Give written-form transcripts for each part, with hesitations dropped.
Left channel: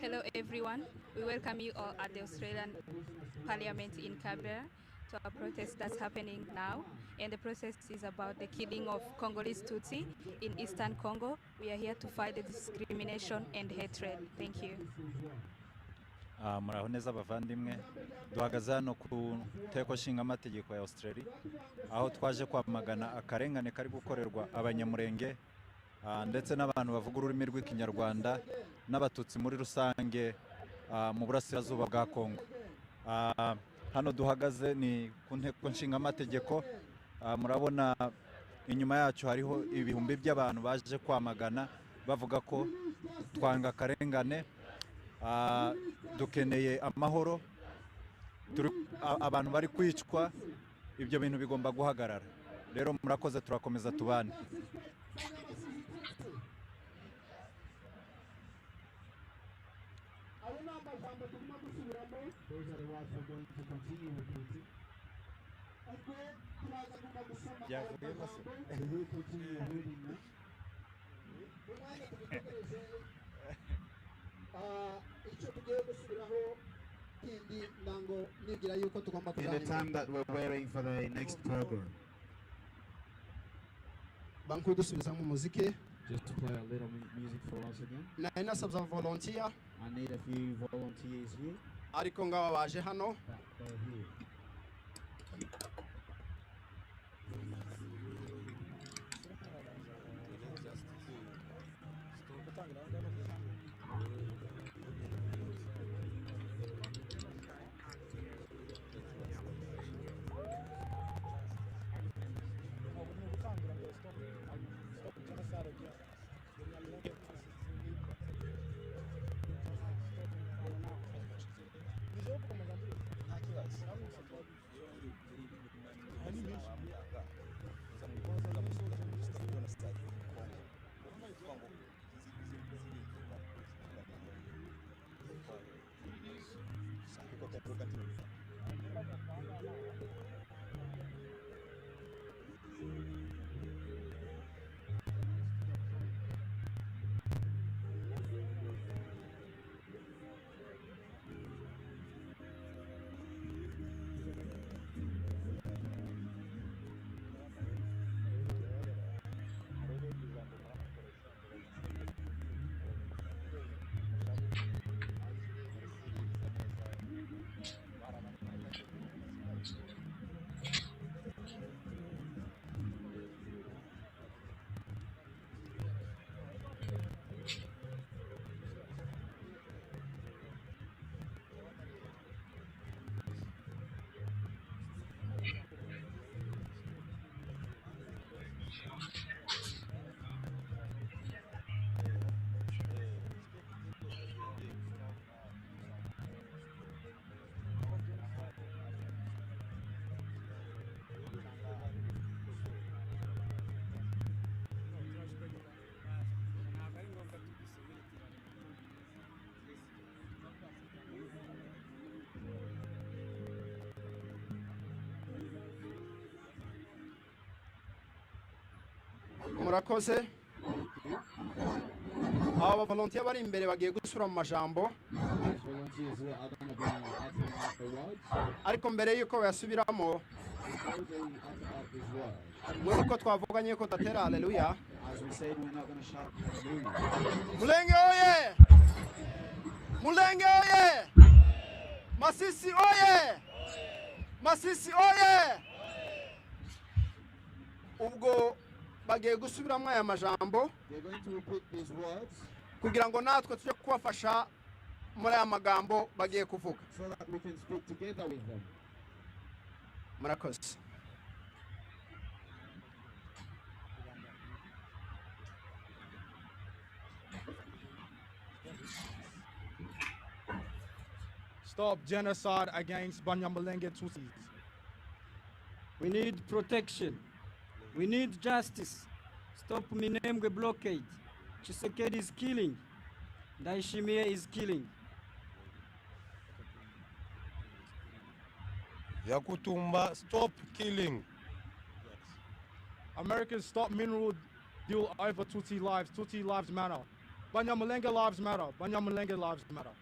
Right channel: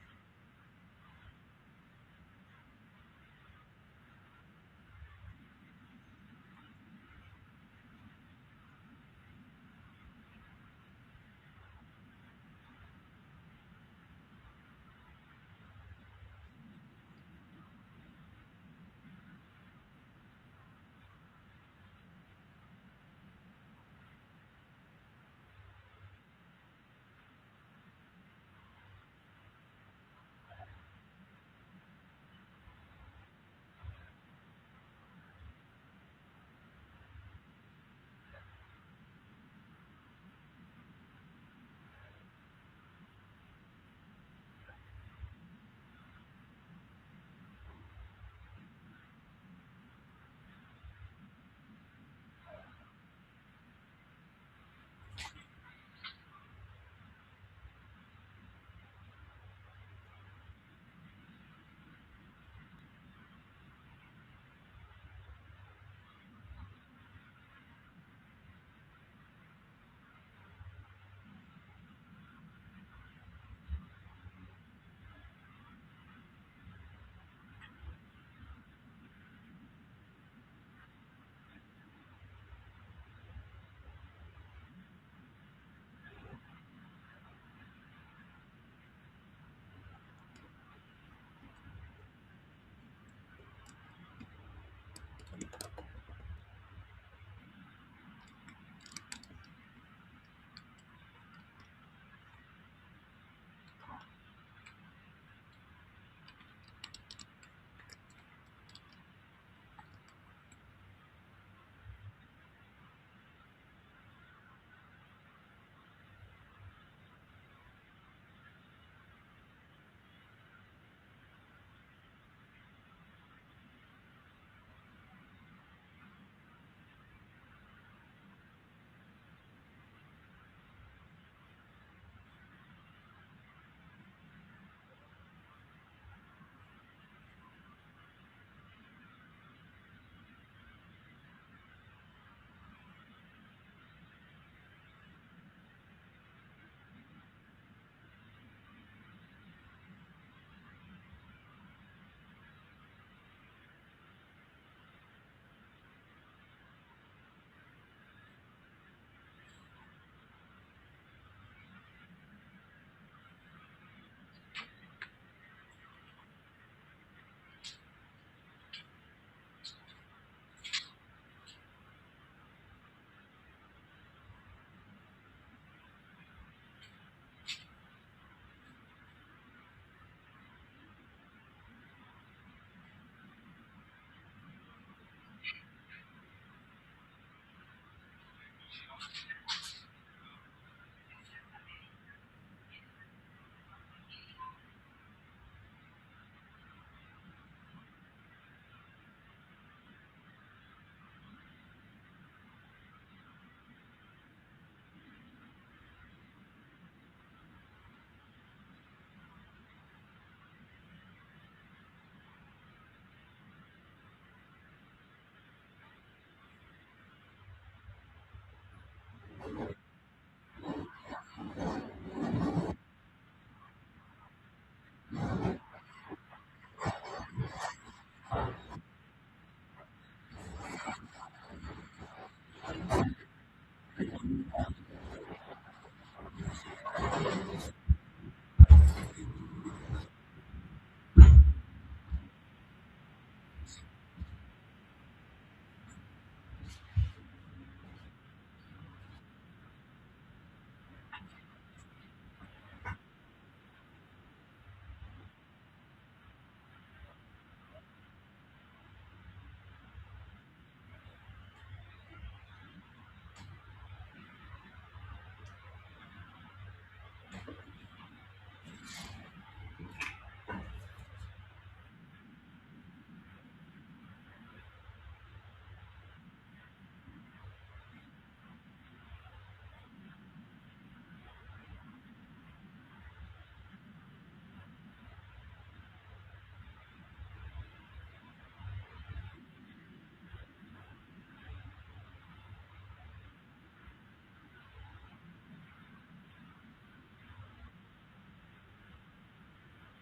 Hello everyone, we welcome you all at the Australian Parliament in Canberra to a protest that's happening now, and the protest is about the killing of Congolese Tutsi in Eastern Congo. We are here to fight the discrimination and hatred. Thank you. Muraho neza bavandimwe, duhagaze hano ku nteko nshinga amategeko ya Australia aho twaje kwamagana akarengane kari gukorerwa Abanyamulenge ndetse n'abantu bavuga ururimi rw'ikinyarwanda n'Abatutsi muri rusange mu burasirazuba bwa Kongo. Hano duhagaze ni ku nteko nshinga amategeko, murabona inyuma yacu hariho ibihumbi by'abantu baje kwamagana bavuga ko twanga akarengane, dukeneye amahoro, abantu bari kwicwa, ibyo bintu bigomba guhagarara. Rero murakoze, turakomeza tubane. In the time that we're waiting for the next program. Just to play a little music for us again. I need a few volunteers here. Murakoze. Aba volunteer bari imbere bagiye gusura mu majambo, ariko mbere yuko bayasubiramo ko twavuganye ko tatera haleluya. Mulenge oye! Mulenge oye! Masisi oye! Masisi oye! Ubwo bagiye gusubiramo aya majambo kugira ngo natwe tujye kubafasha muri aya magambo bagiye kuvuga. Murakoze. Stop genocide against Abanyamulenge Tutsis. We need protection. We need justice. Stop Minembwe blockade. Tshisekedi is killing. Ndayishimiye is killing. Yakutumba, stop killing. Americans, stop mineral deal over Tutsi lives. Tutsi lives matter. Abanyamulenge lives matter. Abanyamulenge lives matter.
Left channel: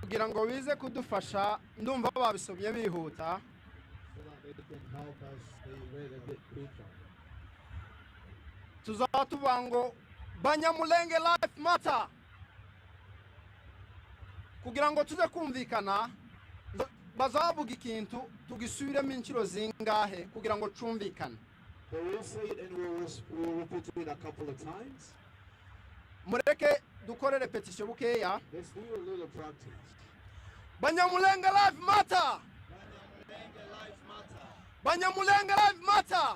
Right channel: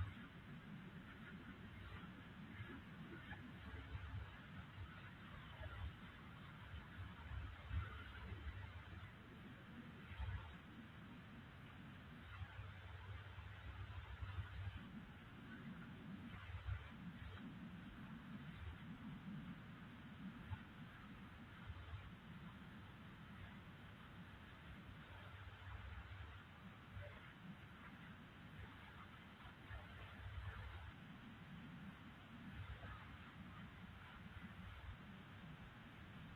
kugira ngo bize kudufasha ndumva babisomye bihuta tuzatuvuga ngo Abanyamulenge life matter kugira ngo tuze kumvikana bazavuga ikintu tugisubiremo inshuro zingahe kugira ngo cumvikane. Mureke dukore repetition bukeya. Abanyamulenge life matter. Abanyamulenge life matter.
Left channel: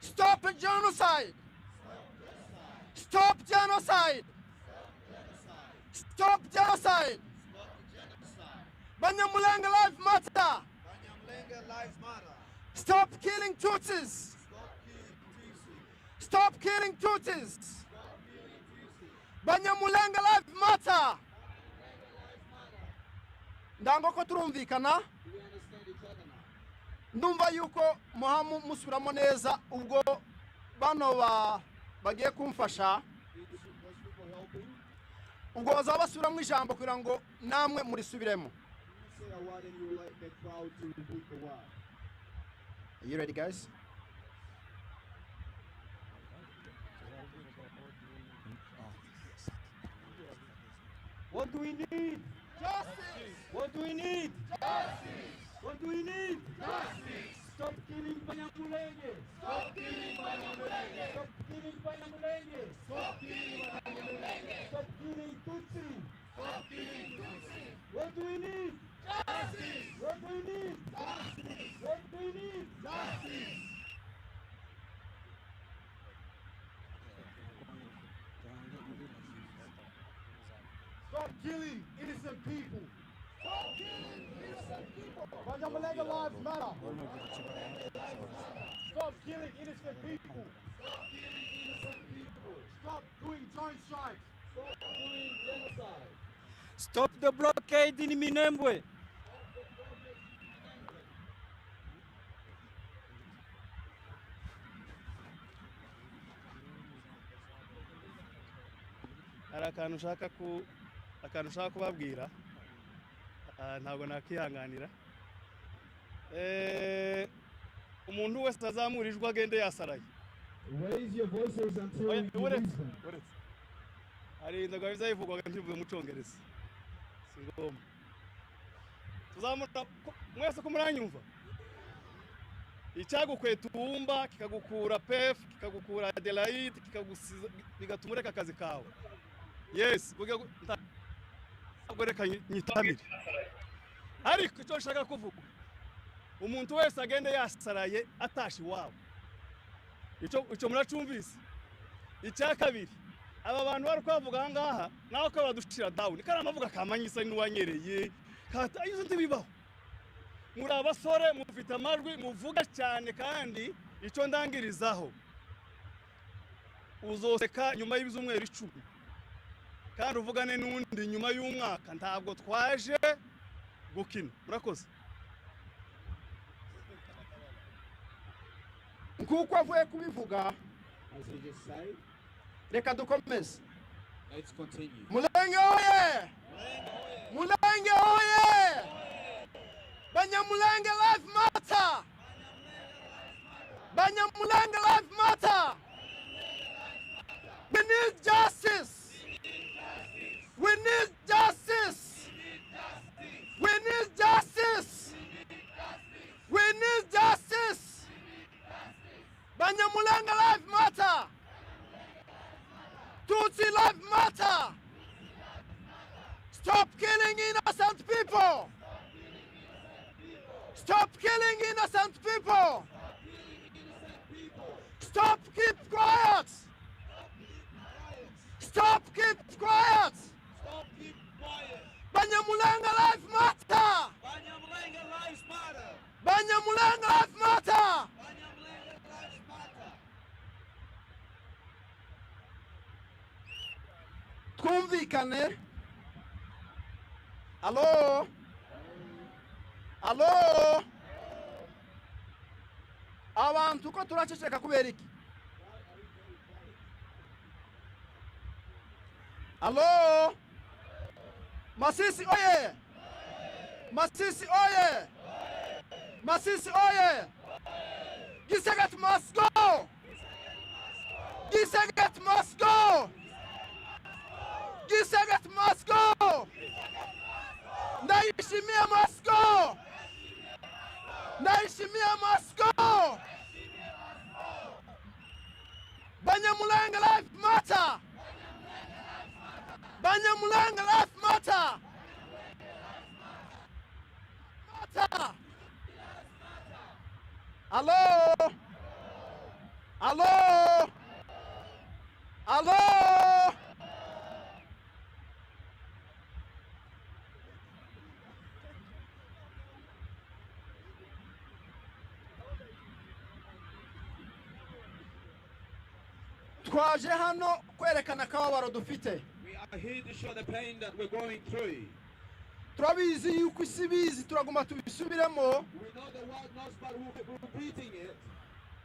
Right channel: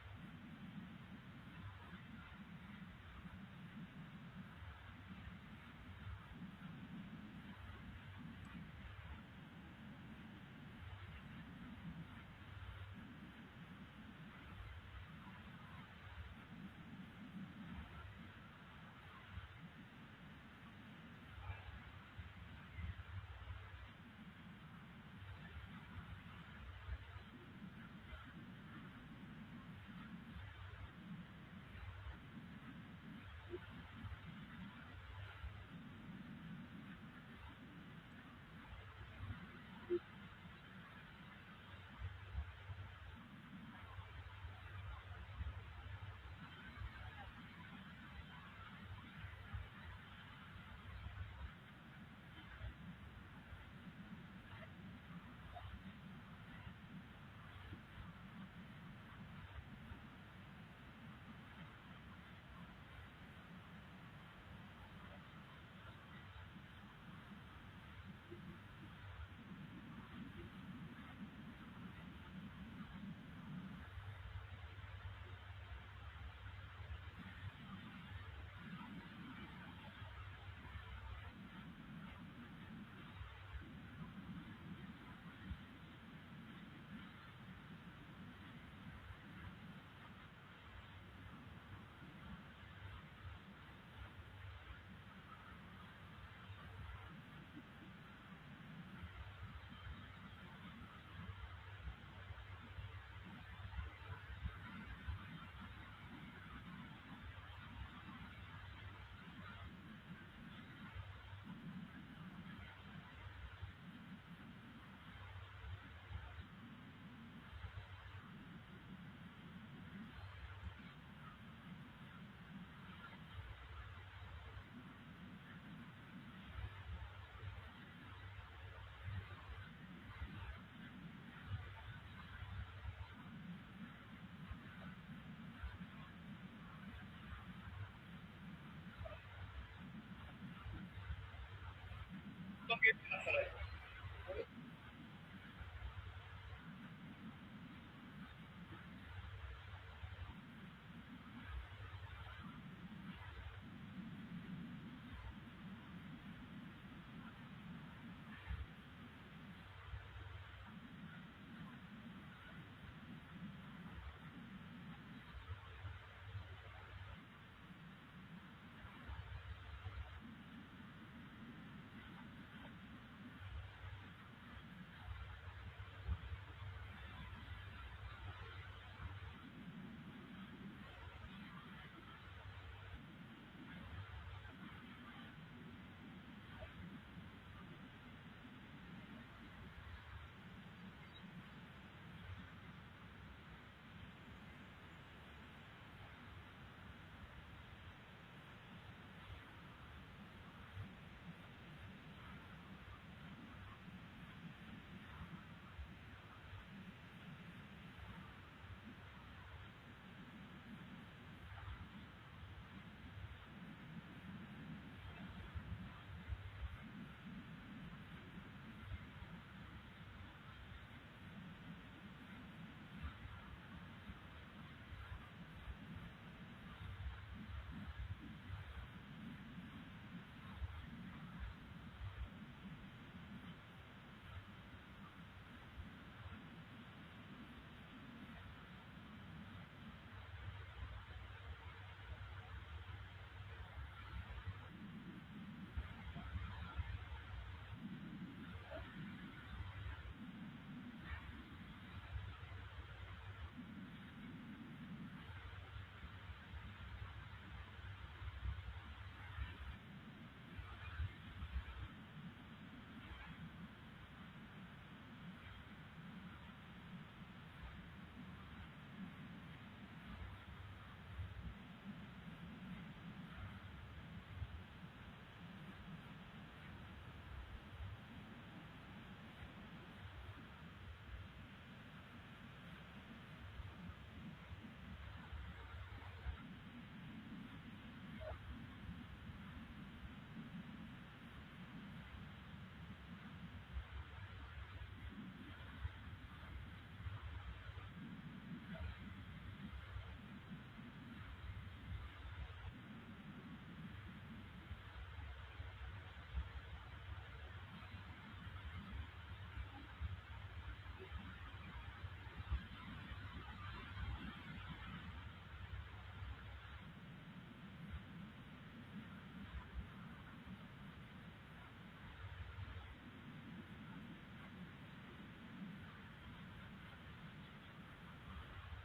Stop genocide. Stop genocide. Stop genocide. Abanyamulenge life matter. Stop killing Tutsis. Stop killing Tutsis. Abanyamulenge life matter. Ndango ko turumvikana. Ndumva yuko muhamu musubiramo neza ubwo bano bagiye kumfasha. Ubwo bazaba basubiramo ijambo kugira ngo namwe murisubiremo. Are you ready, guys? What do we need? Justice! What do we need? Justice! What do we need? Justice! Stop killing Abanyamulenge! Stop killing Abanyamulenge! Stop killing Abanyamulenge! Stop killing Abanyamulenge! Stop killing Tutsi! Stop killing Tutsi! What do we need? Justice! What do we need? Justice! What do we need? Justice! Stop killing innocent people. Stop killing innocent people! Abanyamulenge lives matter. Stop killing innocent people. Stop killing innocent people! Stop doing genocide. Stop doing genocide! Stop the blockade in Minembwe! hari akantu ushaka kubabwira ntabwo nakihanganira umuntu wese azamura ijwi agende yasaraye Raise your voices until you uretse listen. hari inzoga bizayivugwaga ntivuge mu cyongereza si ngombwa tuzamura mwese ko muranyumva icyagukweta uwumba kikagukura pef kikagukura adelaide bigatuma ureka akazi kawe yes reka nyitabire ariko icyo nshaka kuvuga umuntu wese agende yasaraye atashi iwabo icyo muracumvise icya kabiri aba bantu bari kwavuga aha ngaha nawe ko badushira dawuni kandi amavuga kamanyisa n'uwanyereye izo ntibibaho muri abasore mufite amajwi muvuga cyane kandi icyo ndangirizaho uzoseka nyuma y'ibizumweru 10 kandi uvugane n'undi nyuma y'umwaka ntabwo twaje gukina murakoze Nkuko avuye kubivuga As he just said, reka dukomeze. let's continue. Mulenge oye! Mulenge oye! Abanyamulenge life matter! Abanyamulenge life matter! We need justice! We need justice! We need justice! We need justice! Abanyamulenge life matter! Tutsi life matter! Stop killing innocent people! Stop killing innocent people! Stop, keep quiet! Stop, keep quiet! Stop Banyamulenge life matter. Banyamulenge life matter. Twumvikane. Alo. Alo. Abantu ko turaceceka kubera iki? Alo. Masisi oye. Masisi oye. Masisi oye. Giseget must go. Giseget must go. Giseget must go. Naishimia must go. Naishimia must go. Banyamulenge life matter. Banyamulenge life matter. Matter. Hello. Hello. Hello. Twaje hano kwerekana akababaro dufite. We are here to show the pain that we're going through. Turabizi yuko isi bizi turaguma tubisubiremo. We know the world knows, but we're repeating it.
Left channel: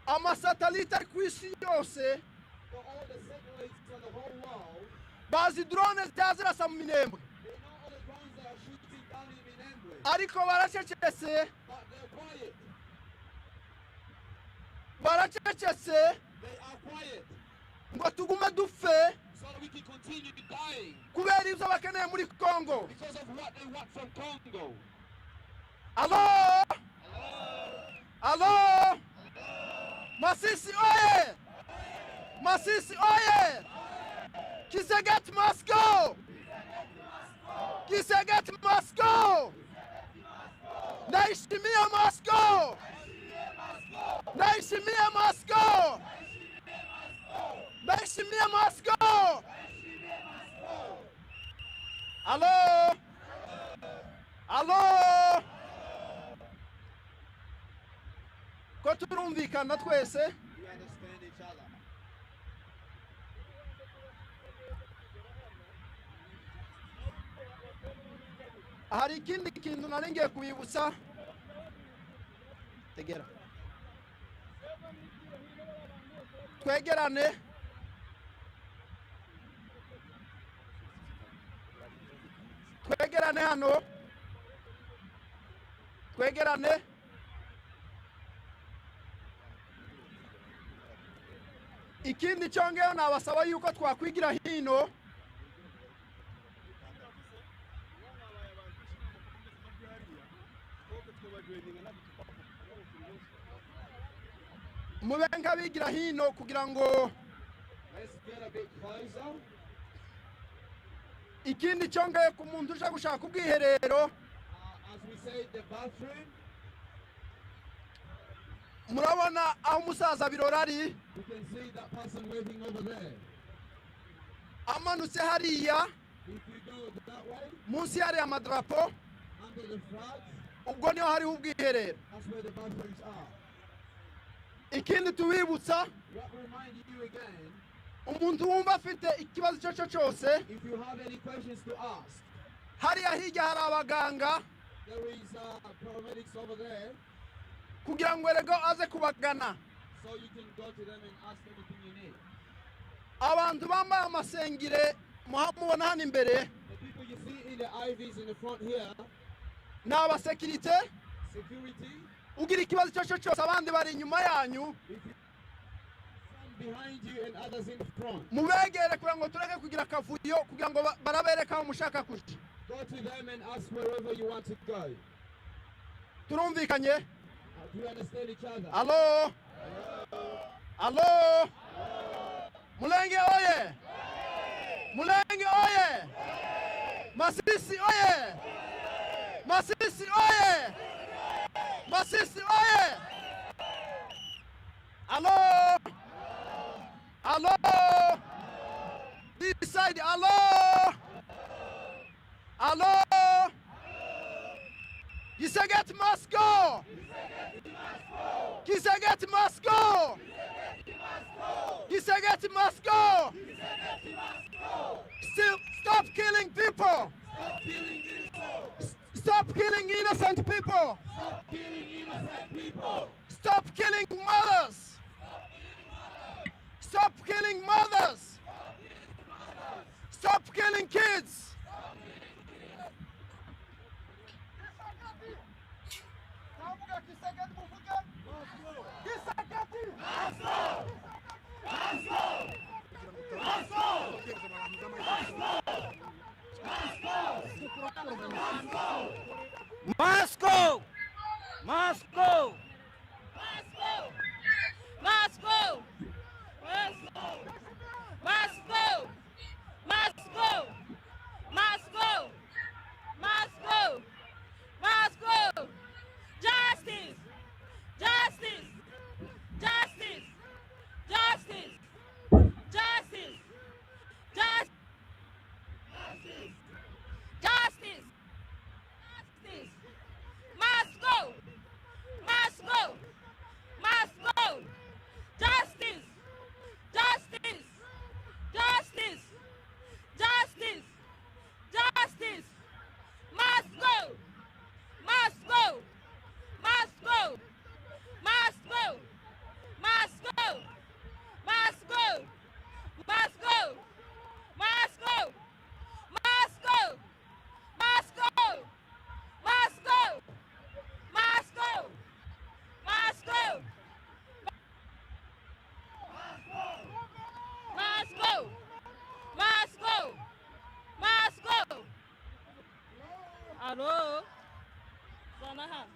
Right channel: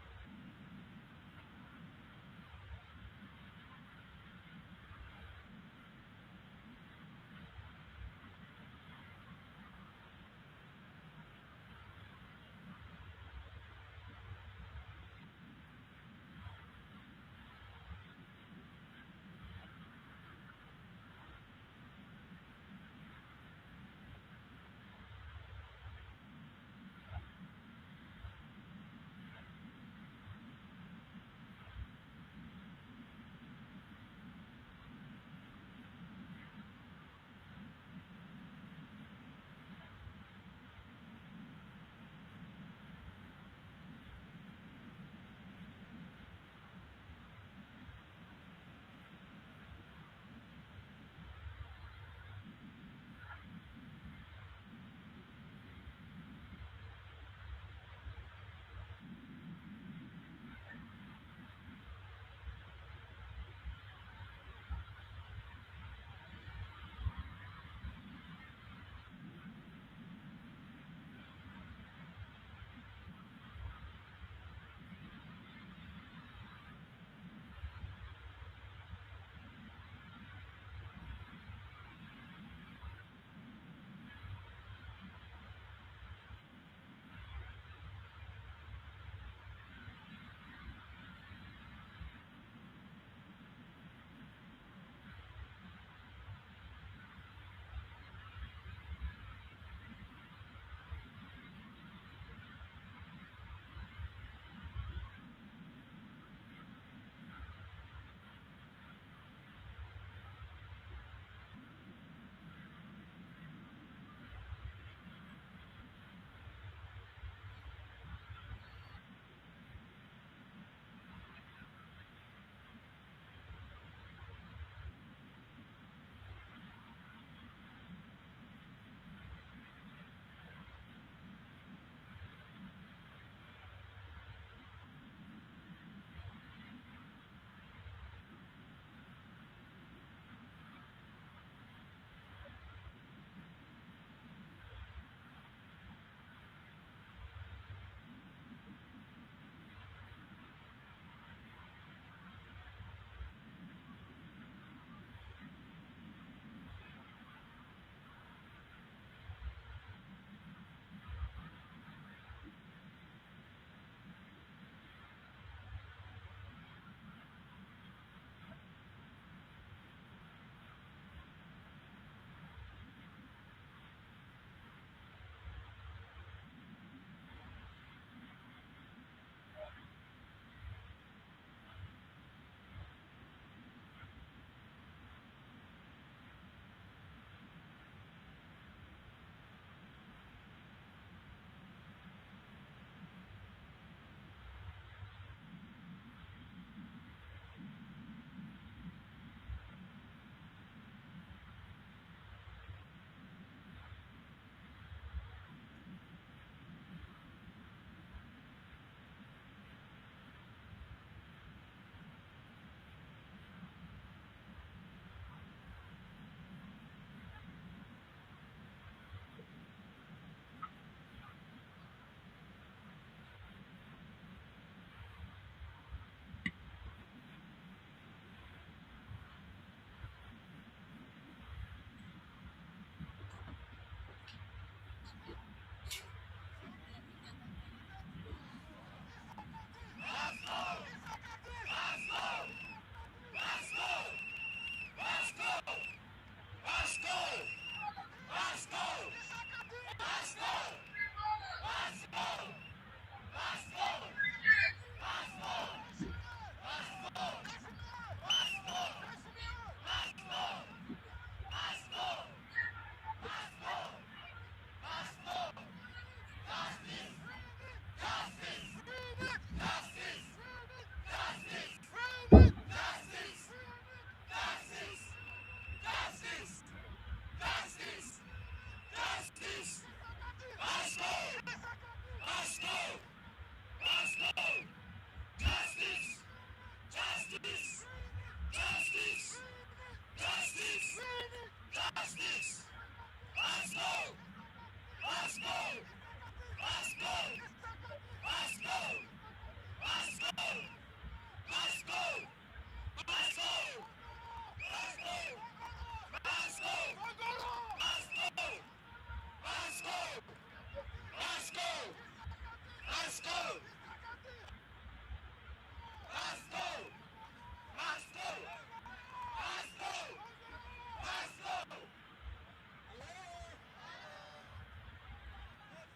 Amasatelite ari ku isi yose For all the satellites on the whole world, bazi drone zitazirasa mu minembwe, they know all the drones that are shooting down in Minembwe. ariko baracecetse, But they're quiet. baracecetse They are quiet. ngo tugume dupfe So we can continue dying kubera ibyo bakeneye muri Congo. because of what they want from Congo. Alo. Alo. Masisi oye. Masisi oye. Kiseget must go. Kiseget must go. Naishimia must go. Naishimia must go. Naishimia must go. Hello. Hello. Ko turumvikana twese. We understand each other. Hari ikindi kintu nari ngiye kubibutsa. Tegera. Twegerane. Twegerane hano. Twegerane. Ikindi cyongeyeho nabasaba yuko twakwigira hino. Mube nk'abigira hino kugira ngo Let's get a bit closer. ikindi cyongeye ku muntu uje gushaka ubwiherero, As we say, the bathroom. murabona aho umusaza birora ari, You can see that person waving over there. amanutse hariya If you go that way, munsi hariya amadarapo, under the flags, ubwo niho hariho ubwiherero. that's where the bathrooms are. Ikindi tubibutsa, What reminded you again, umuntu wumva afite ikibazo icyo cyo cyose, if you have any questions to ask, hariya hirya hari abaganga there is paramedics over there, kugira ngo erego aze kubagana. so you can go to them and ask anything you need. Abantu bambaye amasengire mubona hano imbere The people you see in the IVs in the front here, ni abasekirite. security, Ugira ikibazo icyo cyo cyose abandi bari inyuma yanyu, behind you and others in front. mubegere kugira ngo tureke kugira akavuyo, kugira ngo barabereka aho mushaka kuja. Go to them and ask wherever you want to go. Turumvikanye? Do you understand each other? Alo. Alo. Mulenge oye. Mulenge oye. Masisi oye. Masisi oye. Masisi oye. Alo. Alo. This side. Alo. Alo. Kisegeti must go! Kisegeti must go! Kisegeti must go! Still, stop killing people! Stop killing innocent people! Stop killing mothers! Stop killing mothers! Stop killing kids! Moscow! Moscow! Moscow! Moscow! Moscow! Moscow! Moscow! Moscow! Justice! Justice! Justice! Justice! Justice! Justice! Justice! Justice! Justice! Moscow! Moscow! Moscow! Justice! Justice! Justice! Justice! Justice! Moscow! Moscow! Moscow! Moscow! Moscow! Moscow! Moscow! Moscow! Moscow! Moscow! Moscow! Moscow! Moscow! Moscow! Moscow! Moscow! Alô? Sanahano.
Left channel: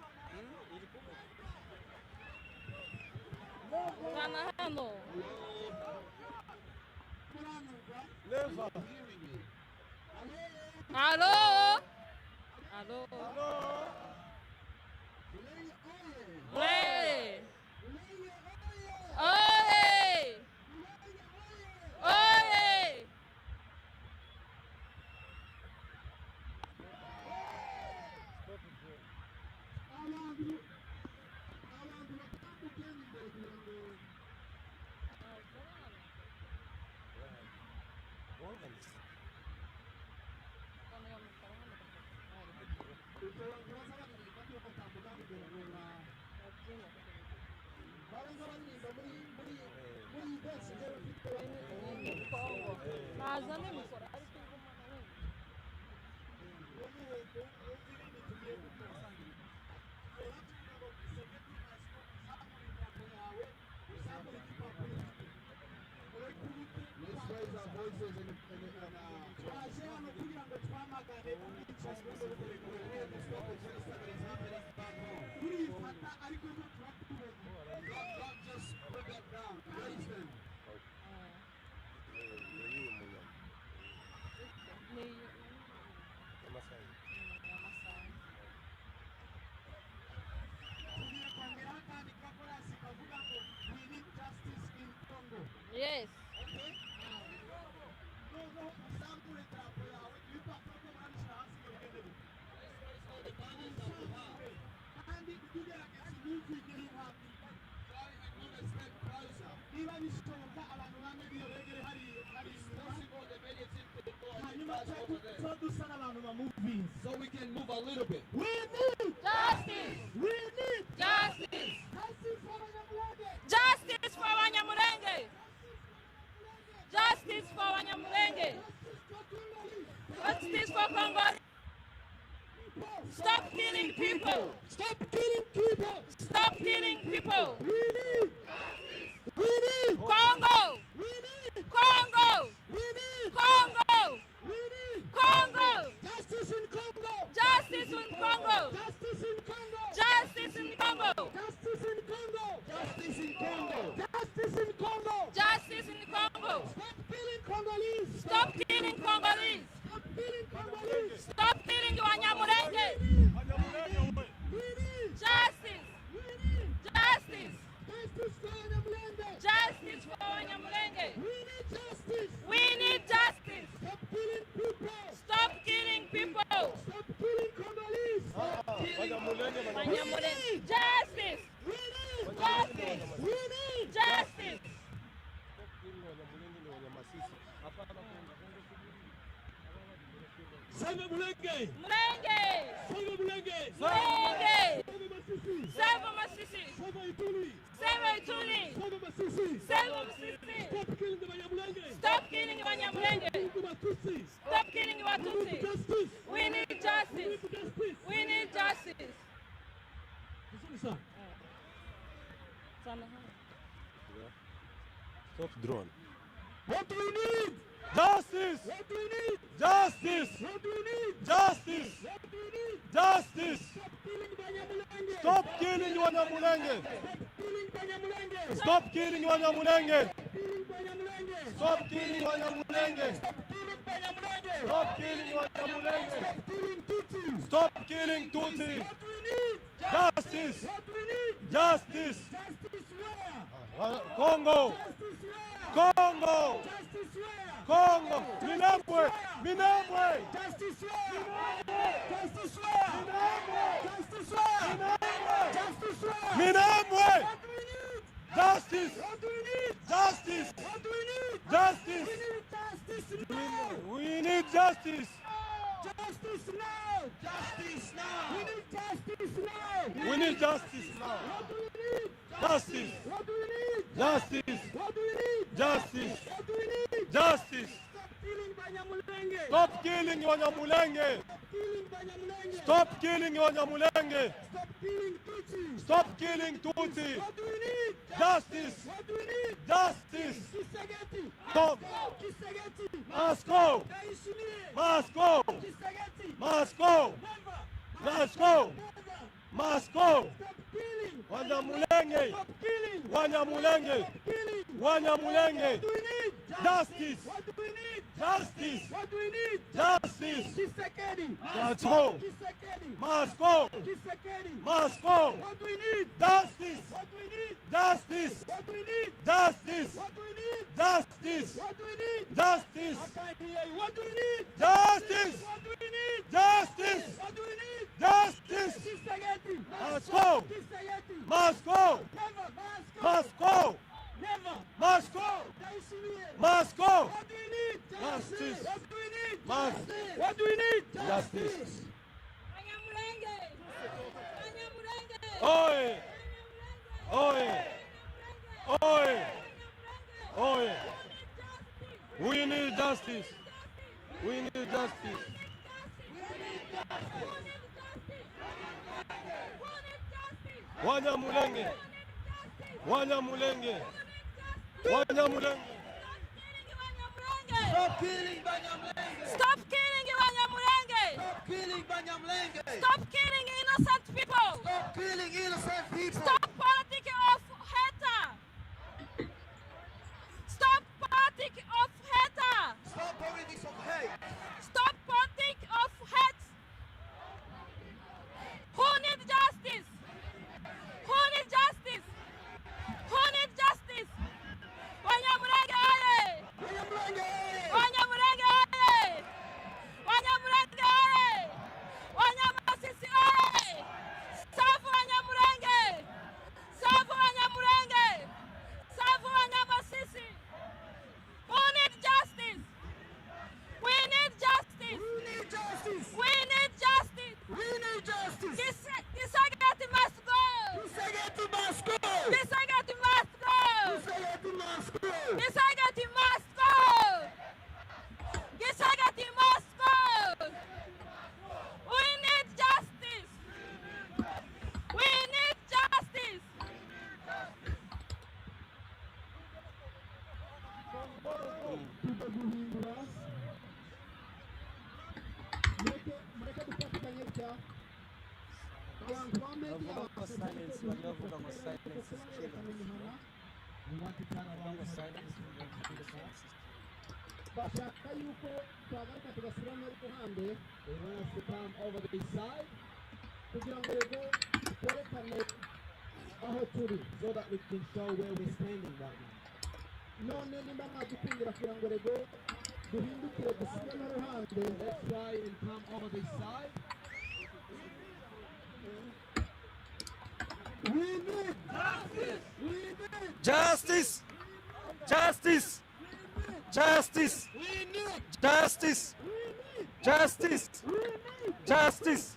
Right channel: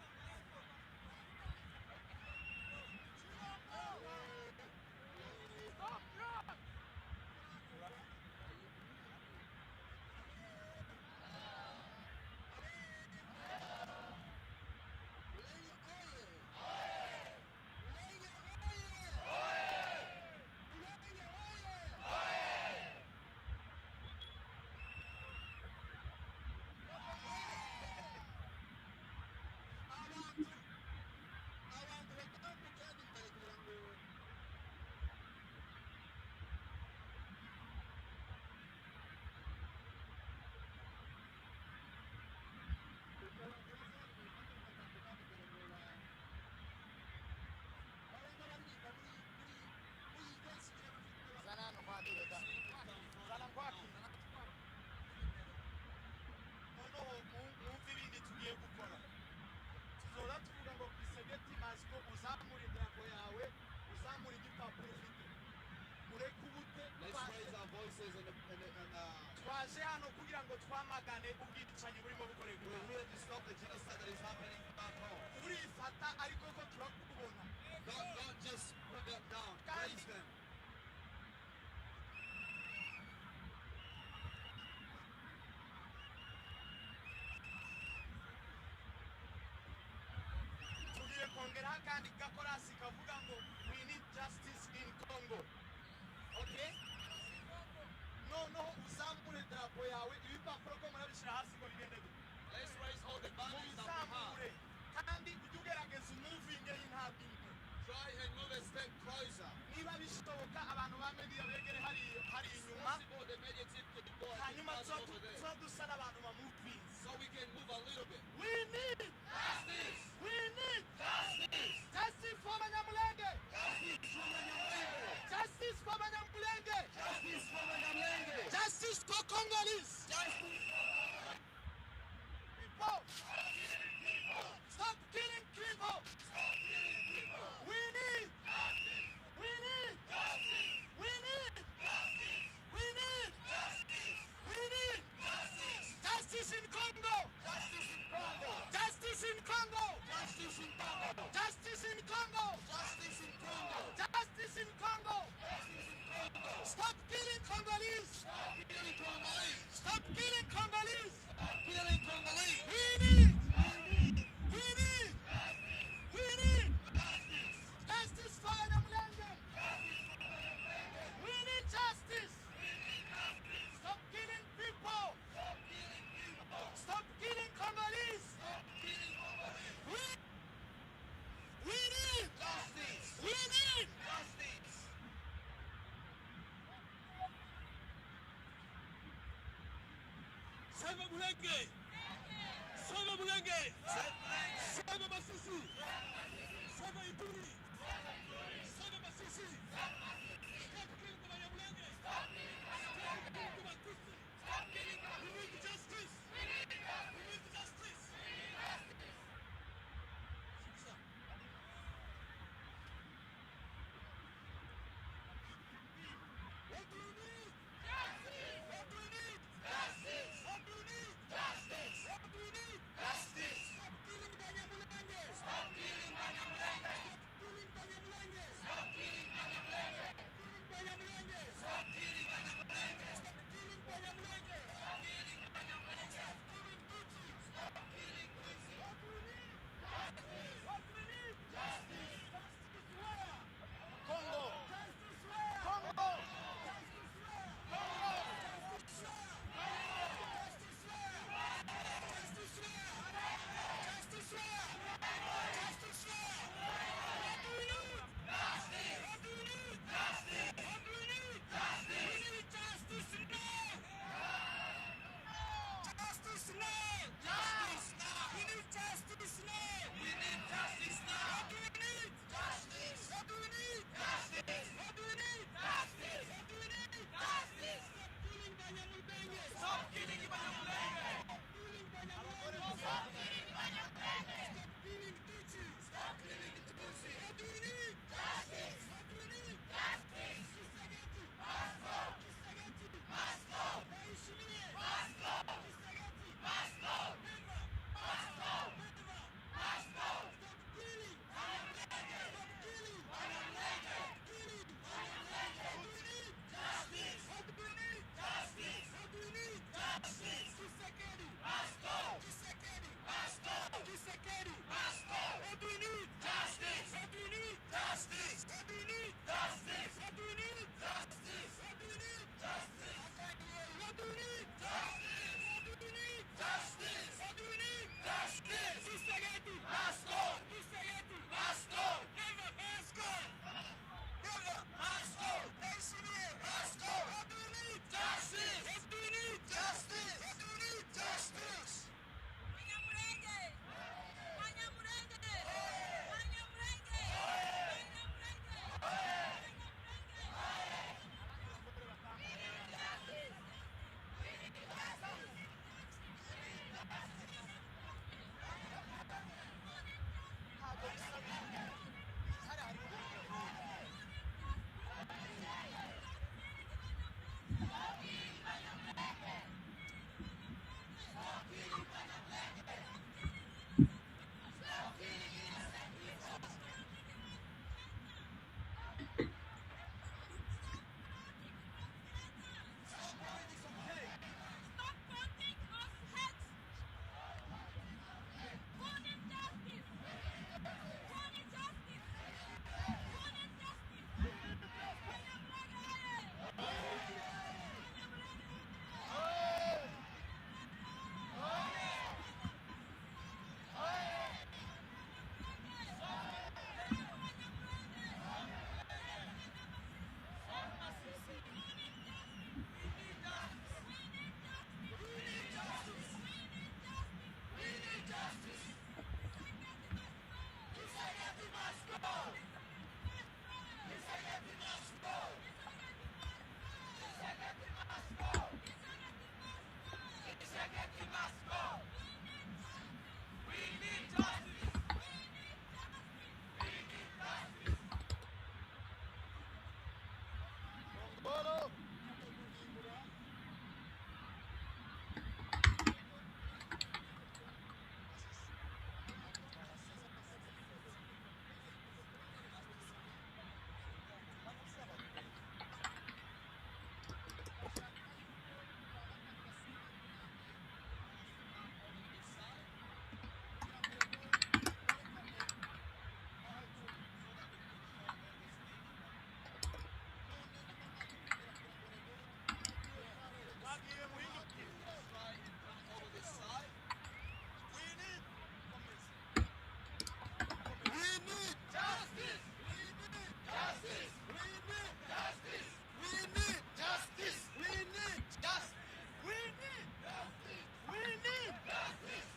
Alô? Alô? Oi! Oi! Oi! Yes. So we can move a little bit. We need justice. We need justice. Justice for Abanyamulenge! Justice for Abanyamulenge. Justice for Abanyamulenge! Justice for Abanyamulenge. Justice for Congolese! Justice for Congo. Stop killing people. Stop killing people! Stop killing people. We need Congo. We need Congo. We need Congo. We need Congo. justice in Congo! Justice in Congo. Justice in Congo! Justice in Congo. Justice in Congo! Justice in Congo. Justice in Congo! Justice in Congo. Stop killing Congolese! Stop killing Congolese. Stop killing Congolese! Stop killing the Abanyamulenge. We need Justice. We need Justice. justice for Abanyamulenge! Justice for Abanyamulenge. We need justice! We need justice. Stop killing people! Stop killing people. Stop killing Congolese! Abanyamulenge Mulenge. Mulenge. Save Mulenge. Mulenge. Save Masisi. Save Masisi. Save Ituri. Save Ituri. Save Masisi. Save Masisi. Stop killing the Abanyamulenge. Stop killing Abanyamulenge. Stop killing Abatutsi. Justice. We need justice. We need justice. Stop drone. What do we need? Justice! What do we need? Justice! What do we need? Justice! What do we need? Justice! Stop killing the Abanyamulenge. Stop killing Abanyamulenge! Stop killing the Abanyamulenge. Stop killing Abanyamulenge! Stop Stop killing Abanyamulenge. killing Tutsi! What do we need? Justice! What do we need? Justice! Justice where? Congo! Justice where? Congo! Justice where? Congo! Minembwe! Minembwe! Justice where? Justice where? Justice where? Justice where? Minembwe! What do we need? Justice! What do we need? Justice! What do we need? Justice! We need justice now! We need justice! Justice now! We We need justice now! need justice now! What do we need? Justice! What do we need? Justice! What do we need? Justice! What do we need? Justice! Stop killing Abanyamulenge! Stop killing Abanyamulenge! Stop killing Tutsi! Stop killing Tutsi! What do we need? Justice! What do we need? Justice! Kisagati! Stop! Kisagati! Must go! Daishimiye! Must go! Kisagati! Must go! Must go! Must go! Stop killing! Abanyamulenge! Stop killing! Abanyamulenge! Killing! Abanyamulenge! What do we need? Justice! What do we need? Justice! What do we need? Justice! Kisagati! Must go! Kisagati! Must go! Kisagati! Must go! What do we need? Justice! What do we need? Justice! What do we need? Justice! What do we need? Justice! What do we need? Justice! Batangiye, what do we need? Justice! What do we need? Justice! What do we need? Justice! Kisagati! Must go! Kisagati! Must go! Never! Must go! Never! Must go! Daishimiye! Must go! What do we need? Justice! What do we need? Must. What do we need? Justice! Abanyamulenge. Abanyamulenge. Oi! Oi! Oi! Oi! We need justice! We need justice! Abanyamulenge! Abanyamulenge! Abanyamulenge! Stop killing Banyamulenge! Stop killing Abanyamulenge. Stop killing Banyamulenge! Stop killing innocent people. Stop killing innocent people! Stop politics of hate. Stop politics of hate. Stop politics of hate! Stop politics of hate. Who needs justice? Who needs justice? Who needs justice? Abanyamulenge aye! Abanyamulenge aye! Abanyamulenge aye! Abanyamasisi aye! Safu Abanyamulenge! Safu Abanyamulenge! Safu Abanyamasisi! Who needs justice? We need justice! We need justice! We need justice! We need justice! Kisagati must go! Kisagati must go! Kisagati must go! Kisagati must go! Kisagati must go! Kisagati must go! We need justice! We need justice! bashaka yuko twagaruka tugashyiramo iruhande bose come over the side kugira ngo rero twerekane aho turi so that we can show where we're standing right now. none nimba mwakikundira kugira ngo rero duhindukire dusigemo iruhande let's try and come over the side. We need justice! We need Justice! Justice! we need Justice! we Justice! Justice! Justice!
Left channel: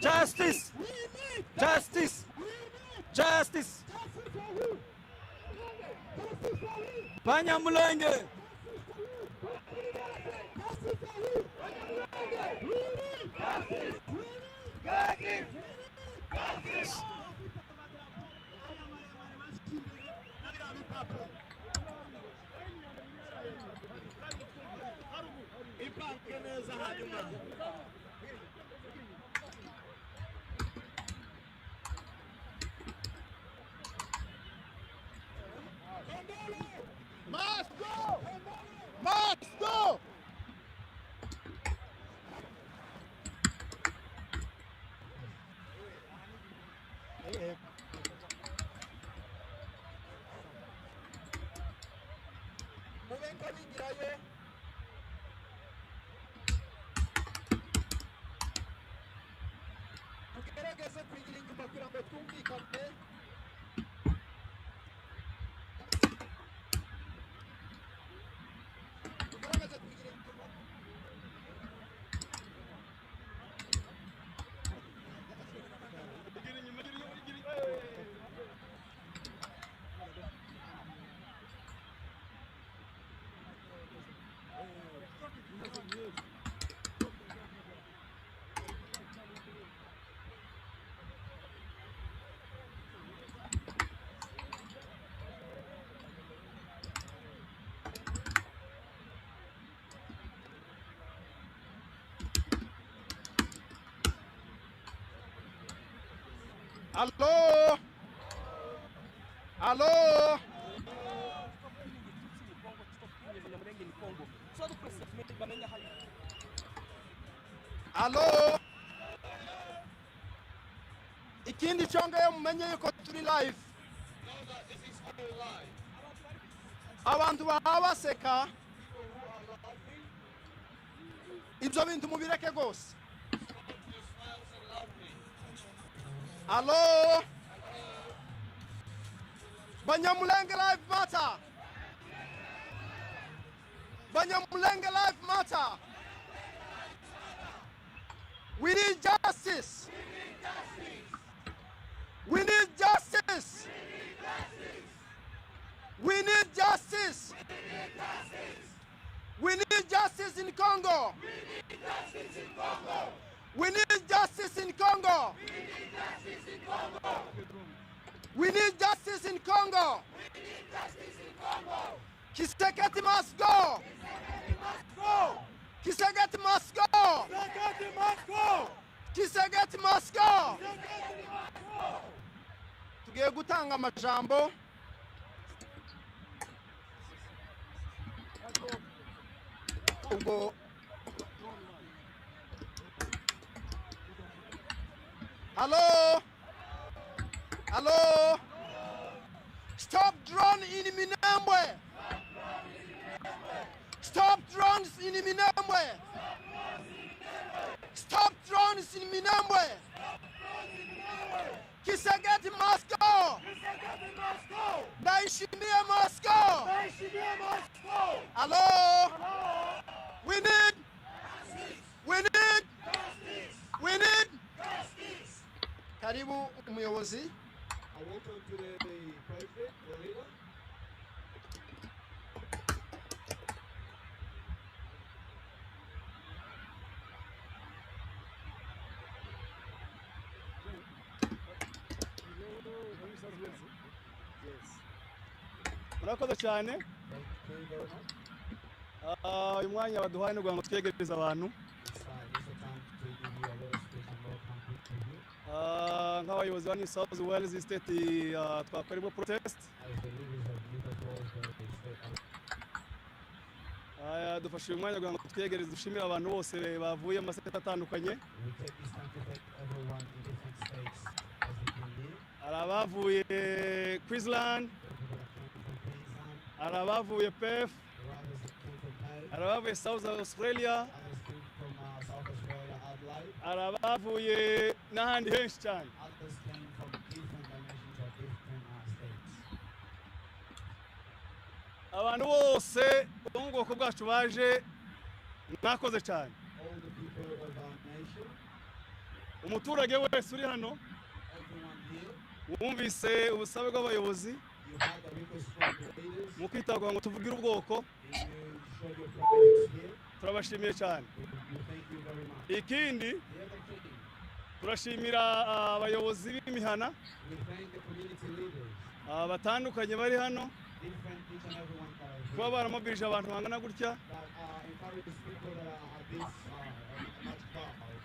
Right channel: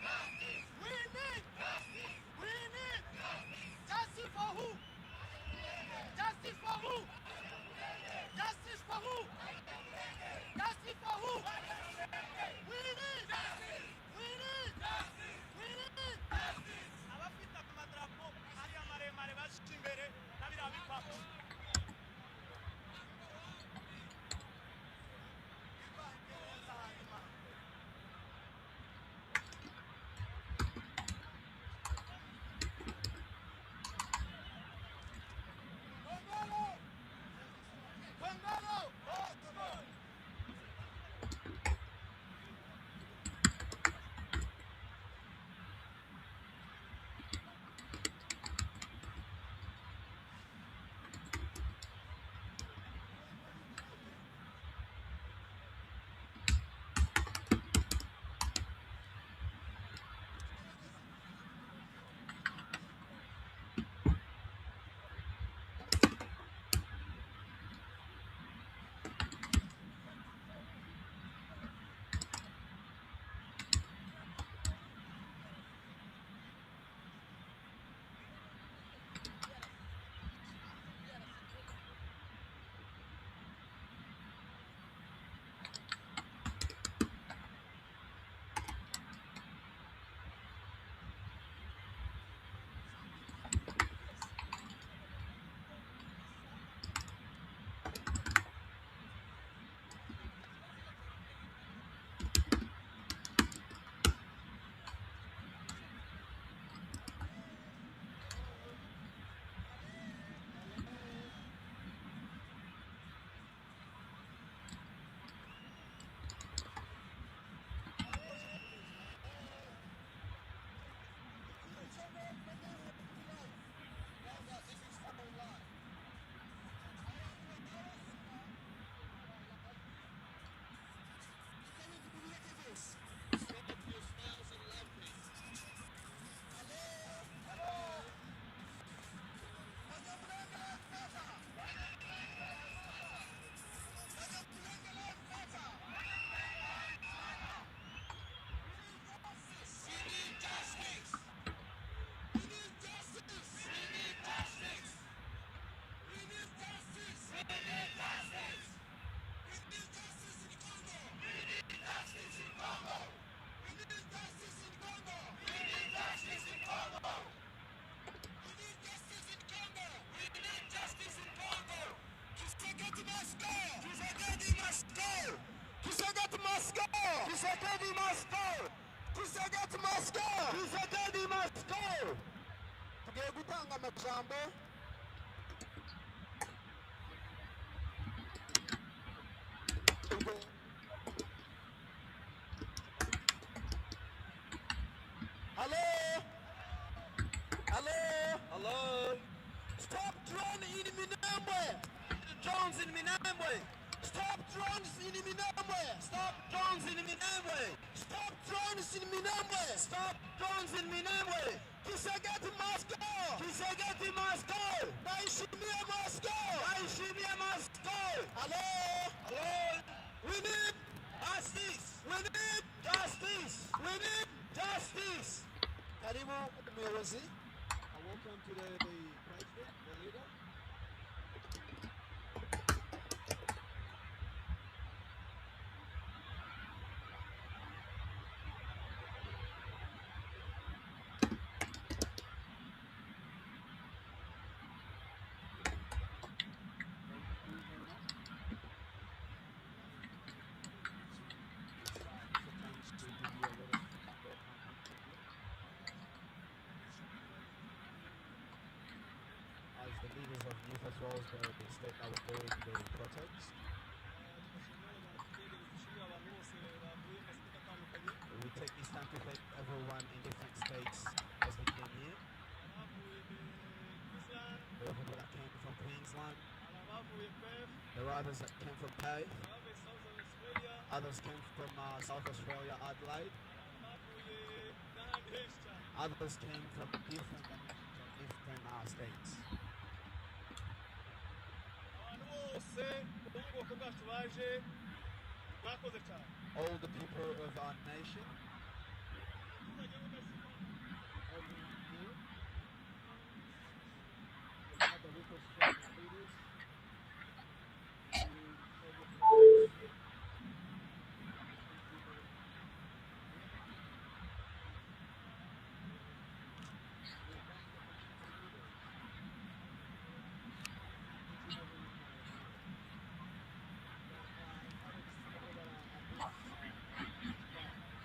Justice! Justice! Justice! Justice for who? Justice for who? Abanyamulenge! Justice for who? Justice for who? We need justice! We need justice! We need justice! Must go! Must go! Hello? Hello? Hello? Ikindi cyongeyeho mumenye yuko turi live. Abantu baba baseka. Ibyo bintu mubireke gose. Hello? Abanyamulenge life matter. Abanyamulenge life matter. We need justice. We need justice. We need justice. We need justice in Congo. We need justice in Congo. We need justice in Congo. Kiseketi must go. Kiseketi must go. Kiseketi must go. Tugiye gutanga amajambo. Ubwo Hello? Hello? Hello? Stop drone in Minembwe! Drones in Minembwe! Stop drones in Minembwe! Stop drones in Minembwe! Stop drones in Minembwe! Stop drones in Minembwe! Kisegeti must go! Kisegeti must go! Naishimia must go! Naishimia must go! Hello? Hello? We need! Justice! We need! Justice! We need! Justice! Karibu umuyobozi. Murakoze cyane. Uyu mwanya baduhaye no ngo twegereze abantu. Nk'abayobozi ba New South Wales State twakorerwa protest. Dufashe uyu mwanya ngo twegereze dushimire abantu bose bavuye mu maseta atandukanye. Arabavuye Queensland. Arabavuye Perth. Arabavuye South Australia. Arabavuye n'ahandi henshi cyane. Abantu bose bo bwoko bwacu baje mwakoze cyane. All the people of our nation, Umuturage wese uri hano everyone here, wumvise ubusabe bw'abayobozi you have a request from the leaders, mu kwitabwaho ngo tuvugire ubwoko, you show your presence here. turabashimiye cyane. We thank you very much. Ikindi turashimira abayobozi b'imihana We thank the community leaders, batandukanye bari hano different each and everyone that are here, kuba baramobirije abantu bangana gutya that encourage people that are at this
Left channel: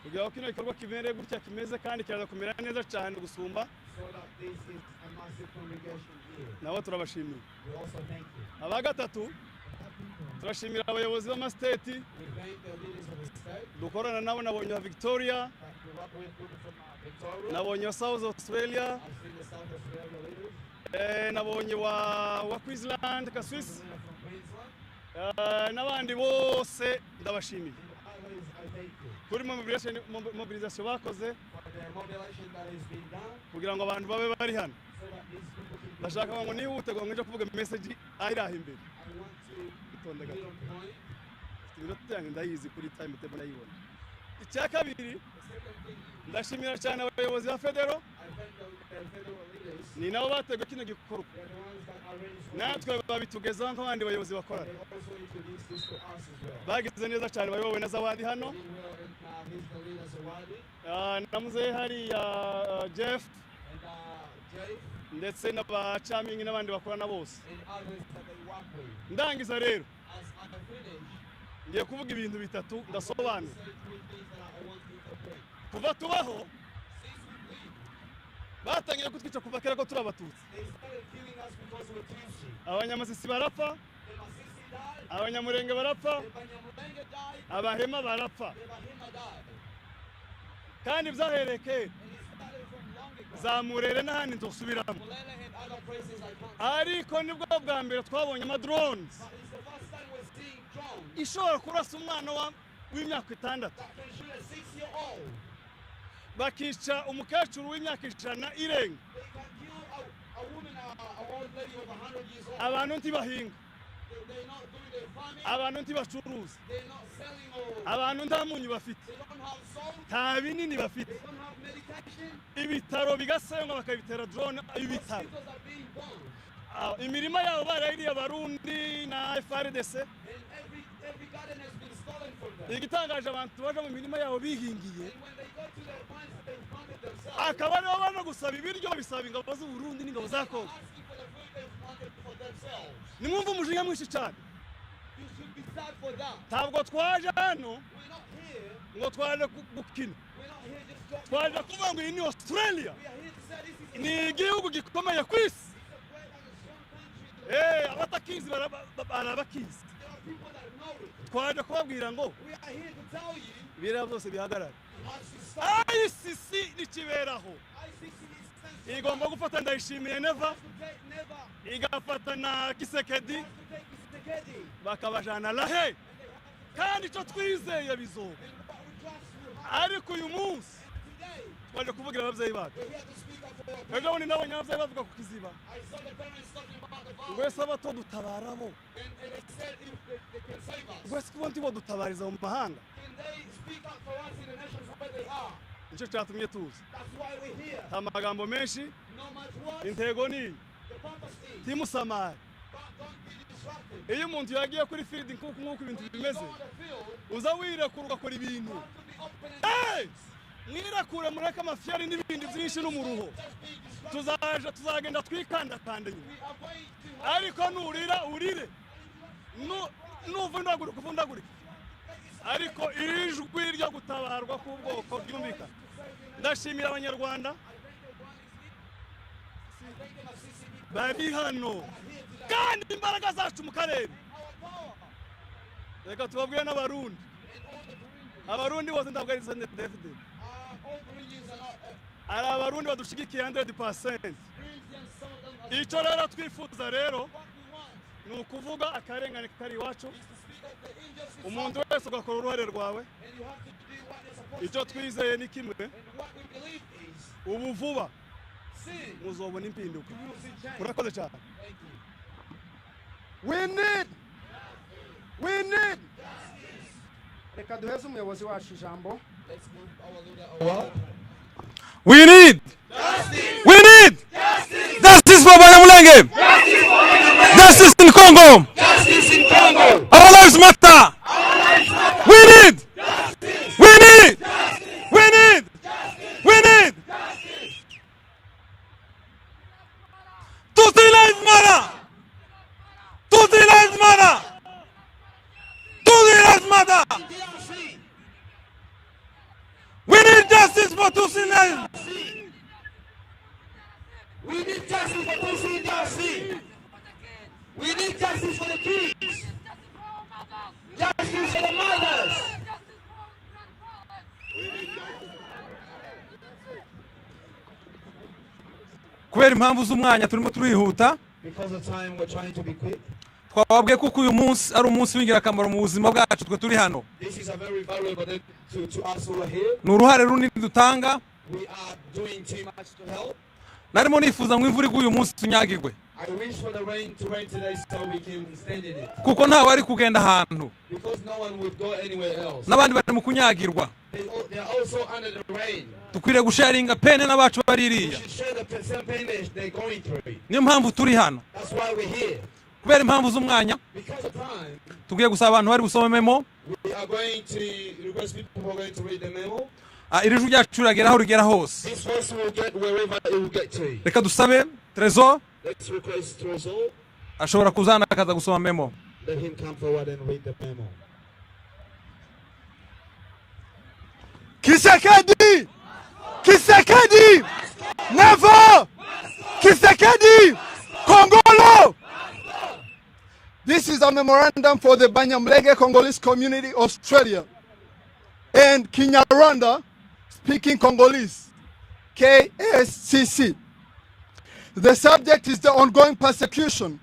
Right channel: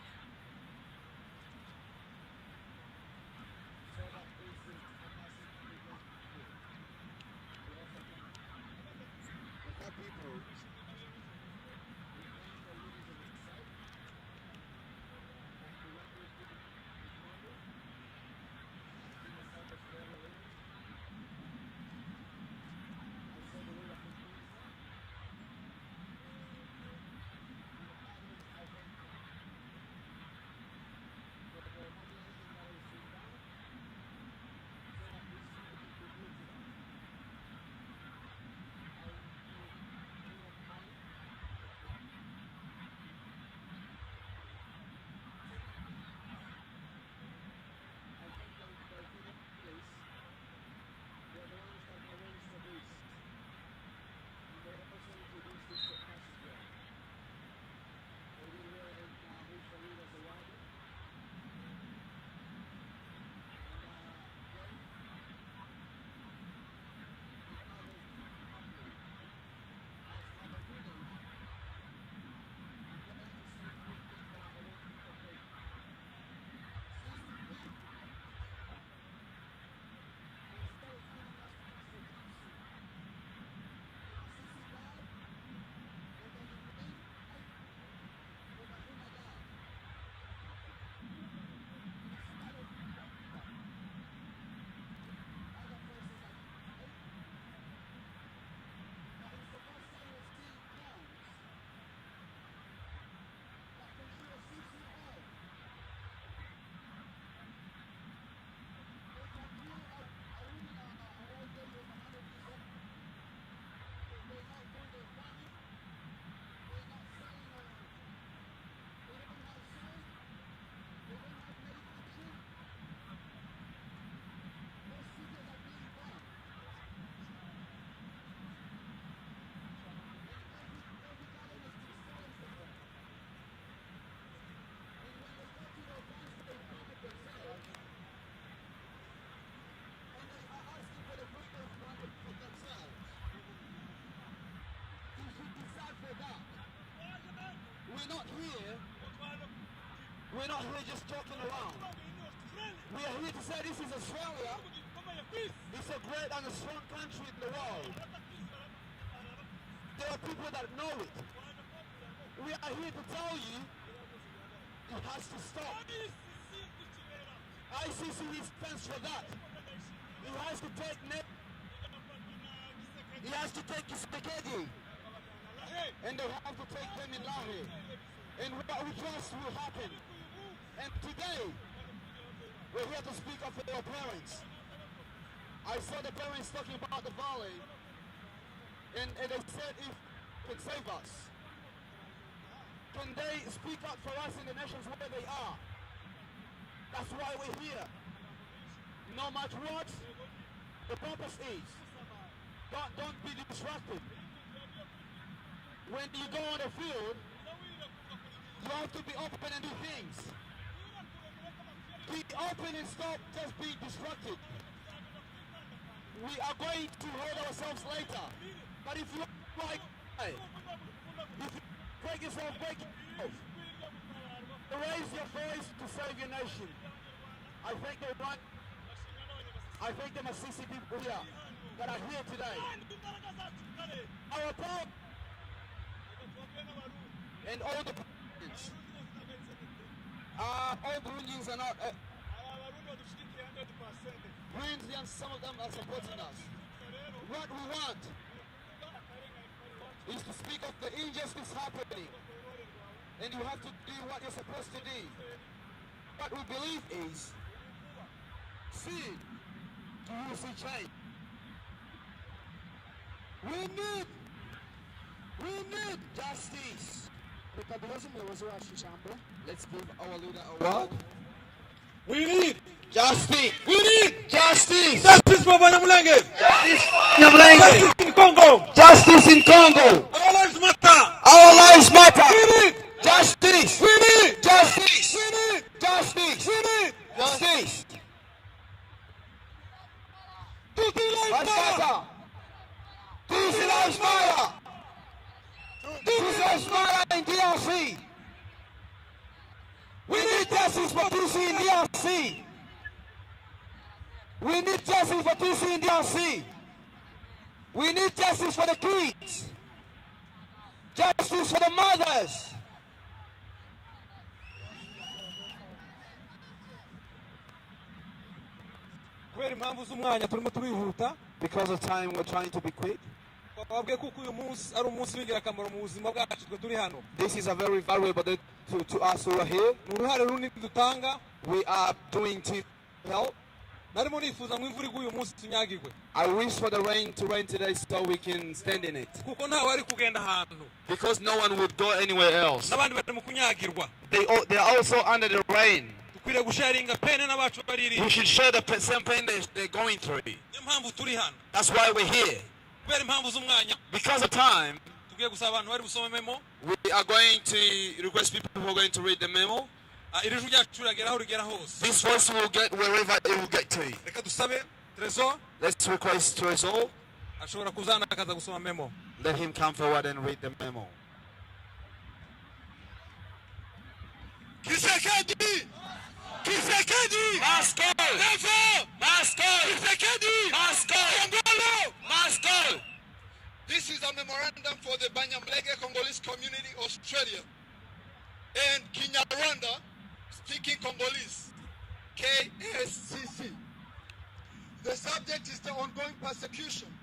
kugira ngo kino gikorwa kimere gutya kimeze kandi kiraza kumera neza cyane gusumba, so that this is a massive congregation here. nabo turabashimiye. We also thank you. Aba gatatu turashimira abayobozi b'amasiteti We thank the leaders of the state. dukorana nabo, nabonye wa Victoria, Thank you. What we're doing from Victoria. nabonye wa South Australia, I've seen the South Australia leaders. nabonye wa Queensland Kaswisi, From Queensland. n'abandi bose ndabashimiye Others, I thank you kuri mobilisation bakoze for the mobilization that is being done, kugira ngo abantu babe bari hano. so that these people can Ndashaka ngo nihute ngo nje kuvuga message ayiraha imbere. I want to be on point. Ingoto yanjye ndayizi kuri time table ndayibona. Icya kabiri ndashimira cyane abayobozi ba Federo, I thank the federal leaders. ni nabo bateguye kino gikorwa, They're the ones that arranged natwe babitugezaho nk'abandi bayobozi bakora. They also introduced this to us as well. Bagize neza cyane bayobowe na Zawadi hano, We were he's the leader Zawadi na muzehe hariya Jeff and Jay ndetse n'abacamingi n'abandi bakorana bose. and others that they work with. Ndangiza rero As at the finish, ngiye kuvuga ibintu bitatu ndasobanura. say three things that I want you to pray. Kuva tubaho batangiye kutwica kuva kera ko turi Abatutsi. They started killing us because we're Tutsi. Abanyamasisi barapfa, The Masisi died, Abanyamulenge barapfa, the Abanyamulenge died, Abahema barapfa, the Bahima died. kandi byahereye kera. And it started from long ago. Za Murere n'ahandi nzosubiramo. Mulele and other places I can't. Ariko nibwo bwa mbere twabonye amadrones But it's the first time we're seeing drones ishobora kurasa umwana w'imyaka 6 that can shoot a 6-year-old. bakica umukecuru w'imyaka 100 irenga. They can kill a woman, an old lady of 100 years old. Abantu ntibahinga, They're not doing their farming. abantu ntibacuruza, They're not selling or abantu nta munyu bafite, they don't have salt. nta binini bafite. They don't have medication. Ibitaro bigasenywa bakabitera drone ibitaro. Hospitals are being bombed. Imirima yabo barayiriye Abarundi na FRDC. And every garden has been stolen from them. Igitangaje abantu baje mu mirima yabo bihingiye, And when they go to their farms, they plant it themselves. akaba aribo bano gusaba ibiryo bisaba ingabo z'u Burundi n'ingabo za Kongo. Asking for the food they planted for themselves. Nimwumva umujinya mwinshi cyane. You should be sad for that. Ntabwo twaje hano We're not here. ngo twaje gukina, We're not here just joking twaje around. kuvuga ngo iyi ni Australia, We are here to say this is a ni strong igihugu gikomeye ku isi. It's a great and a strong country. Abatakizi barabakizi. There are people that know it. Twaje kubabwira ngo We are here to tell you biriya byose bihagarara. it has to stop. ICC nikiberaho ICC needs censorship. igomba gufata Ndayishimiye Neva, Has to take never. igafata na Kisekedi, It has to take Kisekedi. bakabajana lahe, And they have to kandi take icyo it down. twizeye bizoba. And we trust will happen. Ariko uyu munsi And today, twaje kuvugira ababyeyi bacu. we're here to speak of their Ejo parents. bundi nabonye ababyeyi bavuga ku kiziba, I saw the parents talking about the violence. wese abato dutabaramo, And they said if they could save us. wese kuba ntibo dutabariza mu mahanga. Can they speak up for us in the nations where they are? Nicyo cyatumye tuza. That's why we're here. Nta magambo menshi, No much words. intego ni The purpose is timusamare. don't be distracted. Iyo umuntu yagiye kuri field nk'uko ibintu When you bimeze, go on the field, uza wirekura ugakora ibintu. you have to be open and Hey! honest. Mwirekure mureke amafiyari n'ibindi byinshi n'umuruho. Just be distracted. Tuzagenda twikandakande. We are going to Ariko nurira urire. But if you Nuvundagurika uvundagurika. break yourself, Ariko ijwi ryo gutabarwa k'ubwoko ryumvikana. to save your nation. Ndashimira Abanyarwanda I thank the Masisi people bari hano that are here today. kandi imbaraga zacu mu karere. Our power Reka tubabwire n'Abarundi. and all the Abarundi bose ntabwo ari Senderi David. all Burundians are not Hari Abarundi badushigikiye 100%. friends and some of them are Icyo rero twifuza rero what we want ni ukuvuga akarengane kari iwacu, is to speak of the injustice umuntu wese ugakora uruhare rwawe. and you have to do what you're supposed Icyo to do. twizeye ni kimwe, What we believe is ubu vuba see muzobona impinduka. you will see change. Urakoze cyane. We need We need. justice. Reka duheze umuyobozi wacu ijambo. Let's give our leader a word. We need Justice. justice for Abanyamulenge. Justice in Congo. Justice in Congo. Our lives matter. Our lives matter. We need Justice. we need Justice. we need Justice. we need Justice. Tutsi lives matter. Tutsi lives matter. Tutsi lives matter. DRC. We need justice for Tutsi lives. DRC. We need justice for Tutsi in DRC. We need justice for the kids. Justice for the mothers. Kubera impamvu z'umwanya turimo turihuta. Because of time, we're trying to be quick. Twababwiye kuko uyu munsi ari umunsi w'ingirakamaro mu buzima bwacu twe turi hano. This is a very valuable day to us who are here. Ni uruhare runini dutanga. We are doing too much to help. Narimo nifuza ngo imvura iguye uyu munsi tunyagirwe. I wish for the rain to rain today so we can stand in it. Kuko ntawe ari kugenda ahantu. Because no one would go anywhere else. N'abandi bari mu kunyagirwa. They are also under the rain. Tukwiriye gusharinga pene n'abacu We baririye. should share the same pain they're going through. Niyo mpamvu turi hano. That's why we're here. Kubera impamvu z'umwanya Because of time, tugiye gusaba abantu bari busome memo. we are going to request people who are going to read the memo. Iri jwi ryacu riragera aho rigera hose. This voice will get wherever it will get to. Reka dusabe Trezor Let's request to us all. ashobora kuzana akaza gusoma memo. Let him come forward and read the memo. Kisekedi! Kisekedi! Never! Kisekedi! Congolo! This is a memorandum for the Abanyamulenge Congolese community, Australia, and Kinyarwanda speaking Congolese, KSCC. The subject is the ongoing persecution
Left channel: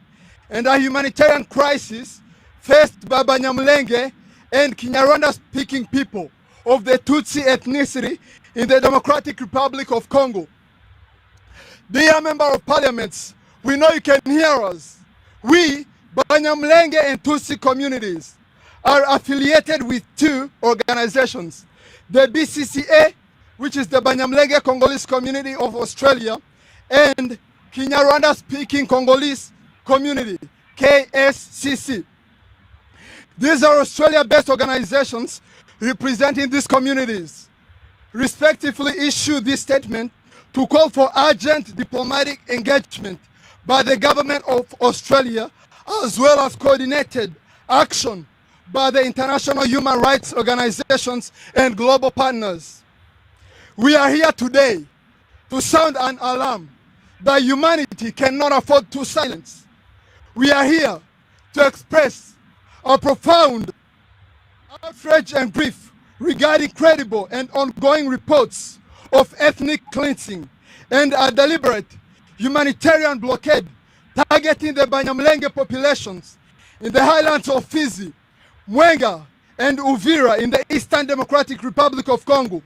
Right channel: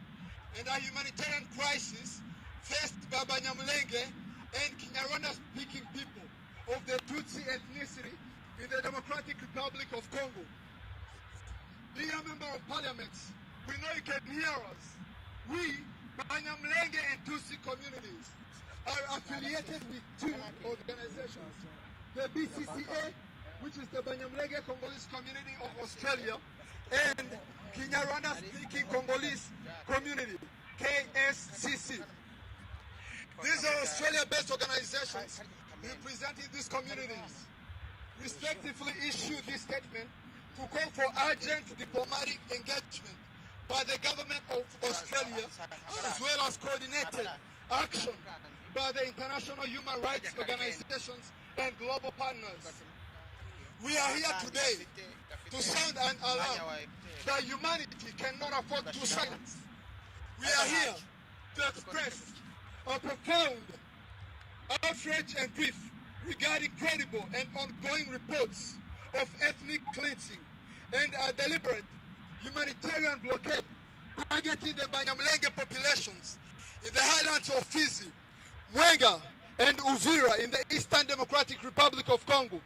and a humanitarian crisis faced by Abanyamulenge and Kinyarwanda speaking people of the Tutsi ethnicity in the Democratic Republic of Congo. Dear Member of Parliaments, we know you can hear us. We, Abanyamulenge and Tutsi communities, are affiliated with two organizations, the BCCA, which is the Abanyamulenge Congolese Community of Australia, and Kinyarwanda speaking Congolese Community, KSCC. These are Australia-based organizations representing these communities, respectively issue this statement to call for urgent diplomatic engagement by the government of Australia, as well as coordinated action by the international human rights organizations and global partners. We are here today to sound an alarm that humanity cannot afford to silence. We are here to express our profound outrage and grief regarding credible and ongoing reports of ethnic cleansing and a deliberate humanitarian blockade targeting the Abanyamulenge populations in the highlands of Fizi, Mwenga, and Uvira in the Eastern Democratic Republic of Congo,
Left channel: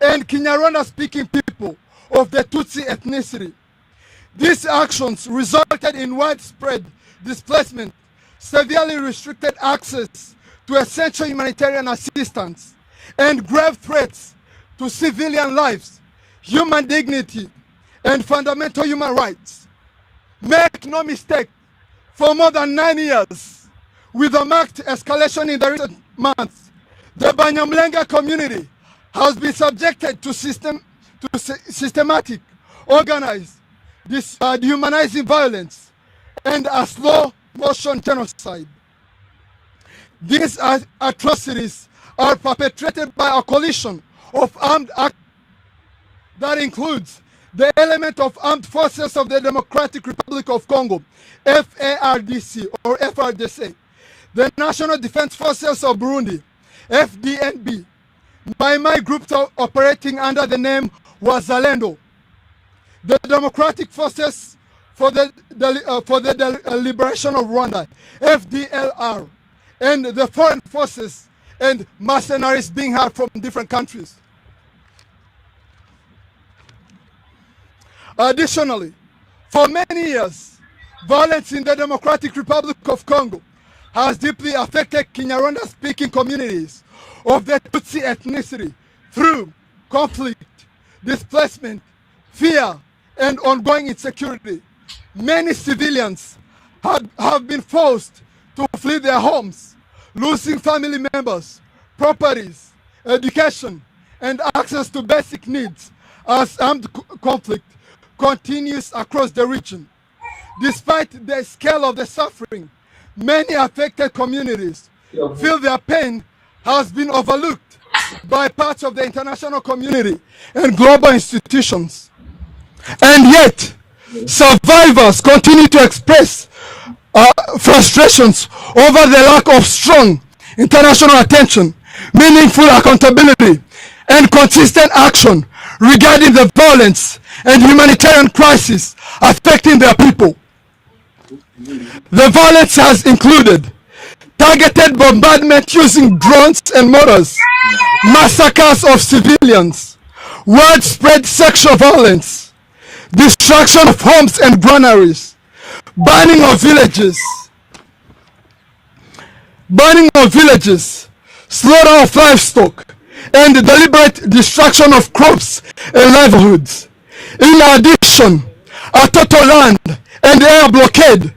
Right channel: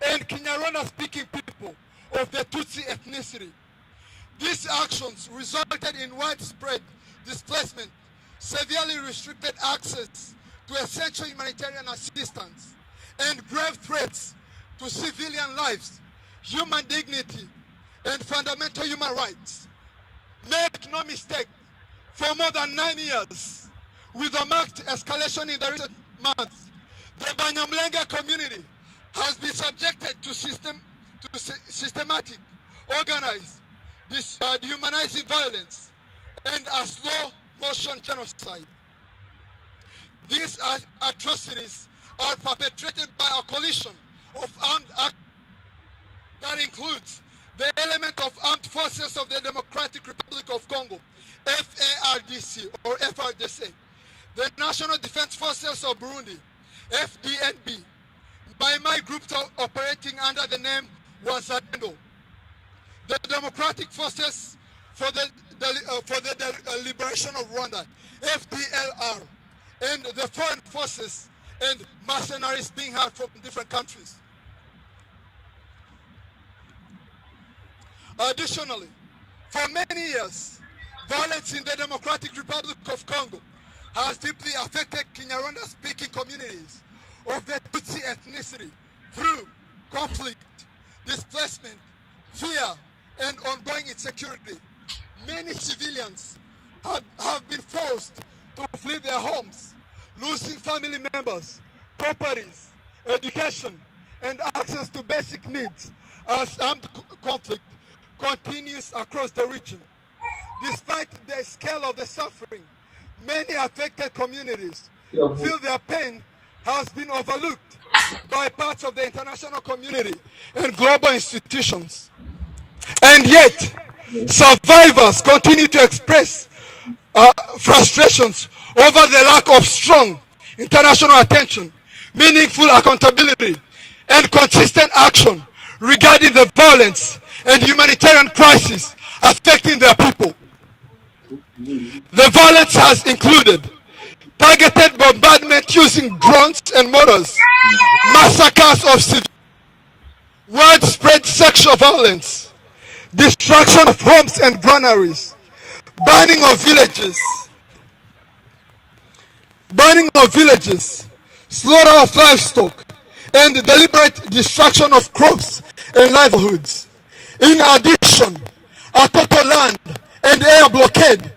and Kinyarwanda-speaking people of the Tutsi ethnicity. These actions resulted in widespread displacement, severely restricted access to essential humanitarian assistance, and grave threats to civilian lives, human dignity, and fundamental human rights. Make no mistake, for more than 9 years, with a marked escalation in the recent months, the Abanyamulenge community has been subjected to systematic, organized, dehumanizing violence and a slow-motion genocide. These atrocities are perpetrated by a coalition of armed actors that includes the element of armed forces of the Democratic Republic of Congo, FARDC or FRDC, the National Defense Forces of Burundi, FDNB, my groups operating under the name Wazalendo, the Democratic Forces for the Liberation of Rwanda, FDLR, and the foreign forces and mercenaries being hired from different countries. Additionally, for many years, violence in the Democratic Republic of Congo has deeply affected Kinyarwanda-speaking communities of the Tutsi ethnicity through conflict, displacement, fear, and ongoing insecurity. Many civilians have been forced to flee their homes, losing family members, properties, education, and access to basic needs as armed conflict continues across the region. Despite the scale of the suffering, many affected communities feel their pain has been overlooked by parts of the international community and global institutions. And yet, survivors continue to express frustrations over the lack of strong international attention, meaningful accountability, and consistent action regarding the violence and humanitarian crisis affecting their people. The violence has included targeted bombardment using drones and mortars, massacres of civilians, widespread sexual violence, destruction of homes and granaries, burning of villages, slaughter of livestock, and the deliberate destruction of crops and livelihoods. In addition, a total land and air blockade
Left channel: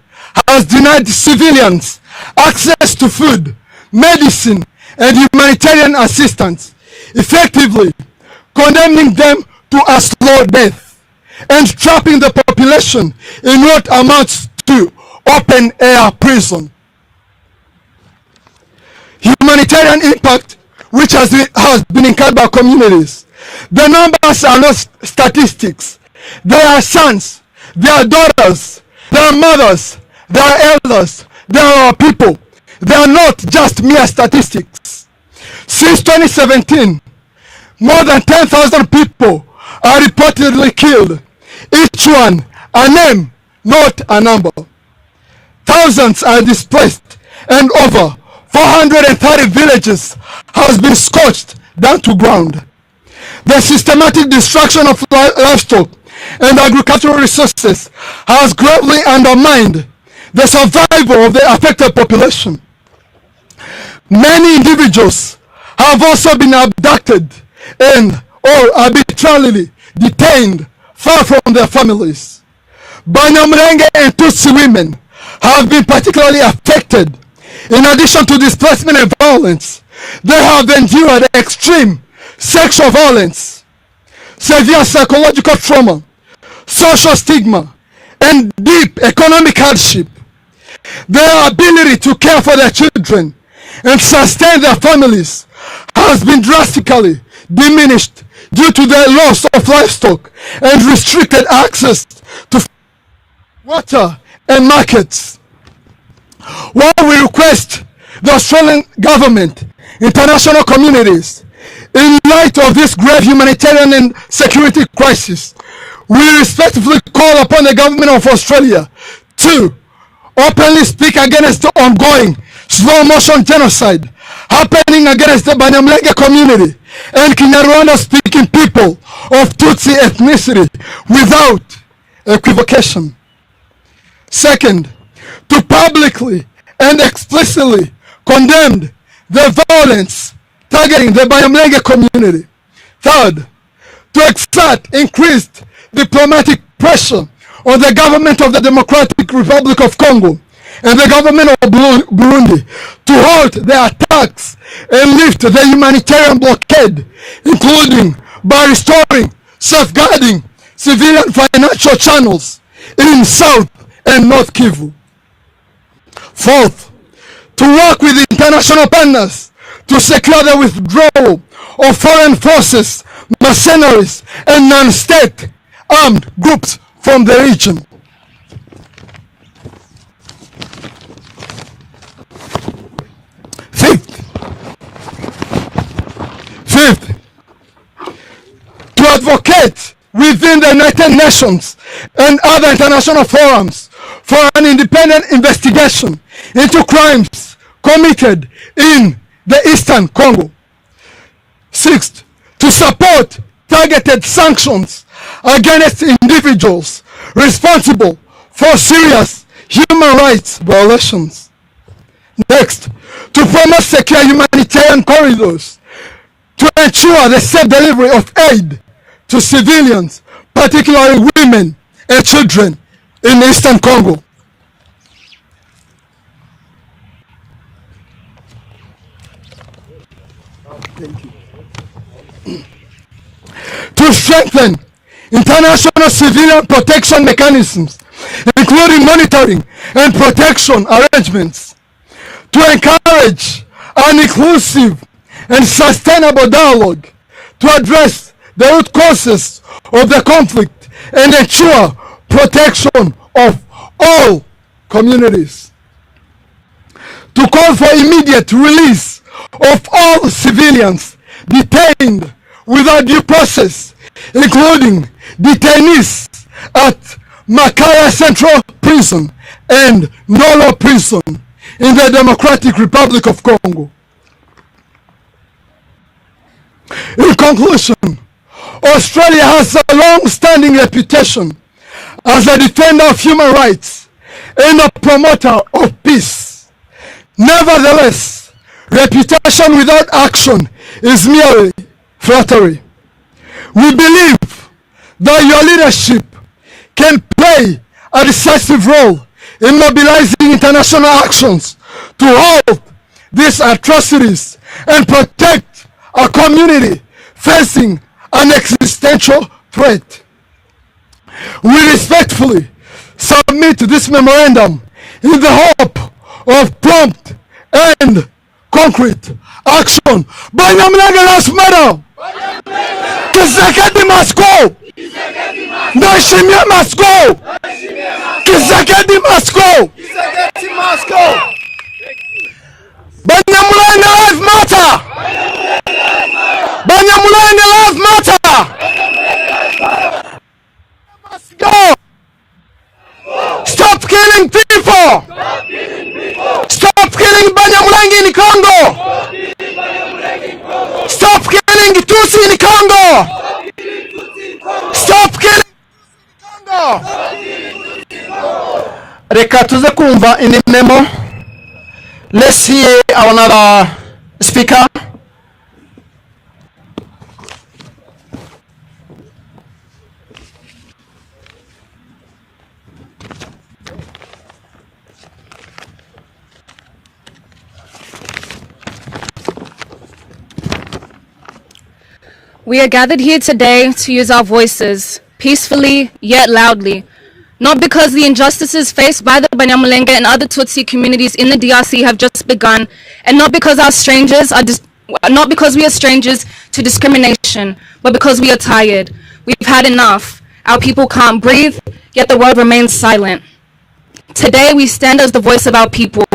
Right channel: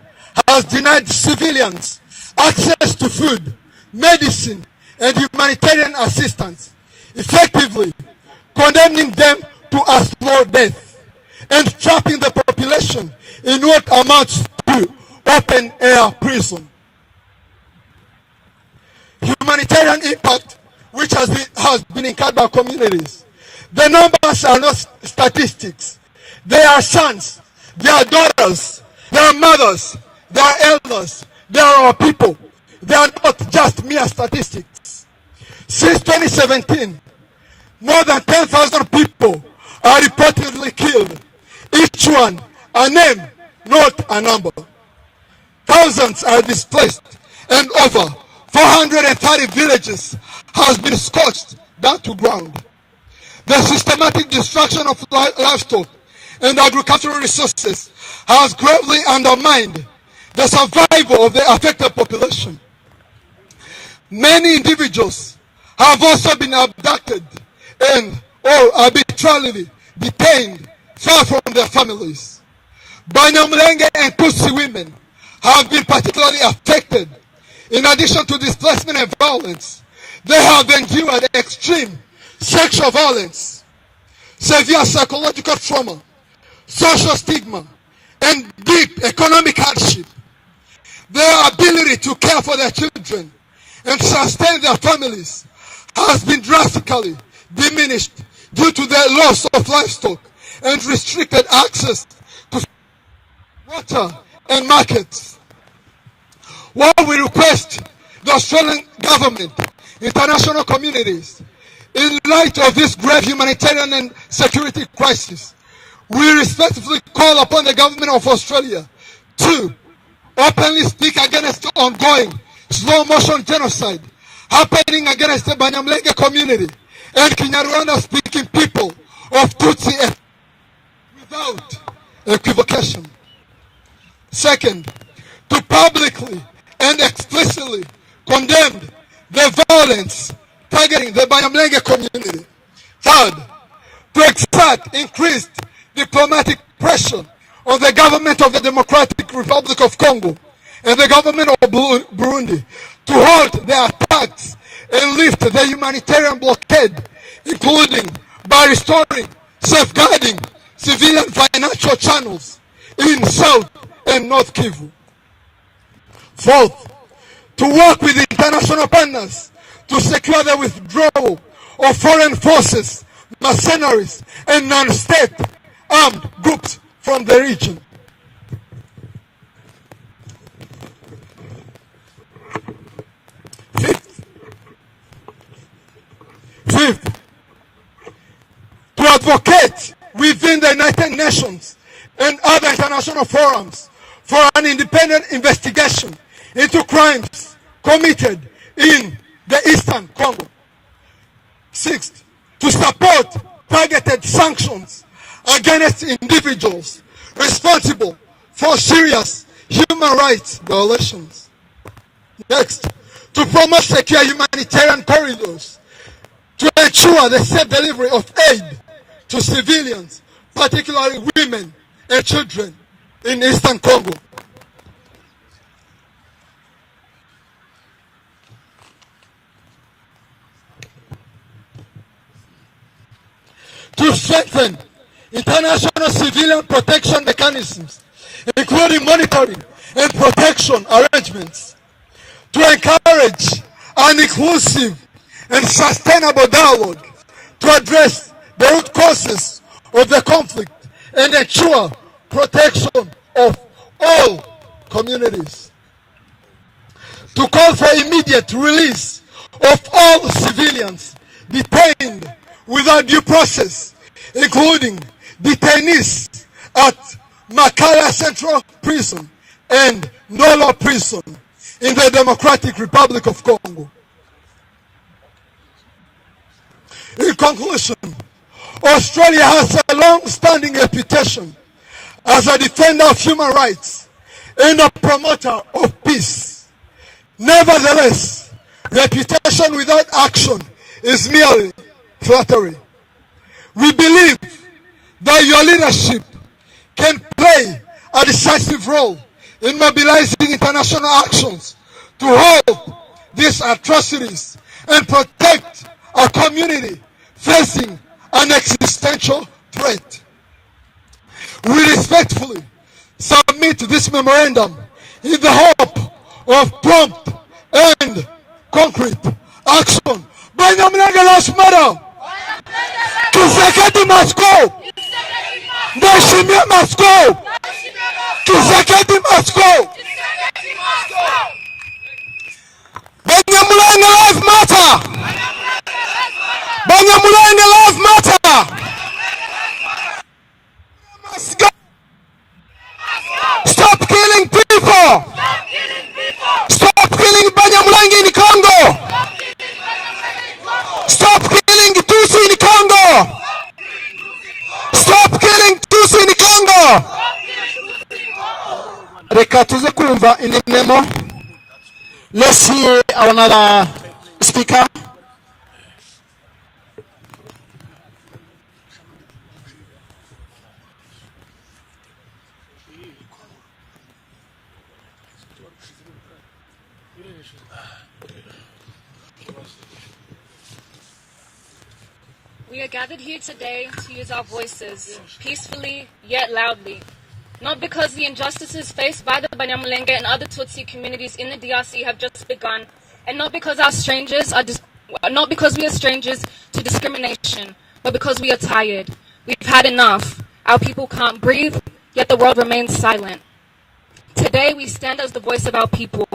has denied civilians access to food, medicine, and humanitarian assistance, effectively condemning them to a slow death and trapping the population in what amounts to open-air prison. Humanitarian impact which has been incurred by communities. The numbers are not statistics. They are sons, they are daughters, they are mothers, they are elders, they are our people. They are not just mere statistics. Since 2017, more than 10,000 people are reportedly killed. Each one a name, not a number. Thousands are displaced and over 430 villages has been scorched down to ground. The systematic destruction of livestock and agricultural resources has gravely undermined the survival of the affected population. Many individuals have also been abducted and or arbitrarily detained far from their families. Abanyamulenge and Tutsi women have been particularly affected. In addition to displacement and violence, they have endured extreme sexual violence, severe psychological trauma, social stigma, and deep economic hardship. Their ability to care for their children and sustain their families has been drastically diminished due to the loss of livestock and restricted access to water and markets. While we request the Australian government, international communities, in light of this grave humanitarian and security crisis, we respectfully call upon the government of Australia to openly speak against the ongoing slow-motion genocide happening against the Abanyamulenge community and Kinyarwanda-speaking people of Tutsi ethnicity without equivocation. Second, to publicly and explicitly condemn the violence targeting the Abanyamulenge community. Third, to exert increased diplomatic pressure on the government of the Democratic Republic of Congo and the government of Burundi to halt the attacks and lift the humanitarian blockade, including by restoring, safeguarding civilian financial channels in South and North Kivu. Fourth, to work with international partners to secure the withdrawal of foreign forces, mercenaries, and non-state armed groups from the region. Fifth, to advocate within the United Nations and other international forums for an independent investigation into crimes committed in the Eastern Congo. Sixth, to support targeted sanctions against individuals responsible for serious human rights violations. Next, to promote secure humanitarian corridors, to ensure the safe delivery of aid to civilians, particularly women and children in Eastern Congo. Thank you. To strengthen international civilian protection mechanisms, including monitoring and protection arrangements, to encourage an inclusive and sustainable dialogue to address the root causes of the conflict and ensure protection of all communities, to call for immediate release of all civilians detained without due process, including detainees at Makala Central Prison and Nolo Prison in the Democratic Republic of Congo. In conclusion, Australia has a long-standing reputation as a defender of human rights and a promoter of peace. Nevertheless, reputation without action is merely flattery. We believe that your leadership can play a decisive role in mobilizing international actions to halt these atrocities and protect a community facing an existential threat. We respectfully submit this memorandum in the hope of prompt and concrete action. Abanyamulenge last matter. Kisekedi must go. Ndayishimiye must go. Kisekedi must go. Abanyamulenge life matter. Abanyamulenge life matter. Must go. Stop killing people. Stop killing Abanyamulenge in Congo. Stop killing Tutsi in Congo. Stop killing Tutsi in Congo. Reka tuze kumva in the memo. Let's hear another speaker. We are gathered here today to use our voices, peacefully yet loudly, not because the injustices faced by the Abanyamulenge and other Tutsi communities in the DRC have just begun, and not because we are strangers to discrimination, but because we are tired. We've had enough. Our people can't breathe, yet the world remains silent. Today we stand as the voice of our people,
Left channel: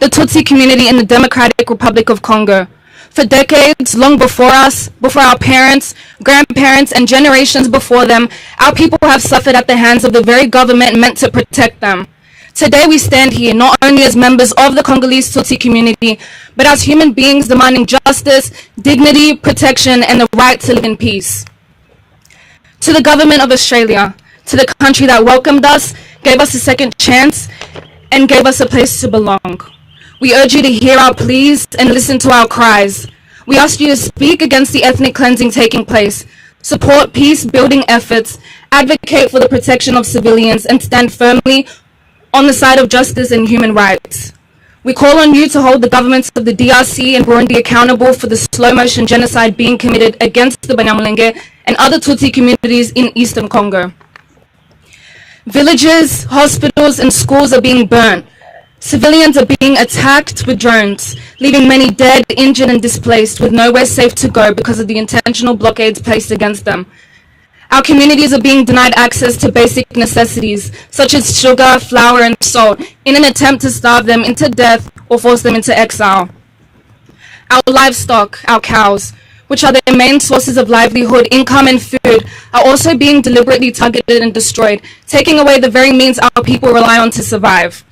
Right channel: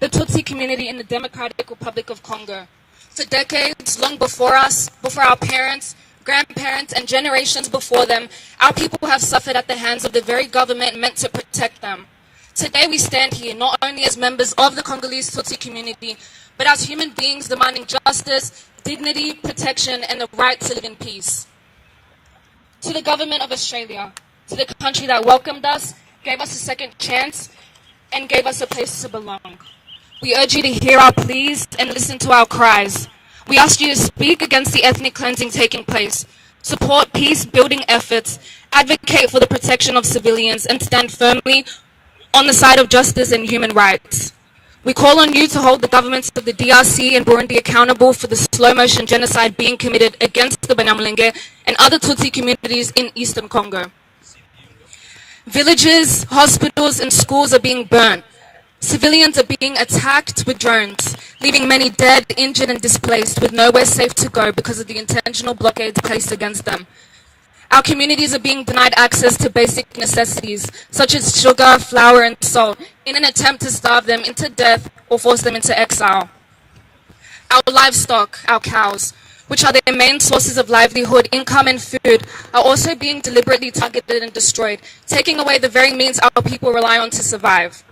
the Tutsi community in the Democratic Republic of Congo. For decades, long before us, before our parents, grandparents, and generations before them, our people have suffered at the hands of the very government meant to protect them. Today we stand here not only as members of the Congolese Tutsi community, but as human beings demanding justice, dignity, protection, and the right to live in peace. To the government of Australia, to the country that welcomed us, gave us a second chance, and gave us a place to belong. We urge you to hear our pleas and listen to our cries. We ask you to speak against the ethnic cleansing taking place, support peace-building efforts, advocate for the protection of civilians, and stand firmly on the side of justice and human rights. We call on you to hold the governments of the DRC and Burundi accountable for the slow-motion genocide being committed against the Abanyamulenge and other Tutsi communities in Eastern Congo. Villages, hospitals, and schools are being burnt. Civilians are being attacked with drones, leaving many dead, injured, and displaced with nowhere safe to go because of the intentional blockades placed against them. Our communities are being denied access to basic necessities, such as sugar, flour, and salt, in an attempt to starve them into death or force them into exile. Our livestock, our cows, which are their main sources of livelihood, income, and food, are also being deliberately targeted and destroyed, taking away the very means our people rely on to survive.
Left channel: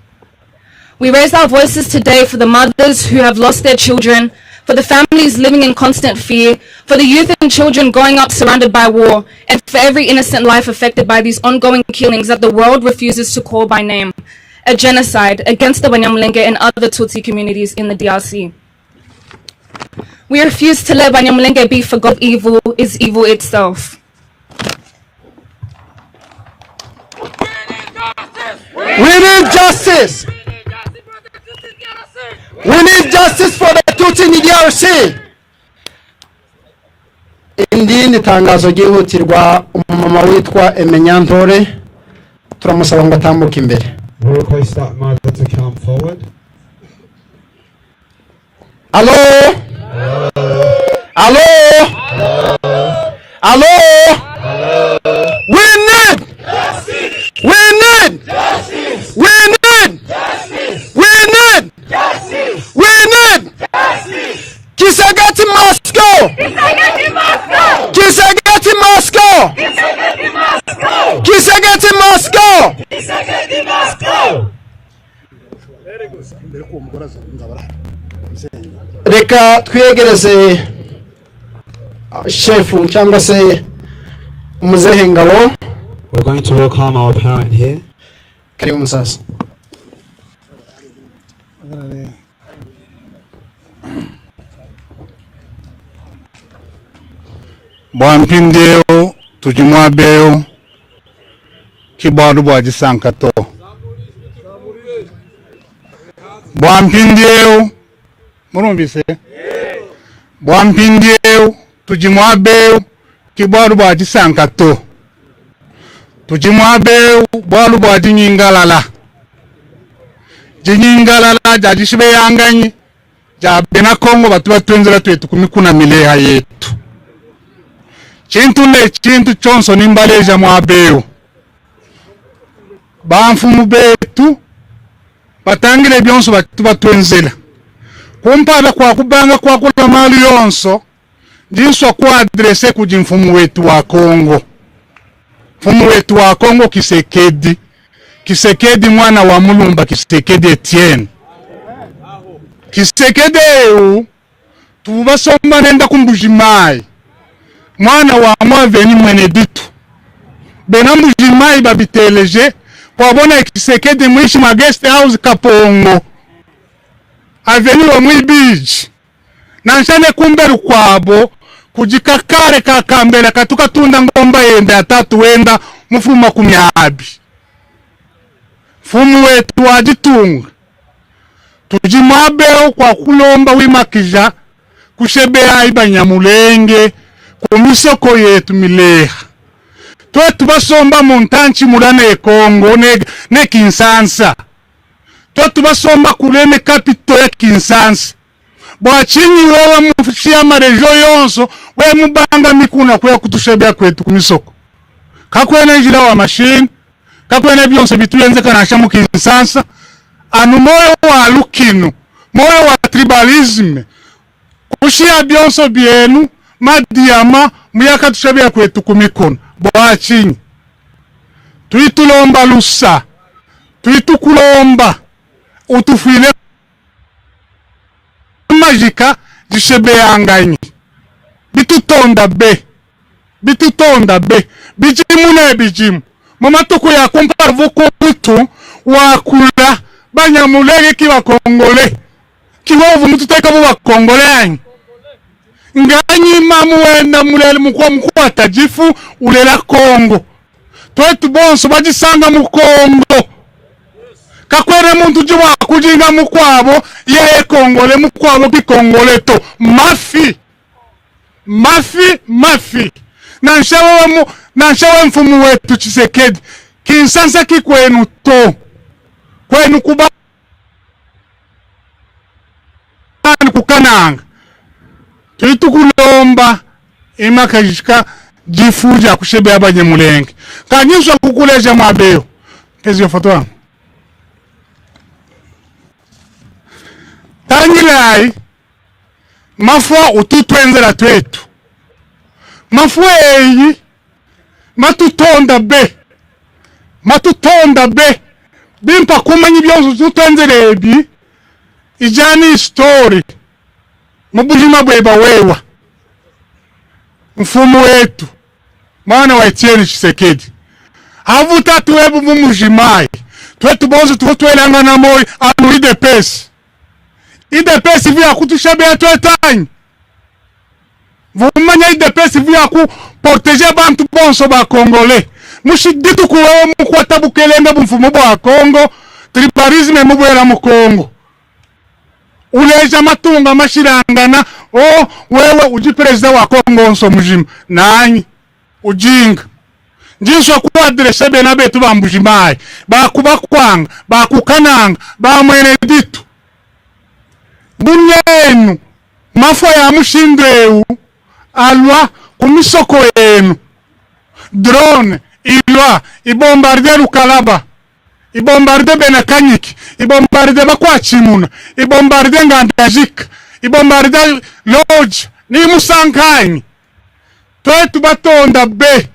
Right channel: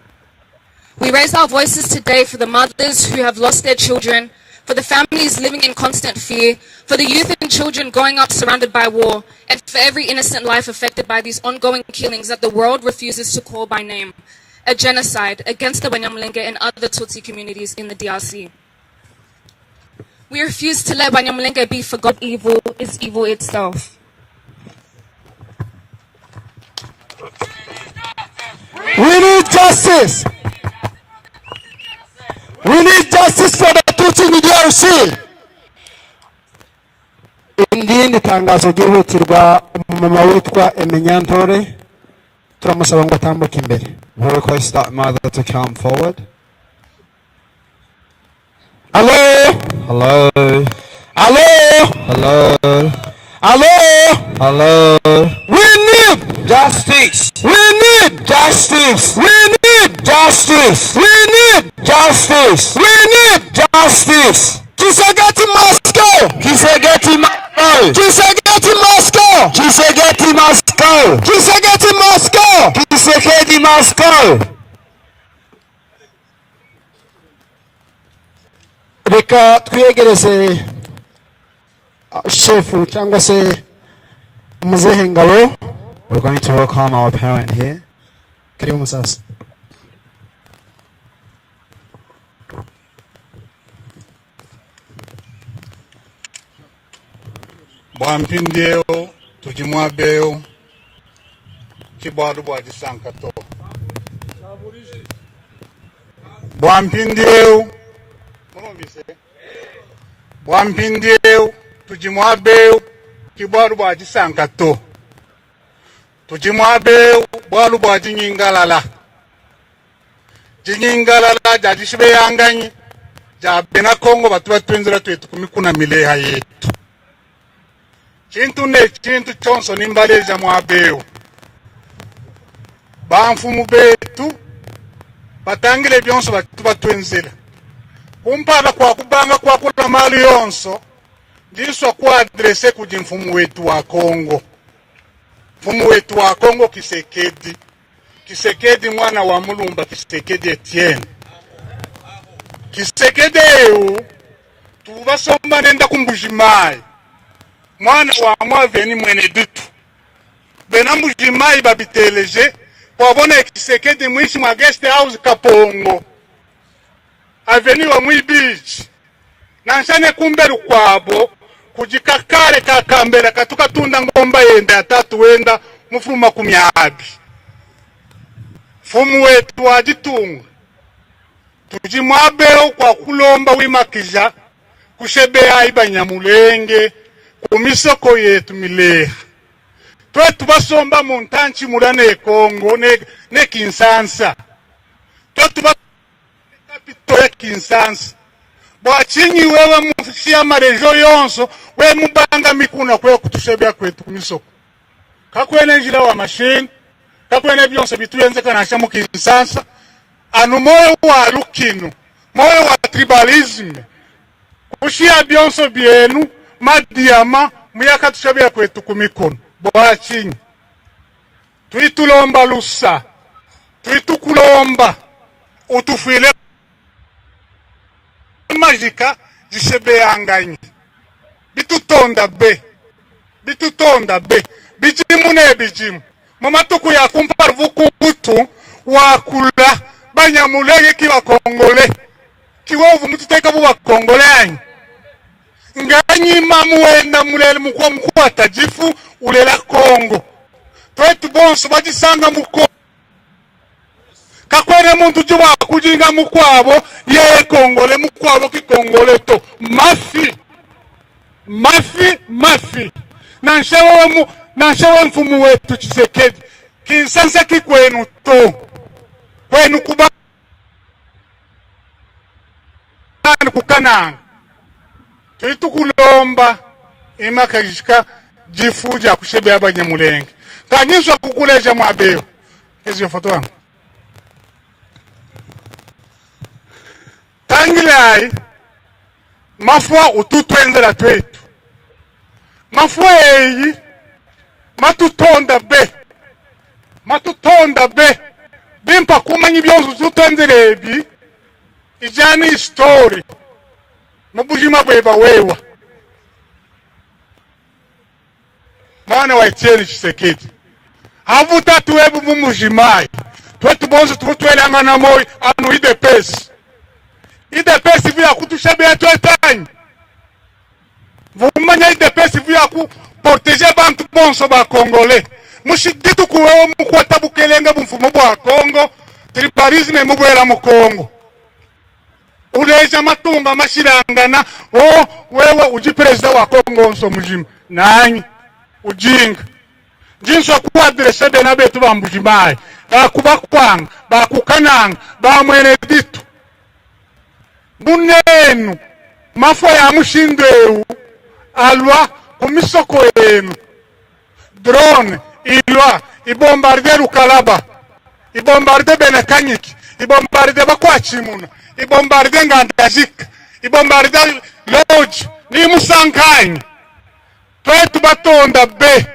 We raise our voices today for the mothers who have lost their children, for the families living in constant fear, for the youth and children growing up surrounded by war, and for every innocent life affected by these ongoing killings that the world refuses to call by name. a genocide against the Abanyamulenge and other Tutsi communities in the DRC. We refuse to let Abanyamulenge be forgot evil is evil itself. We need justice. We need justice for the Tutsi in the DRC. Indini tangazo gihutirwa umama witwa Emenyantore turamusaba ngo atambuke imbere. We'll request that mother to come forward. Hello? Hello? Hello? Hello? Hello? Hello? We need Justice. We need Justice. We need Justice. We need Justice. We need Justice. Kisegeti Moscow! Kisegeti Moscow. Kisegeti Moscow! Kisegeti Moscow. Kisegeti Moscow! Kisegeti Moscow. Reka twegereze shefu cyangwa se umuzehe ngabo. We're going to welcome our parent here. Karibu musasa. Bwampindeo tujimwabeo kibaru bwajisankato. Bwampindeo murumbise. Bwampindeo tujimwabeo kibaru bwajisankato. Tujimwabeo bwalu bwajinyingalala. Jinyingalala jajishibe yanganyi. Jabena Kongo batu batwenzera twetu kumikuna mileha yetu. Chintu chonso nimbaleja mwabeo. Bamfumu betu batangire byonso batu batwenzela. Kumpala kwa kubanga kwa kula mali yonso jinswa kwa adrese kuji mfumu wetu wa Kongo. Mfumu wetu wa Kongo Kisekedi. Kisekedi mwana wa Mulumba Kisekedi Etienne. Kisekedi tubasomba nenda kumbujimai. Mwana wa mwaveni mwene ditu. Benambujimai babiteleje kwa bona Kisekedi mwishi ma guest house Kapongo. Aveni wa mwibiji. Nanshane kumberu kwabo kujikakare kakambela katuka tunda ngomba yende atatu wenda mufuma kumyabi. Fumu wetu wajitunga. Tujimwabeo kwa kulomba wimakija kushebea Abanyamulenge kumisoko yetu mileha. Twetu basomba muntanchi murane Kongo ne Kinsansa. Twetu basomba kuleme kapito ya Kinsansa. Bwachini wewe mufishia marejo yonso we mubanga mikuna kwa kutushebea kwetu kumisoko. Kakwene njira wa machine, kakwene byonse bituyenze kanasha mu Kinsansa. Anu moyo wa lukino, moyo wa tribalism. Kushia byonso byenu madiama muyaka tushabia kwetu kumikono. Bwachini tuitulomba lusa, tuitukulomba utufile majika jishebe yanganyi. Bitutonda be, bitutonda be, bijimu ne bijimu. Mamatuko ya kumpara vuko witu wakula Banyamulenge kiwa Kongole. Kiwovu mututeka buwa Kongole yanyi. Nganyi mamu wenda mulele mkwa tajifu ulela Kongo. Twetu bonso bajisanga mukongo. Kakwere muntu jiwa kujinga mukwabo ye Kongole mukwabo kikongole to. Mafi. Mafi, mafi. Nanshawe mfumu wetu Chisekedi. Kinsansa kikwenu to. Kwenu kuba kukananga. Tuitukulomba imakajika jifuja kushebe Abanyamulenge. Kanyeswa kukuleja mwabeo. Kezi yofoto wangu. Tangirai mafua ututwenzela twetu. Mafua eyi matutonda be. Matutonda be. Bimpa kumanyi byonso tutwenzela ebi. Ijani story. Mubujima bweba wewa. Mfumu wetu. Mwana wa Etienne Tshisekedi. Havuta tuwebu mumujimai. twetu bonzo tukutwelanga na moyo anu ide pesi vya kutushabea twetanyi vumanya ide pesi vya ku protéger bantu bonso ba Congolais mushiditu ko mukwata bukelenge bumfumo bwa Congo tribalisme mubwera mu Congo uleja matunga mashirangana wewe uji president wa Congo nso mujima nanyi ujinga njinso ku adresse bena betu bambujimbaye bakubakwanga bakukananga bamwere ditu bunenu mafwa ya mushindeu alwa kumisoko yenu drone ilwa ibombarde Lukalaba ibombarde Benakanyiki ibombarde Bakwachimuna ibombarde Ngandajika ibombarde Lodge ni musankanye twetu batonda be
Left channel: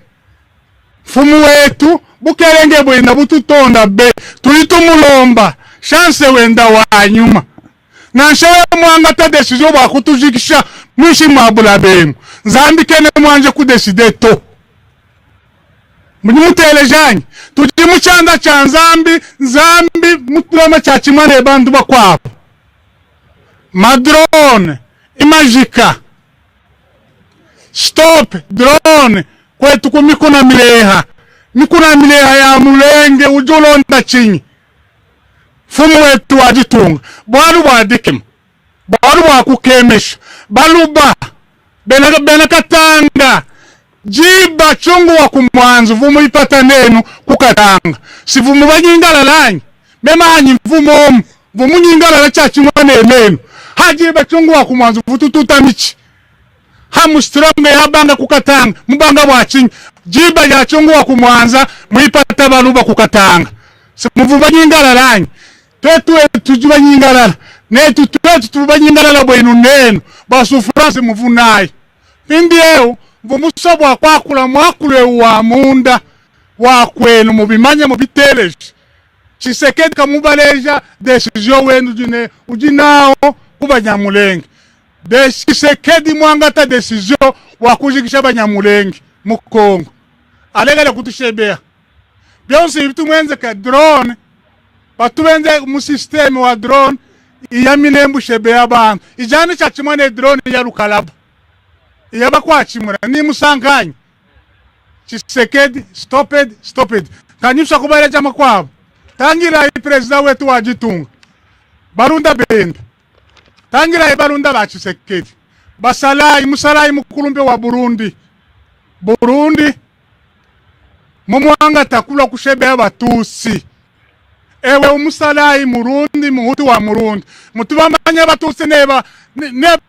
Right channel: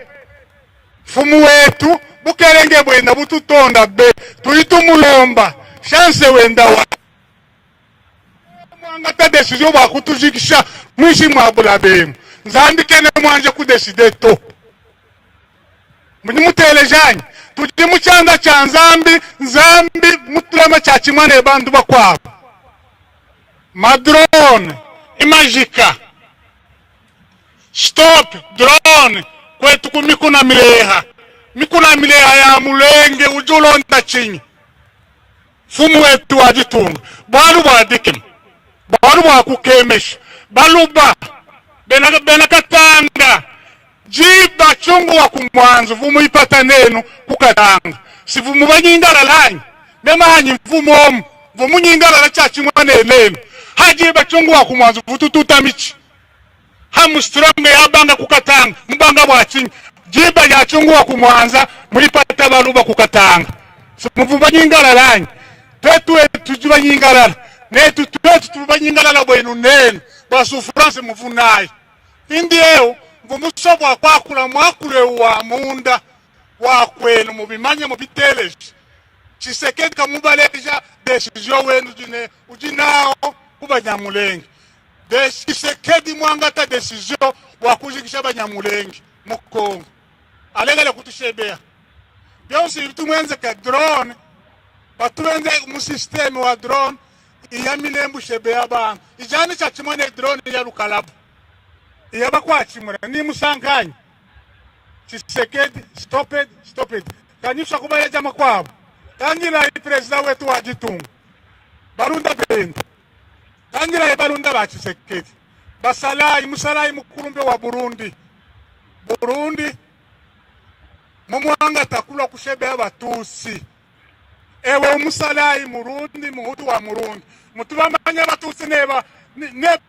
fumu wetu bukelenge bwina bututonda be tulitumulomba chance wenda wa nyuma na nshewe mwanga ta decision wa kutujikisha mwishi mwabula bemu nzambi kene mwanje kudeside to mutelejanyi tuji muchanga cha nzambi mutlama cha chimwane bandu bakwabo madrone imagika stop drone kwetu kumikuna mileha ya mulenge ujolonda chinyi fumu wetu wajitunga bwalu wadikim bwalu wakukemesha baluba bena katanga jiba chungu wa kumwanzu vumu ipata nenu kukatanga si vumu wanyingala lanyi memanyi vumu nyingala la chachi mwane nenu hajiba chungu wa kumwanzu vutututa michi hamu stronge ya banga kukatanga mbanga wachinyi jiba ya chungu wa kumwanza muipata baluba kukatanga si vumu nyingala lanyi twetu juba nyingala netu tuba nyingala bwenu nenu basufurase muvunayi indiyo vumusabwa kwakula mwakule wa munda wakwenu mubimanya mubiteleje Tshisekedi kamubaleja decision wenu ujinao kubanyamulenge Tshisekedi mwangata decision wakujikisha Abanyamulenge mu Congo alegale kutushebea byonse bitumwenze ka drone batubenze mu system wa drone iyaminembu shebea abantu ijani cha chimone drone ya Lukalaba yaba kwachimura ni musankanye Tshisekedi stop it kanyisha kubale chama kwabo tangira president wetu wajitunga barunda bendo tangira barunda ba Tshisekedi musalayi mukulumbe wa Burundi mumwanga takula kushebea Abatutsi ewe umusalayi Murundi muhutu wa Murundi mutubamanya Abatutsi neba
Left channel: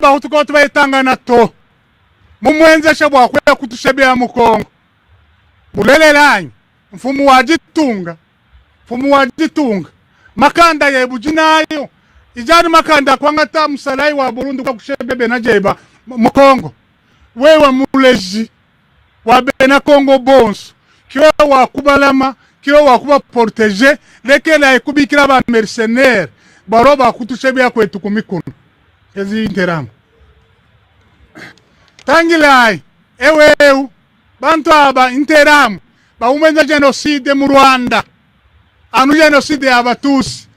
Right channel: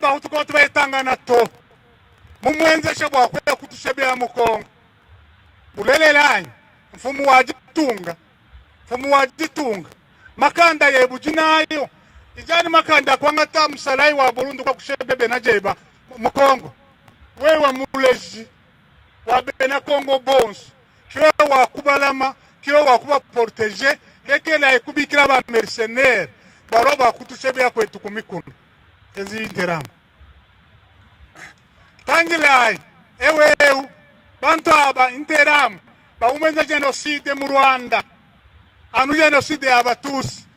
hutu ko tubayitangana to mumwenze shabwa kwa kutushebea mu Congo bulelelanyi mfumu wajitunga makanda yebujinayo ijani makanda kwangata musalayi wa Burundi kwa kushebebe na jeba mu Congo wewe muleji wa bena Congo bonso kiwa wakubalama kiwa wakuba protéger lekela ekubikira ba mercenaires baroba kutushebea kwetu kumikono kezi interamu tangilai ewe bantu aba interamu baumenza genocide mu Rwanda anu genocide ya Abatutsi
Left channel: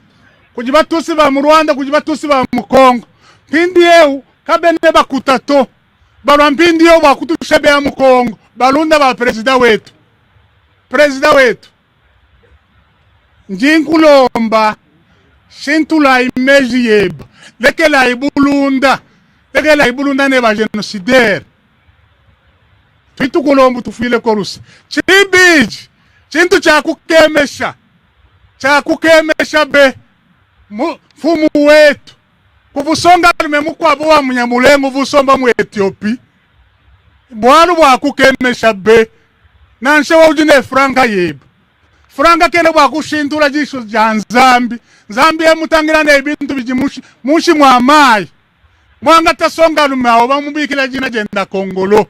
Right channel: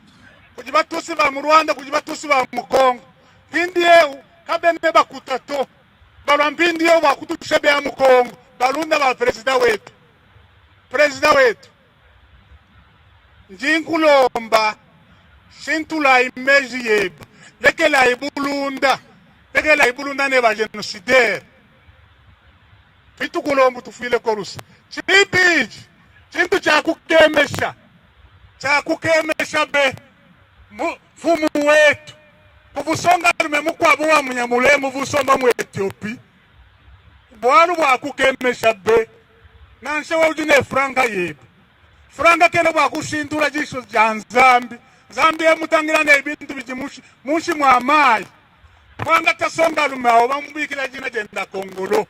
kujibatusi ba mu Rwanda kujibatusi ba mu Congo pindi eu kabene bakutato bampindi yo bakutushebea mu Congo balunda ba president wetu njinkulomba shintula imeji yeba lekela ibulunda ne ba genocidaire tukulomba tufile korusi chibiji chintu chakukemesha be fumu wetu kuvusonga memukwabo wa Munyamulenge vusomba mu Ethiopia bwalu bwakukemesha be nanshe wujine franka yeba franka kene bwakushindura jisho ja nzambi emutangira ne ibintu bijimushi mushi mwamayi mwanga tasonga lumawo bamubikira jina jenda Kongolo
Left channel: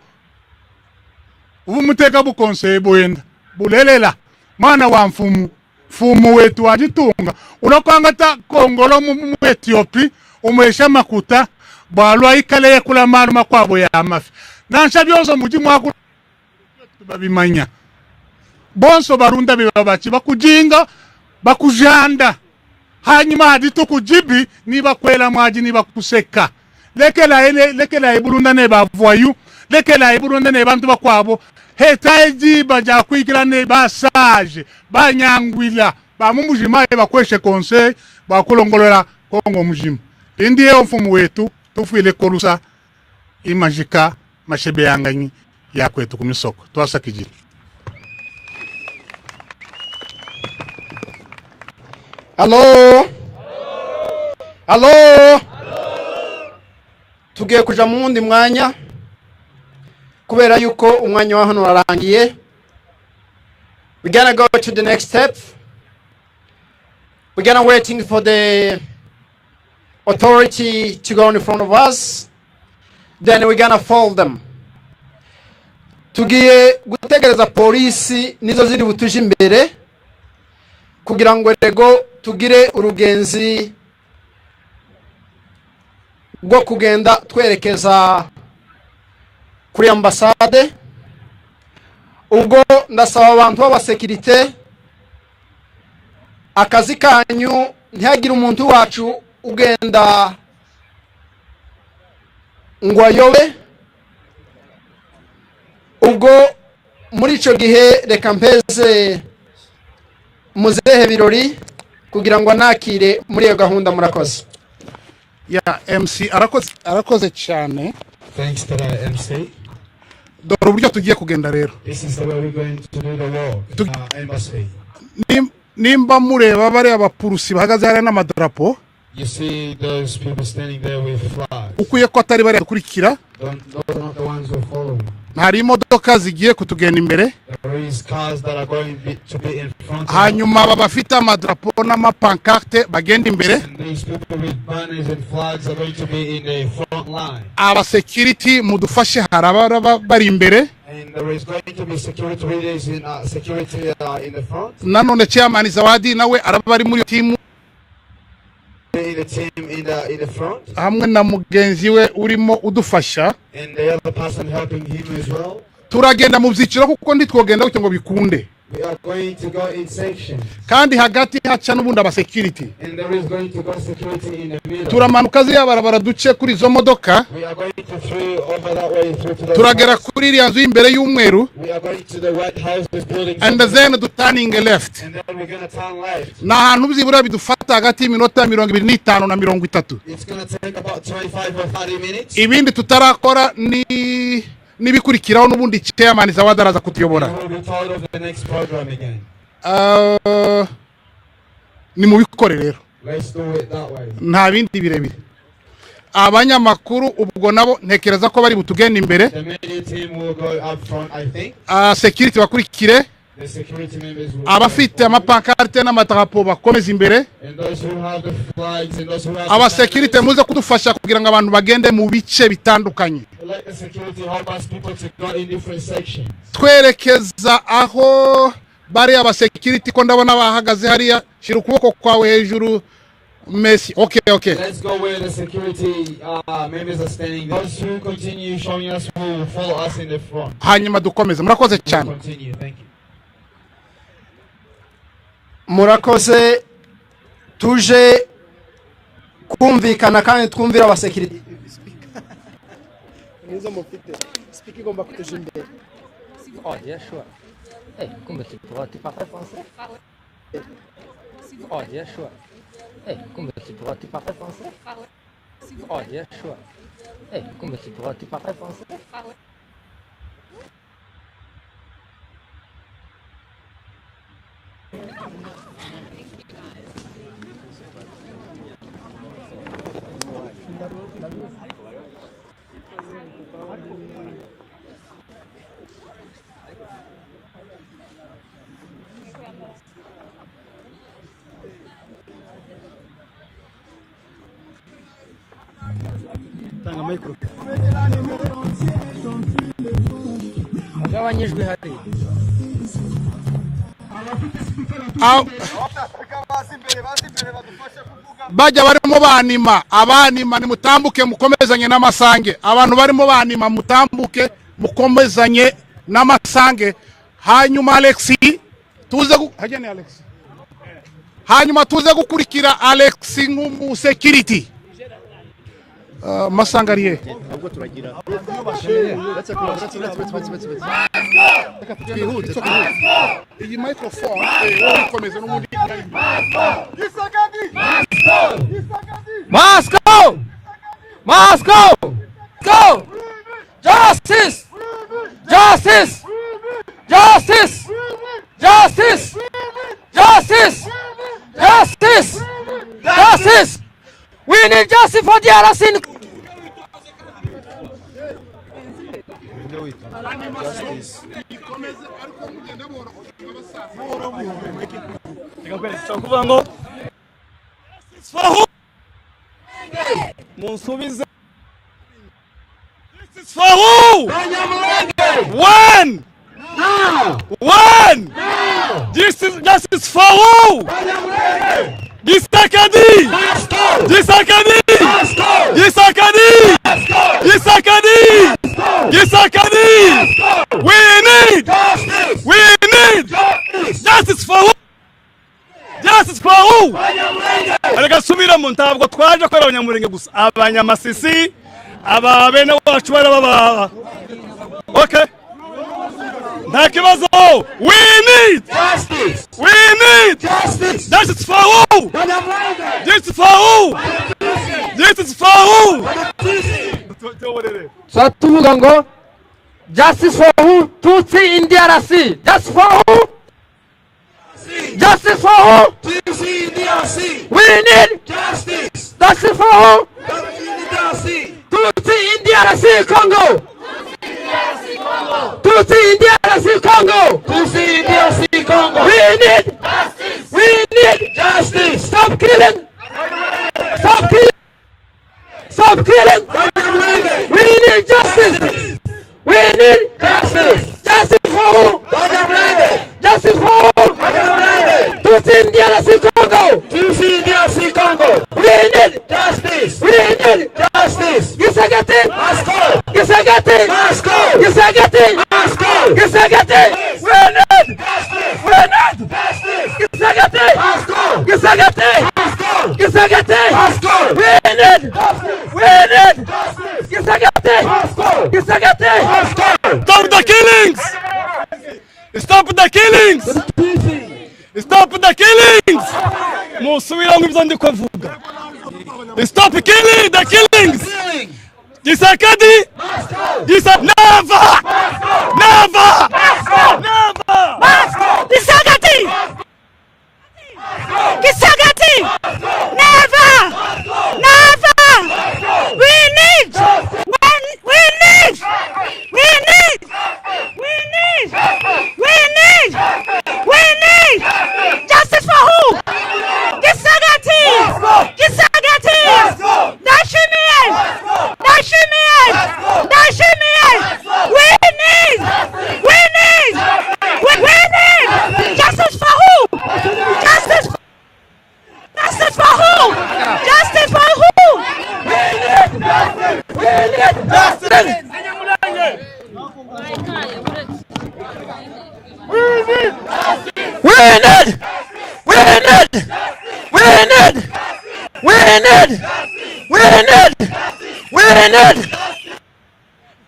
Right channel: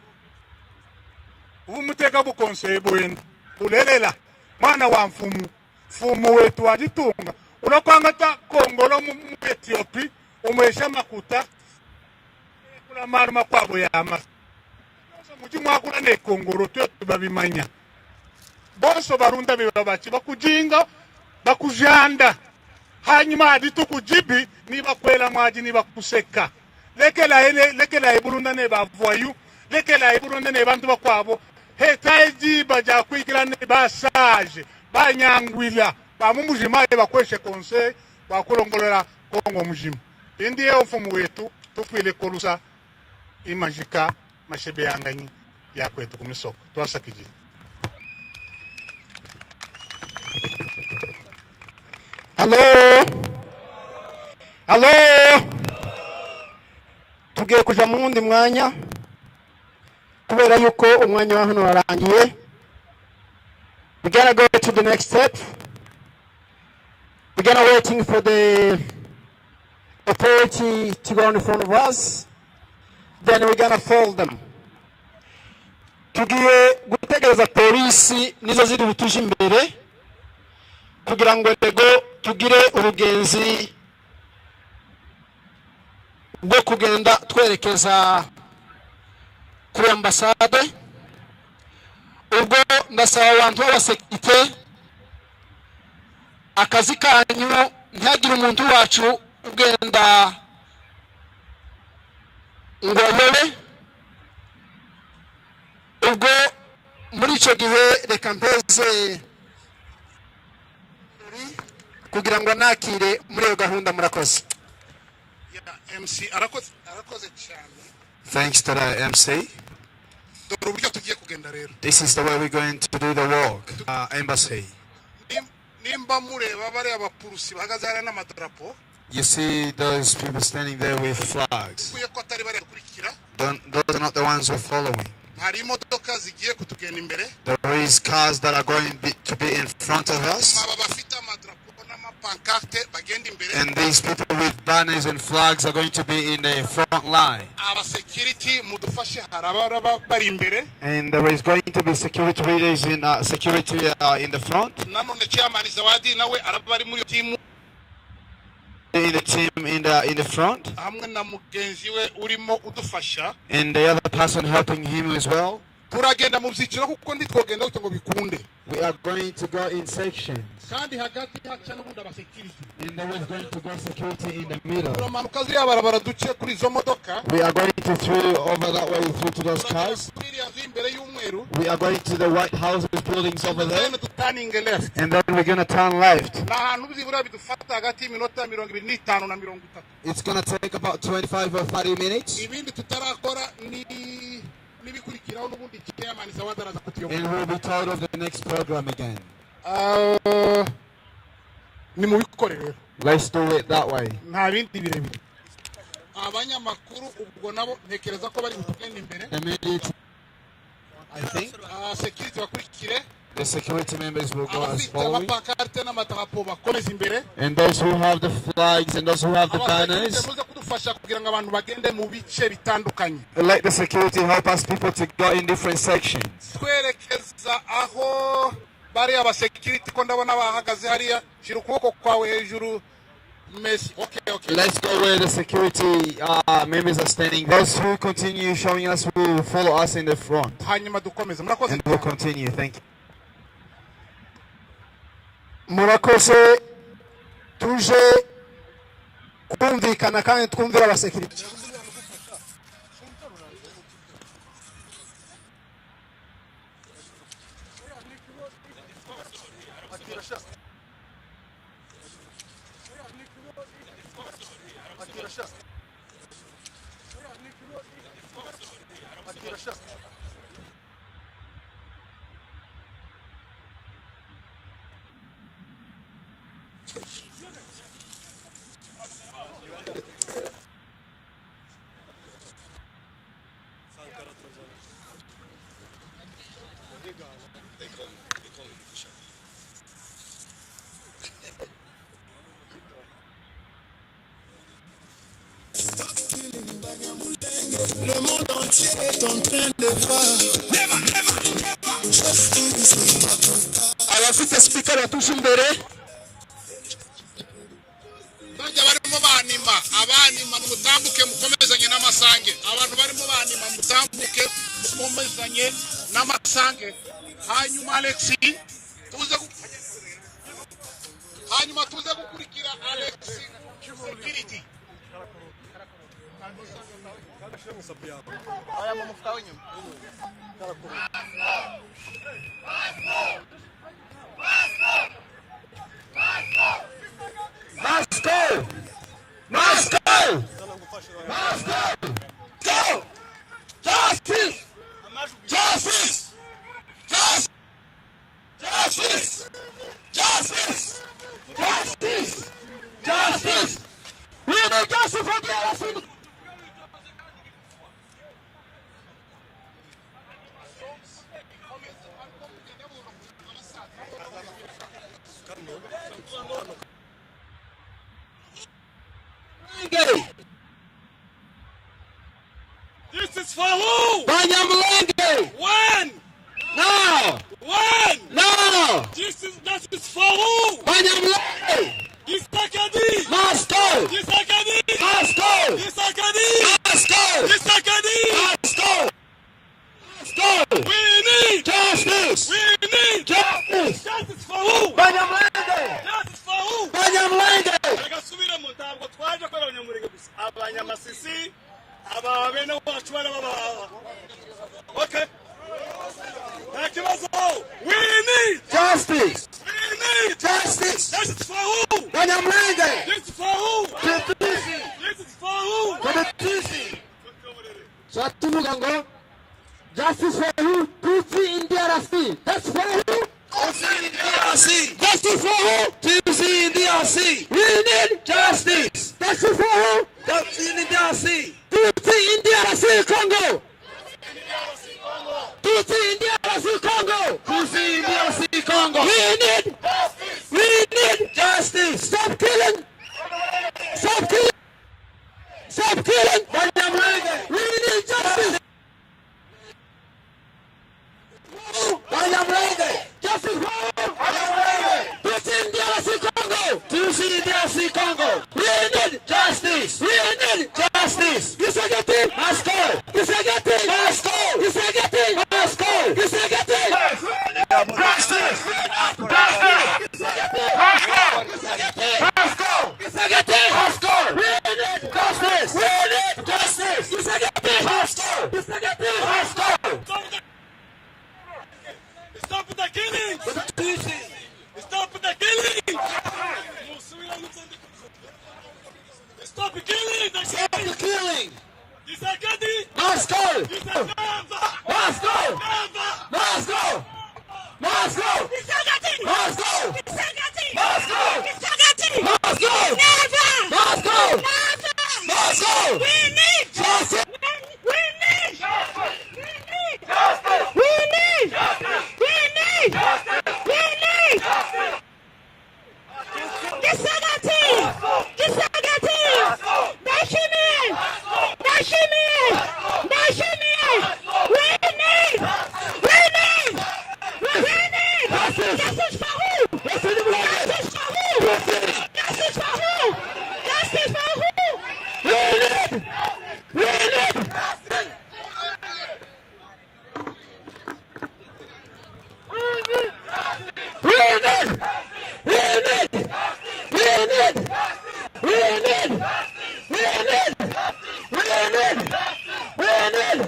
umuteka bukonsebo yenda bulelela mwana wa mfumu wetu wajitunga unokwanga ta Kongolo mu Ethiopia umwesha makuta bwalwa ikale kula maru makwabo ya amafi nansha byonso muji mwakula ne Kongolo tyo babimanya bonso barunda bibabachi bakujinga bakujanda hanyuma hadito kujibi niba kwela maji niba kuseka lekela iburunda ne bavoyu lekela iburunda ne bantu bakwabo hetaji baja kwikira ne basage banyangwila bamumujima bakweshe conseil bakulongolera kongo mujima indiye mfumu wetu tufile korusa imajika mashebe yanganyi yakwetu kumisoko twasakije. Hello. Tugiye kuja mu wundi mwanya kubera yuko umwanya wa hano warangiye. We're gonna go to the next step. We're gonna waiting for the authority to go in front of us. Then we're gonna fold them. Tugiye gutegereza polisi nizo ziri butuje imbere kugira ngo rego tugire urugenzi bwo kugenda twerekeza kuri ambasade. Ubwo ndasaba abantu b'abasekirite akazi kanyu ntihagire umuntu wacu ugenda ngo ayobe. Ubwo muri ico gihe reka mpeze muzehe birori kugira ngo nakire muri iyo gahunda. Murakoze. MC arakoze cyane. Thanks to the MC. Dore uburyo tugiye kugenda rero. This is the way we're going to do the walk. Embassy. Nimba mureba bari abapurusi bahagaze hari n'amadarapo. You see those people standing there with flags. Ukuye ko atari bari gukurikira. Those are not the ones who are following. Hari imodoka zigiye kutugenda imbere. There is cars that are going to be in front of us. Hanyuma babafite amadrapo n'amapancarte bagenda imbere. And these people with banners and flags are going to be in the front line. Aba security mudufashe haraba bari imbere. And there is going to be security leaders in in the front. Nanone chairman Zawadi nawe araba bari muri team. In the team in the front. Hamwe na mugenzi we urimo udufasha. And the other person helping him as well. Turagenda mu byiciro kuko nditwogenda ngo bikunde. We are going to go in section. Kandi hagati haca n'ubundi aba security. And there is going to go security in the middle. Turamanuka ziya barabara duce kuri zo modoka. We are going to through over that way through to the. Turagera kuri iriya nzu imbere y'umweru. We are going to the White House building. And then turning left. And then we're going to turn left. Na hantu bizibura bidufata hagati y'iminota 25 na 30. It's going to take about 25 or 30 minutes. Ibindi tutarakora nibikurikiraho n'ubundi chairman Zawadi araza kutuyobora. Ni mubikore rero. Let's do it that way. Nta bindi birebire. Abanyamakuru ubwo nabo ntekereza ko bari butugenda imbere. The media team will go up front, I think. Security bakurikire. The security members will. Abafite amapancarte n'amadrapo bakomeza imbere. And those who have the flags and those who have aba security muze kudufasha kugira ngo abantu bagende mu bice bitandukanye. Let the security help us people to go in different sections. Twerekeza aho bari aba security ko ndabona bahagaze hariya shira ukuboko kwawe hejuru. Messi. Okay. Let's go where the security members are standing. Those who continue showing us will follow us in the front. Hanyuma dukomeze. Murakoze cyane. Continue. Thank you. Murakoze tuje kumvikana kandi twumvira aba security. Nizo mufite. Speaking of bakujinde. Oh, yeah, sure. Hey, kumbe tu parles français? Oh, yeah, sure. Hey, kumbe tu parles français? Oh, yeah, sure. Hey, kumbe tu parles français? Bajya barimo banima abanima ni mutambuke mukomezanye n'amasange abantu barimo banima mutambuke mukomezanye n'amasange hanyuma Alexi tuze hajyane Alex hanyuma tuze gukurikira Alex nk'umu security masangariye iyi microphone ikomeze n'ubundi Moscow! Moscow! Go! Justice! Justice! Justice! Justice! Justice! Justice! Justice! We need justice for the Arasin. This is for who? When? Now! When? Now! This is for who? Gisakadi! Gisakadi! Gisakadi! Gisakadi! Gisakadi! We need justice! We need justice! Justice for who? Justice for who? Areka subira mu ntabwo twaje kwera Abanyamulenge gusa Abanyamasisi aba bene wacu baba. Okay. Nta kibazo. We need justice. We need justice. Justice for who? This is for who? This is for who? So tuvuga ngo justice for who? Tutsi in DRC. Justice for who? Justice for who? Tutsi in DRC. We need justice. Justice for who? Tutsi in DRC. Tutsi in DRC Congo. Tutsi in DRC Congo. Tutsi in DRC Congo. We need justice. We need justice. Stop killing. Stop killing. Stop killing. We need justice. We need justice. Justice for who? Justice for who? Tutsi in DRC Congo. Tutsi in DRC Congo. We need justice. We need justice. Gisagati. Moscow. Gisagati. Moscow. Gisagati. Moscow. Gisagati. We need justice. We need justice. Gisagati. Moscow. Gisagati. Moscow. Gisagati. Moscow. We need justice. We need justice. Gisagati. Moscow. Gisagati. Stop the killings! Stop the killings! Stop the killings! Musubira ngibyo ndi kuvuga. Stop killing the killings! Gisakadi! Never! Never! Never! Gisagati! Gisagati! Never! Never! We need! We need! We need! We need! We need! We need! Justice for who? Gisagati! Gisagati! Dashimiye! Dashimiye! Dashimiye! We need! We need! We need! Justice for who? Justice for who? Justice for who? Justice for who? We need! We need justice! We need! We need! We need! We need! We need! We need! We need!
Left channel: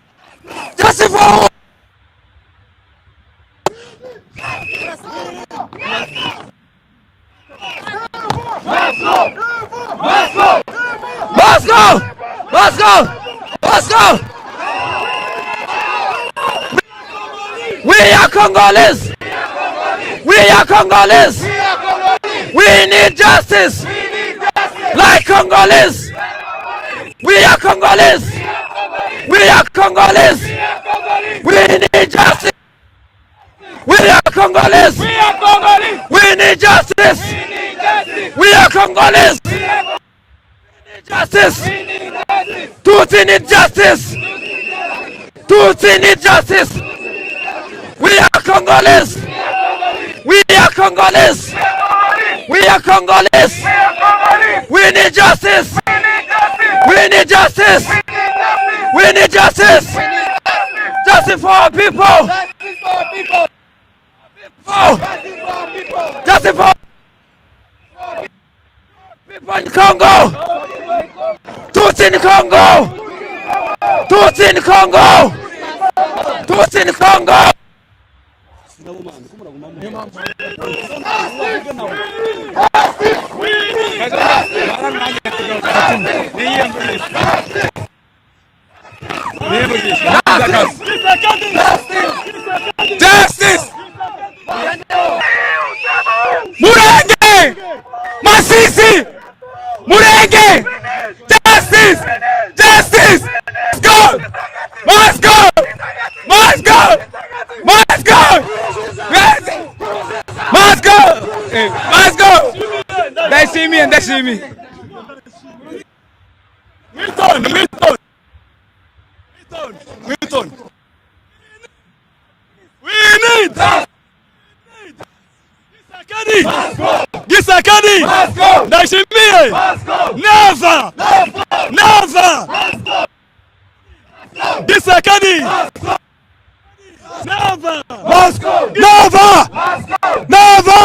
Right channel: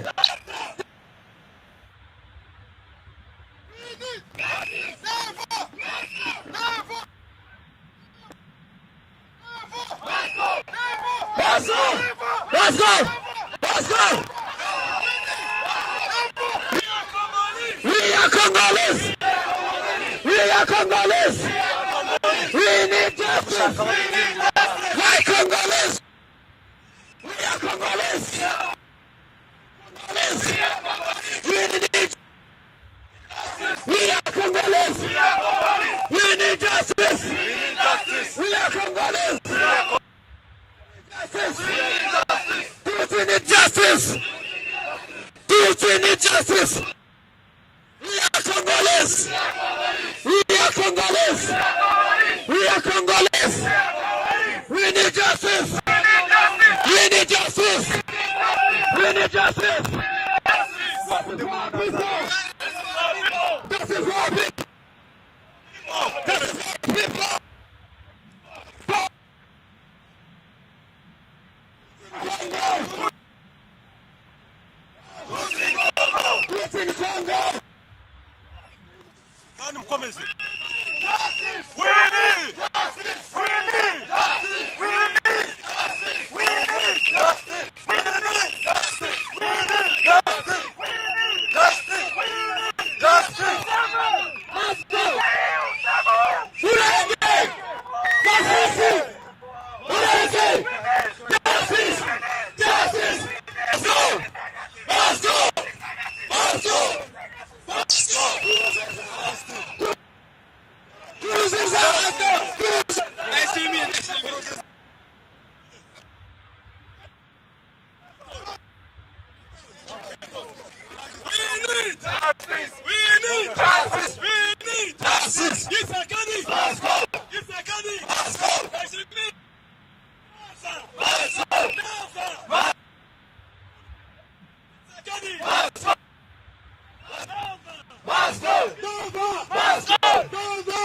Justice for who? Moscow! Moscow! Moscow! We are Congolese! We are Congolese! We need justice! Like Congolese! We are Congolese! We are Congolese! We need justice! We are Congolese! We need justice! We are Congolese! Justice! Tutsi need justice! Tutsi need justice! We are Congolese! We are Congolese! We are Congolese! We need justice! We need justice! We need justice! Justice for our people! Justice for our people! Justice for our people! in Congo! Tutsi in Congo! Tutsi in Congo! Tutsi in Congo! Justice! Mulenge! Masisi! Mulenge! Justice! Justice! Go! Must go! Must go! Must go! Must go! Must go! They see me and they see me. Milton! Milton! Milton! We need justice! We need justice! Gisakadi! Gisakadi! Ndashimiye! Never! Never! Gisakadi! Never! Never! Never!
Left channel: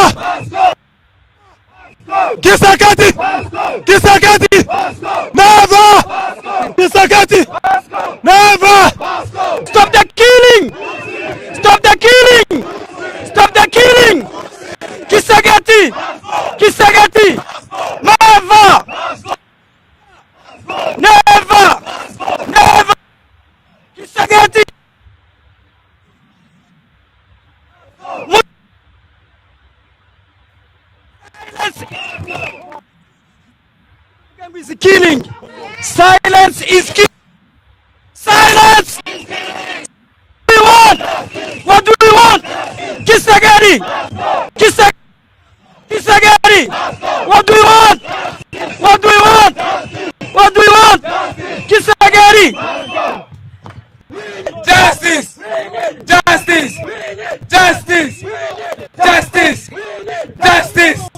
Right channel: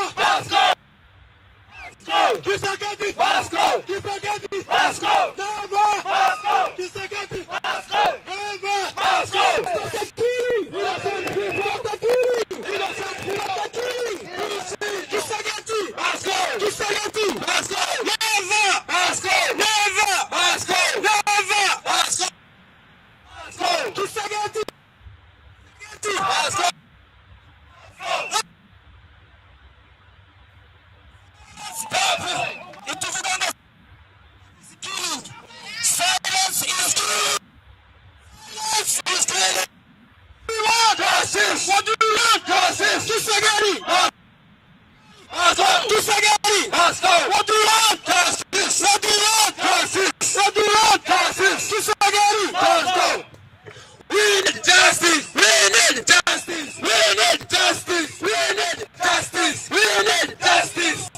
Gisakadi! Gisakadi! Never! Gisakadi! Never! Stop the killing! Stop the killing! Stop the killing! Kisagati! Kisagati! Never! Never! Never! Kisagati! Is killing! Silence is killing! Silence! What do you want? What do you want? Kisagari! Kisagari! What do you want? What do you want? What do you want? Kisagari! Justice! Justice! Justice! Justice! Justice!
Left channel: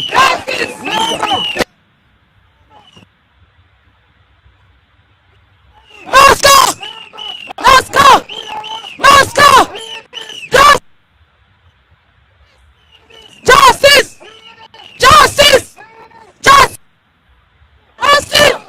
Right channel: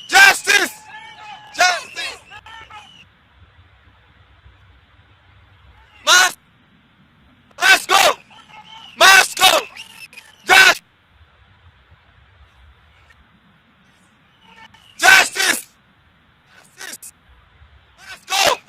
Justice! Moscow! Moscow! Moscow! Justice! Justice! Justice! Moscow!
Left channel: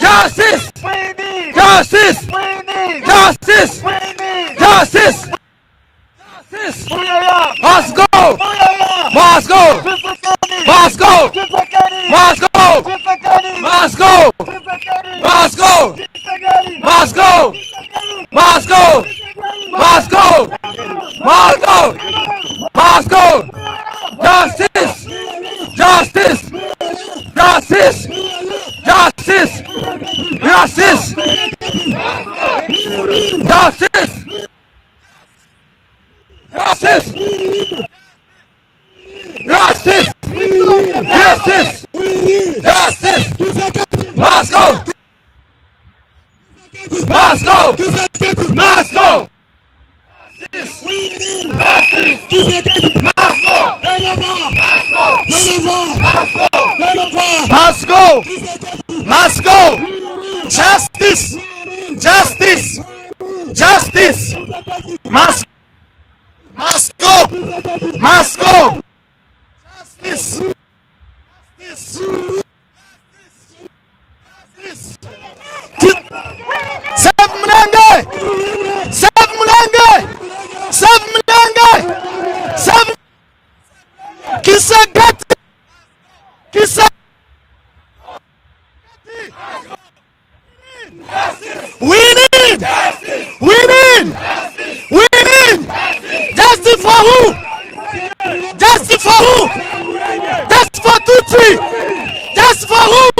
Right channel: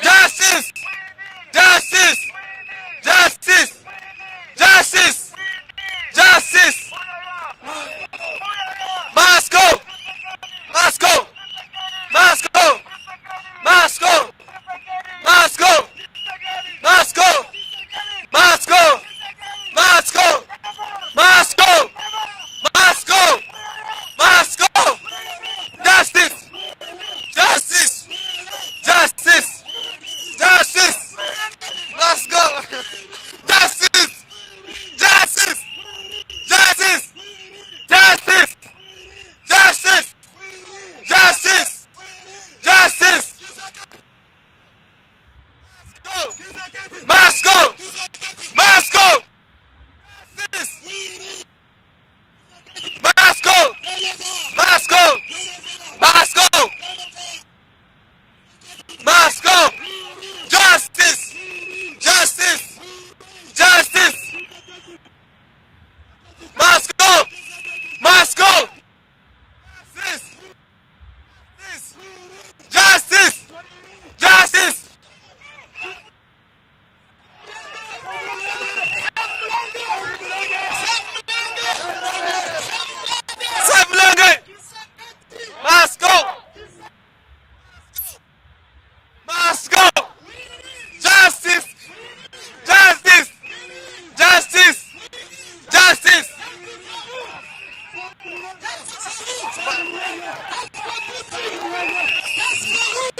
Justice! Justice! Justice! Justice! Justice! Must go! Must go! Must go! Must go! Must go! Must go! Must go! Must go! Must go! Must go! Must go! Justice! Justice! Justice! Justice! Justice! Must go! Justice! Justice! Justice! Justice! Justice! Justice! Justice! Must go! Must go! Must go! Must go! Must go! Must go! Must go! Must go! Justice! Justice! Justice! Must go! Must go! Justice! Justice! Justice! Save Mulenge! Save Mulenge! Save Mulenge! Save Mulenge! Kisagati! Must go! Must go! Justice! We need! Justice! We need! Justice! We need! Justice! Justice for who? Justice for who? That's for Tutsi! That's for who?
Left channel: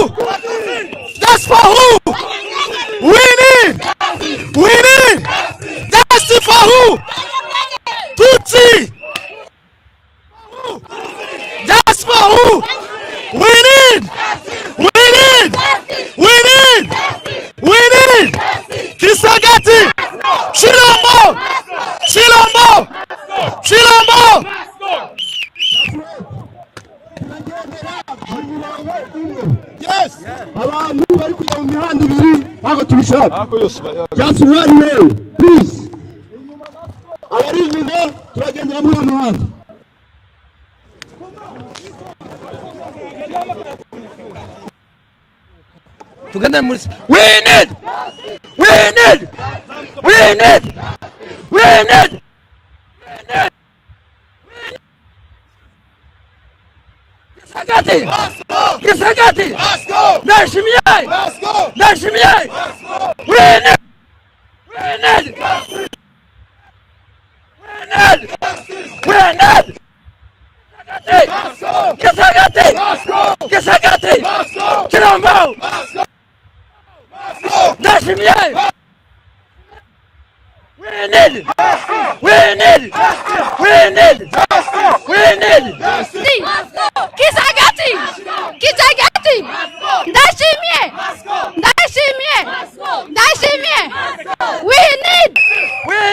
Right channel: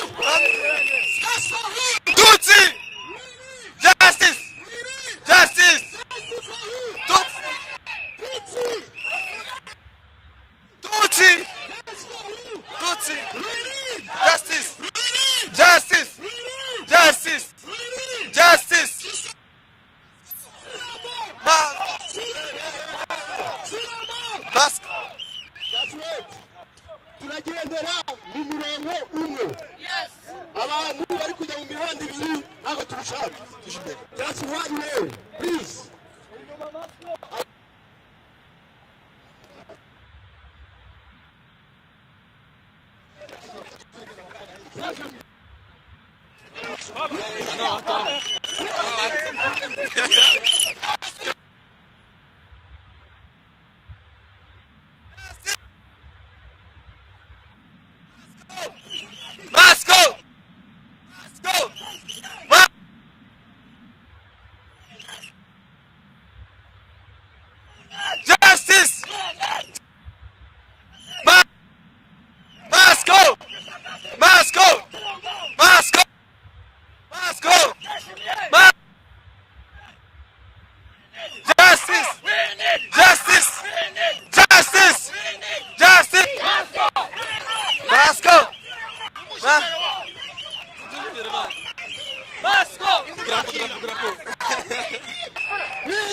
That's for who? Tutsi! We need! Justice! We need! Justice! Justice for who? Tutsi! Tutsi! That's for who? We need! Justice! We need! Justice! We need! Justice! We need! Justice! Kisagati! Chilombo! Chilombo! Chilombo! Yes! Abantu bari kujya mu mihanda ibiri ntabwo tubishaka. Just one way, please. Abari inyuma turagendera muri uwo muhanda. Tugende muri. We need! We need! We need! We need! Kisagati! Kisagati! Nashimiye! Nashimiye! We need! We need! We need! Justice! We need! Kisagati! Moscow! Kisagati! Moscow! Kirombo! Moscow! Moscow! Dashimye! We need justice! We need justice! We need justice! We need justice! Kisagati! Kisagati! Dashimye! Dashimye! Dashimye! We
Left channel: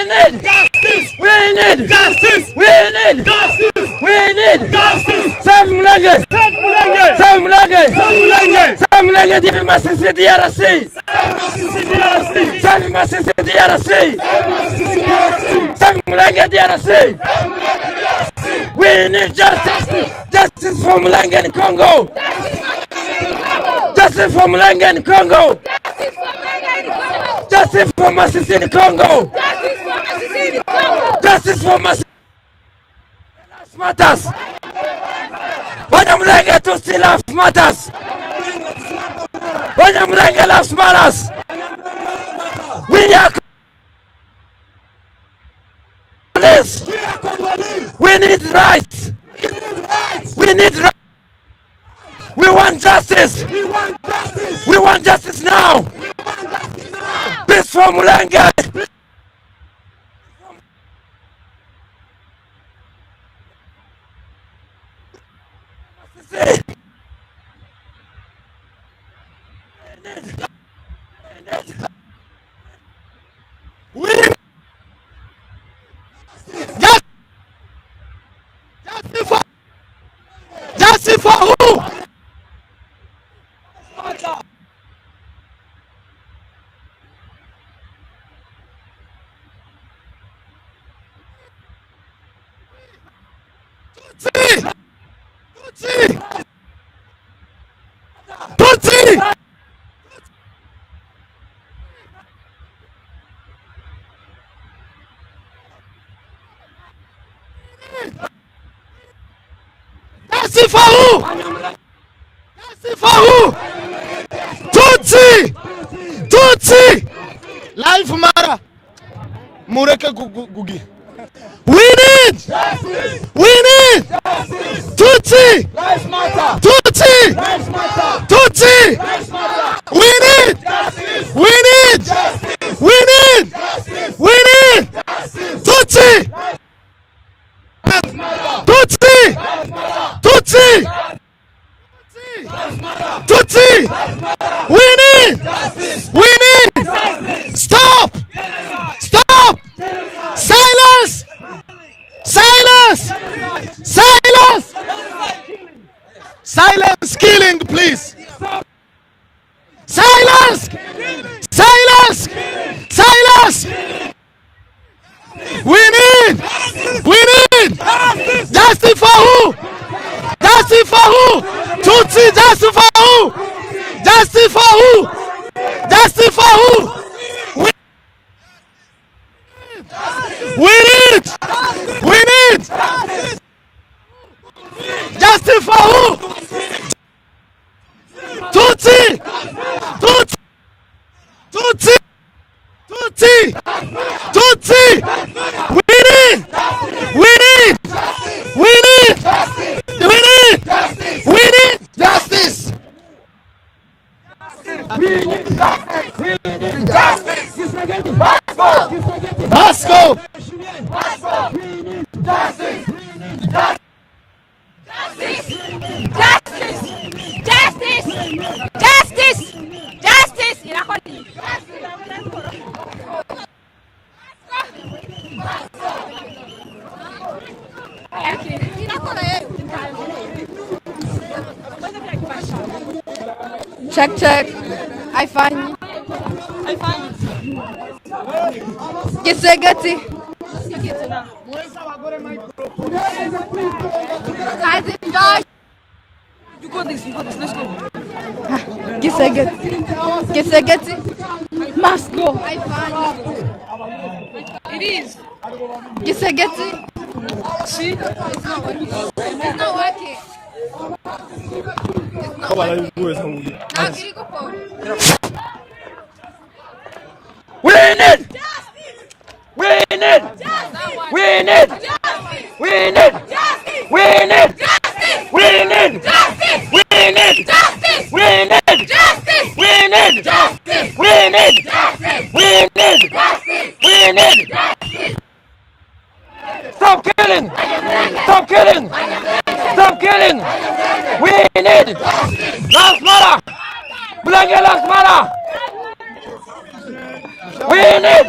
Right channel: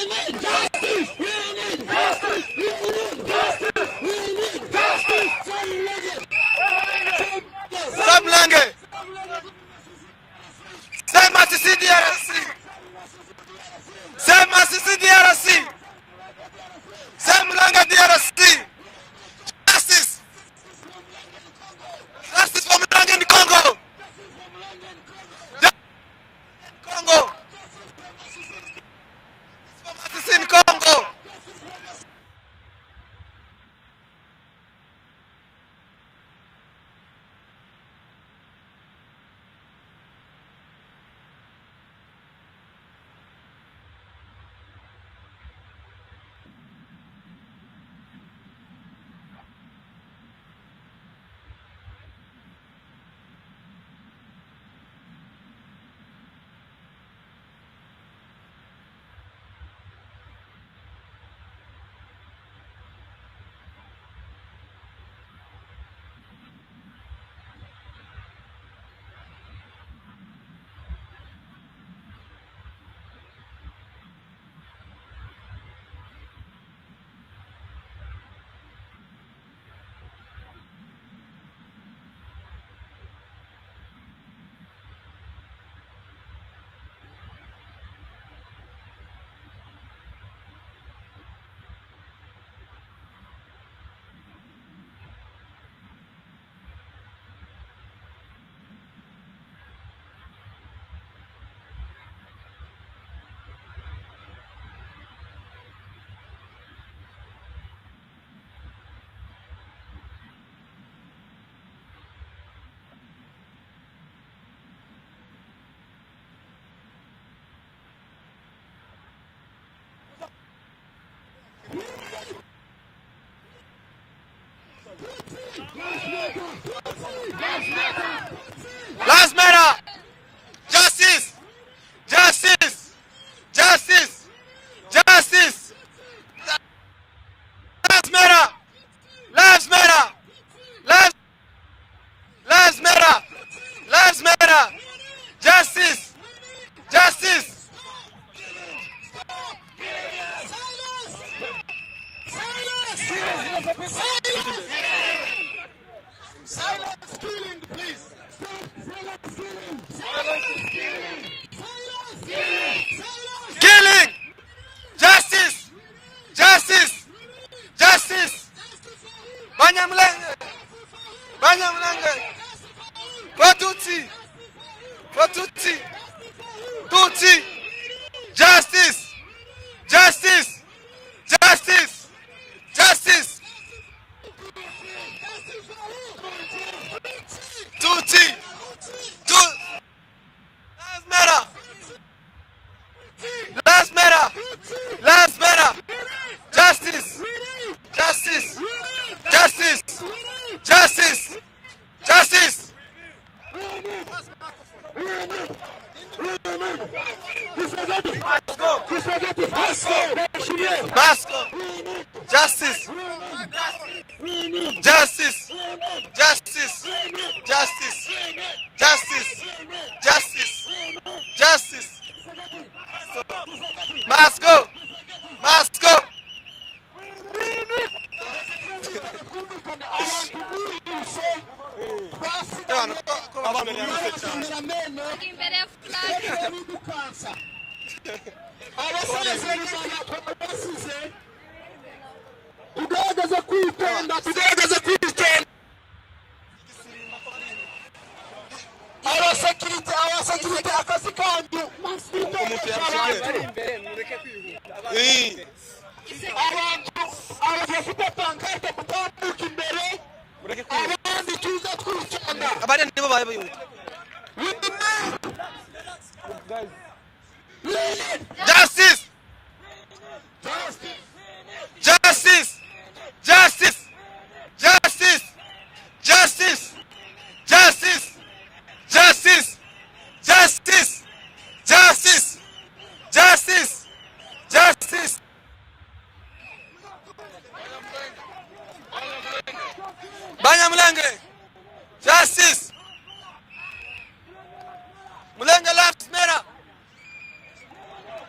need justice! We need justice! We need justice! We need justice! Samulenge! Samulenge! Samulenge! Samulenge dibi masisi DRC! Masisi DRC! Masisi DRC! Masisi DRC! Samulenge DRC! Samulenge DRC! We need justice! Justice for Mulenge in Congo! Justice for Mulenge in Congo! Justice for Masisi in Congo! Justice for Masisi matters! Abanyamulenge Tutsi life matters! Abanyamulenge life matters! We are Congolese! We need rights! We need rights! We want justice! We want justice now! Peace for Mulenge! Justice for who? Tutsi! Justice for who? Justice for who? Tutsi! Tutsi! Life matter. Mureke gugi. We need! We need! Tutsi! Life matter! Tutsi! Life matter! Tutsi! Life matter! We need! Justice! We need! Justice! We need! Justice! We need! Justice! Tutsi! Life matter! Tutsi! Life matter! Tutsi! Life matter! Tutsi! Life matter! We need! Justice! We need! Justice! Stop! Stop! Silence! Silence! Silence! Silence killing, please! Silence! Silence! Silence! Killing! Justice! We need! Justice! We need! Justice! Justice for who? Justice for who? Tutsi! Justice for who? Justice for who? Justice for who? Justice! Justice! We need! Justice! We need! Justice! Justice for who? Tutsi! Tutsi! Tutsi! Tutsi! Tutsi! Tutsi! We need! Justice! We need! Justice! We need! Justice! We need! Justice! We need! Justice! We need justice! We need justice! Moscow! Moscow! Moscow! Justice! Justice! Justice! Justice! Justice! Justice! Justice! Moscow! Moscow! Check, check. I find you. Kisegati. Kisegati. Moscow. Kisegati. We need justice! We need justice! We need justice! We need justice! We need justice! We need justice. We need justice. We need justice. We need justice. We need justice. We need justice. We need justice. Stop killing! Stop killing! Stop killing! We need justice. Lives matter. Mulenge lives matter. Mulenge lives matter. We need.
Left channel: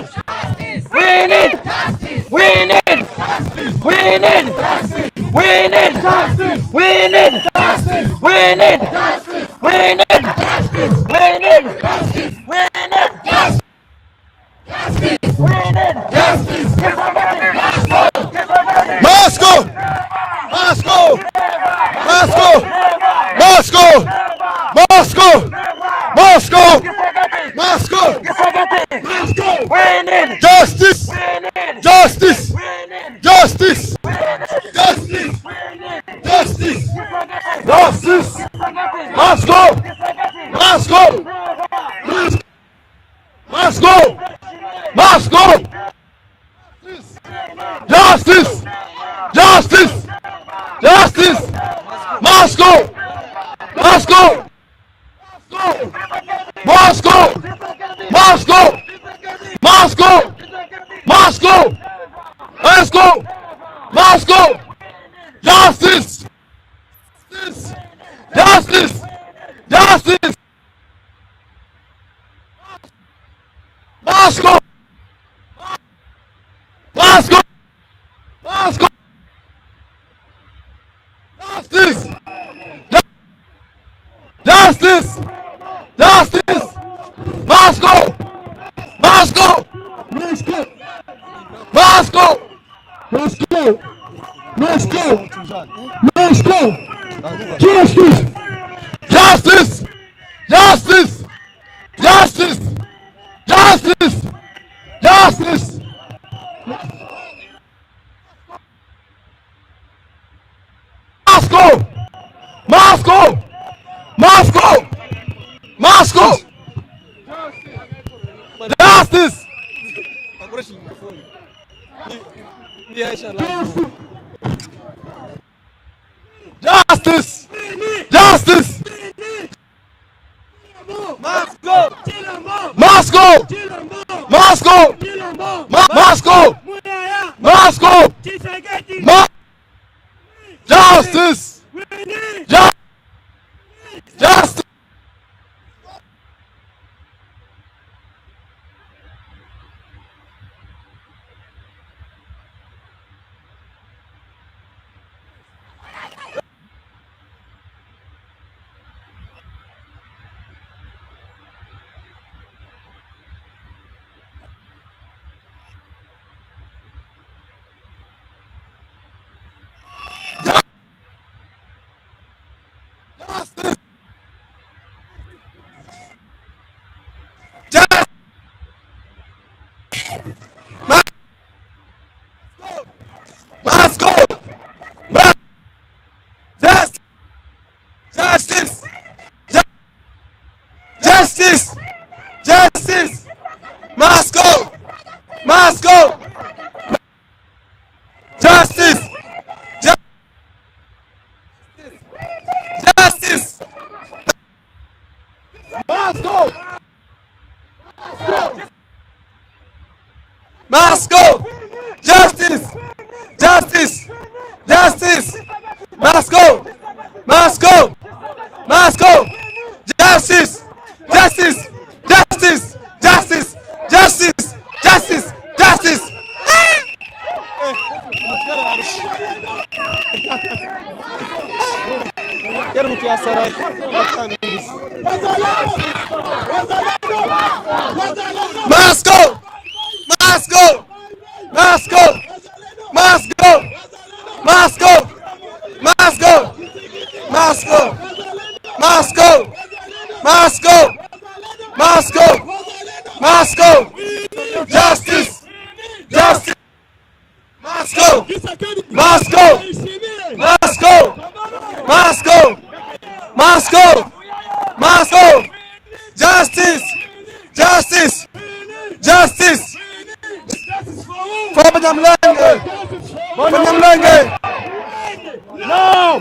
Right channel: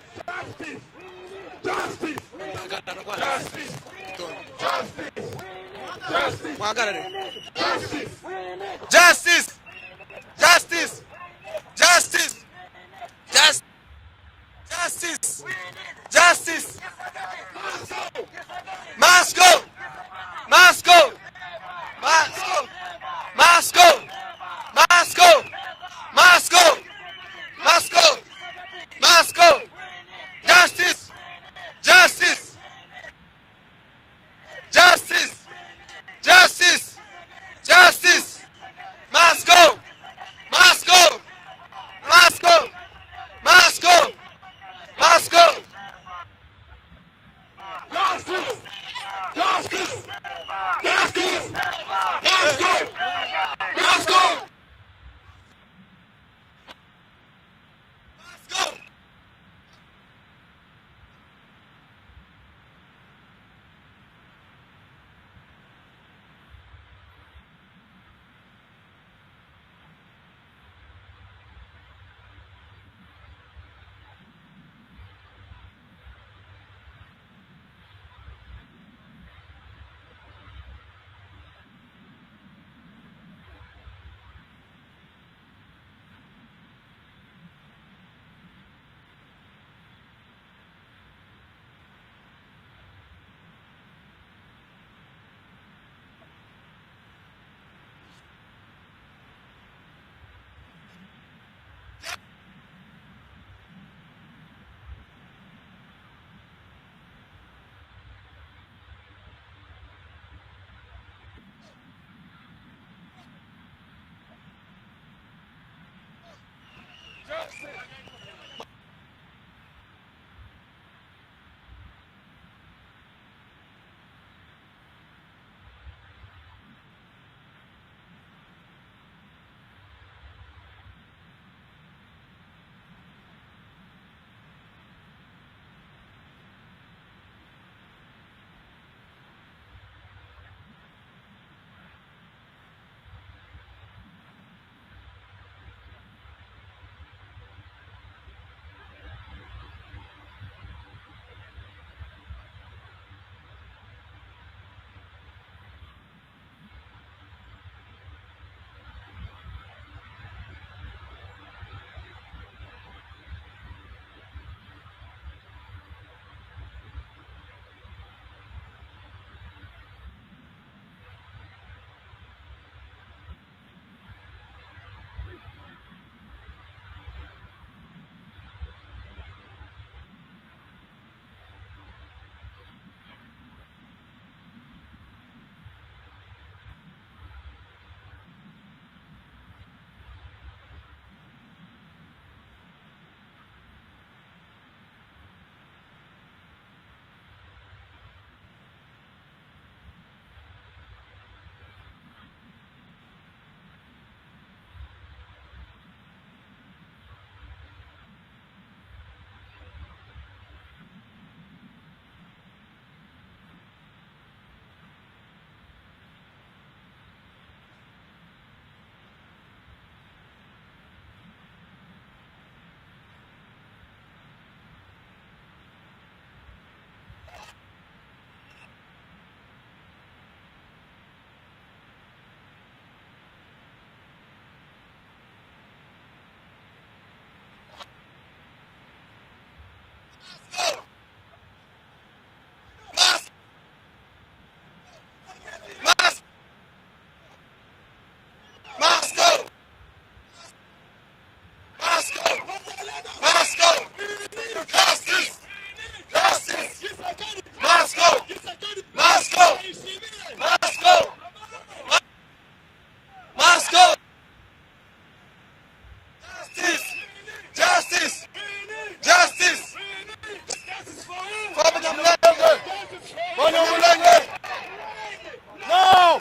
We need. We need. We need. We need. We need. We need justice. We need justice. We need justice. We need justice. Justice. We need justice. Moscow. Moscow. Moscow. Moscow. Moscow. Moscow. Moscow. Moscow. We need justice. Justice. Justice. Justice. Justice. Justice. Moscow. Moscow. Moscow. Moscow. Moscow. Justice. Justice. Justice. Moscow. Moscow. Moscow. Moscow. Moscow. Moscow. Moscow. Moscow. Justice. Justice. Justice. Moscow. Moscow. Moscow. Justice. Justice. Justice. Moscow. Moscow. Moscow. Moscow. Moscow. Moscow. Moscow. Justice. Justice. Justice. Justice. Justice. Justice. Moscow. Moscow. Moscow. Moscow. Justice. Justice. Justice. Moscow. Moscow. Moscow. Moscow. Moscow. Justice. Justice. Moscow! Justice! Justice! Justice! Moscow! Moscow! Justice! Justice! Moscow! Moscow! Justice! Justice! Justice! Moscow! Moscow! Moscow! Justice! Justice! Justice! Justice! Justice! Justice! Justice! Moscow! Moscow! Moscow! Moscow! Moscow! Moscow! Moscow! Moscow! Moscow! Moscow! Moscow! Justice! Justice! Moscow! Moscow! Moscow! Moscow! Moscow! Moscow! Justice! Justice! Justice! For Abanyamulenge! For Abanyamulenge! No!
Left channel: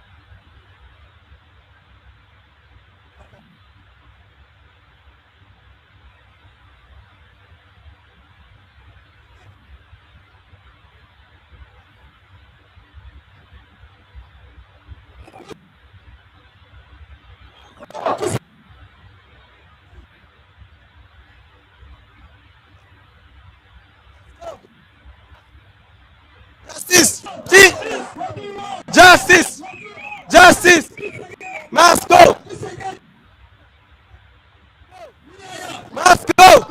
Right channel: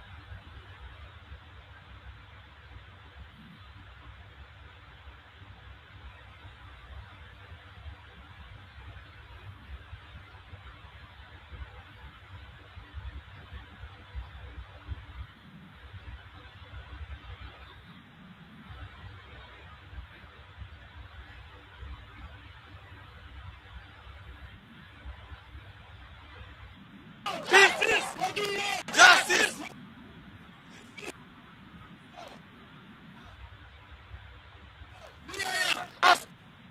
Justice! Justice! Justice! Must go! Must go!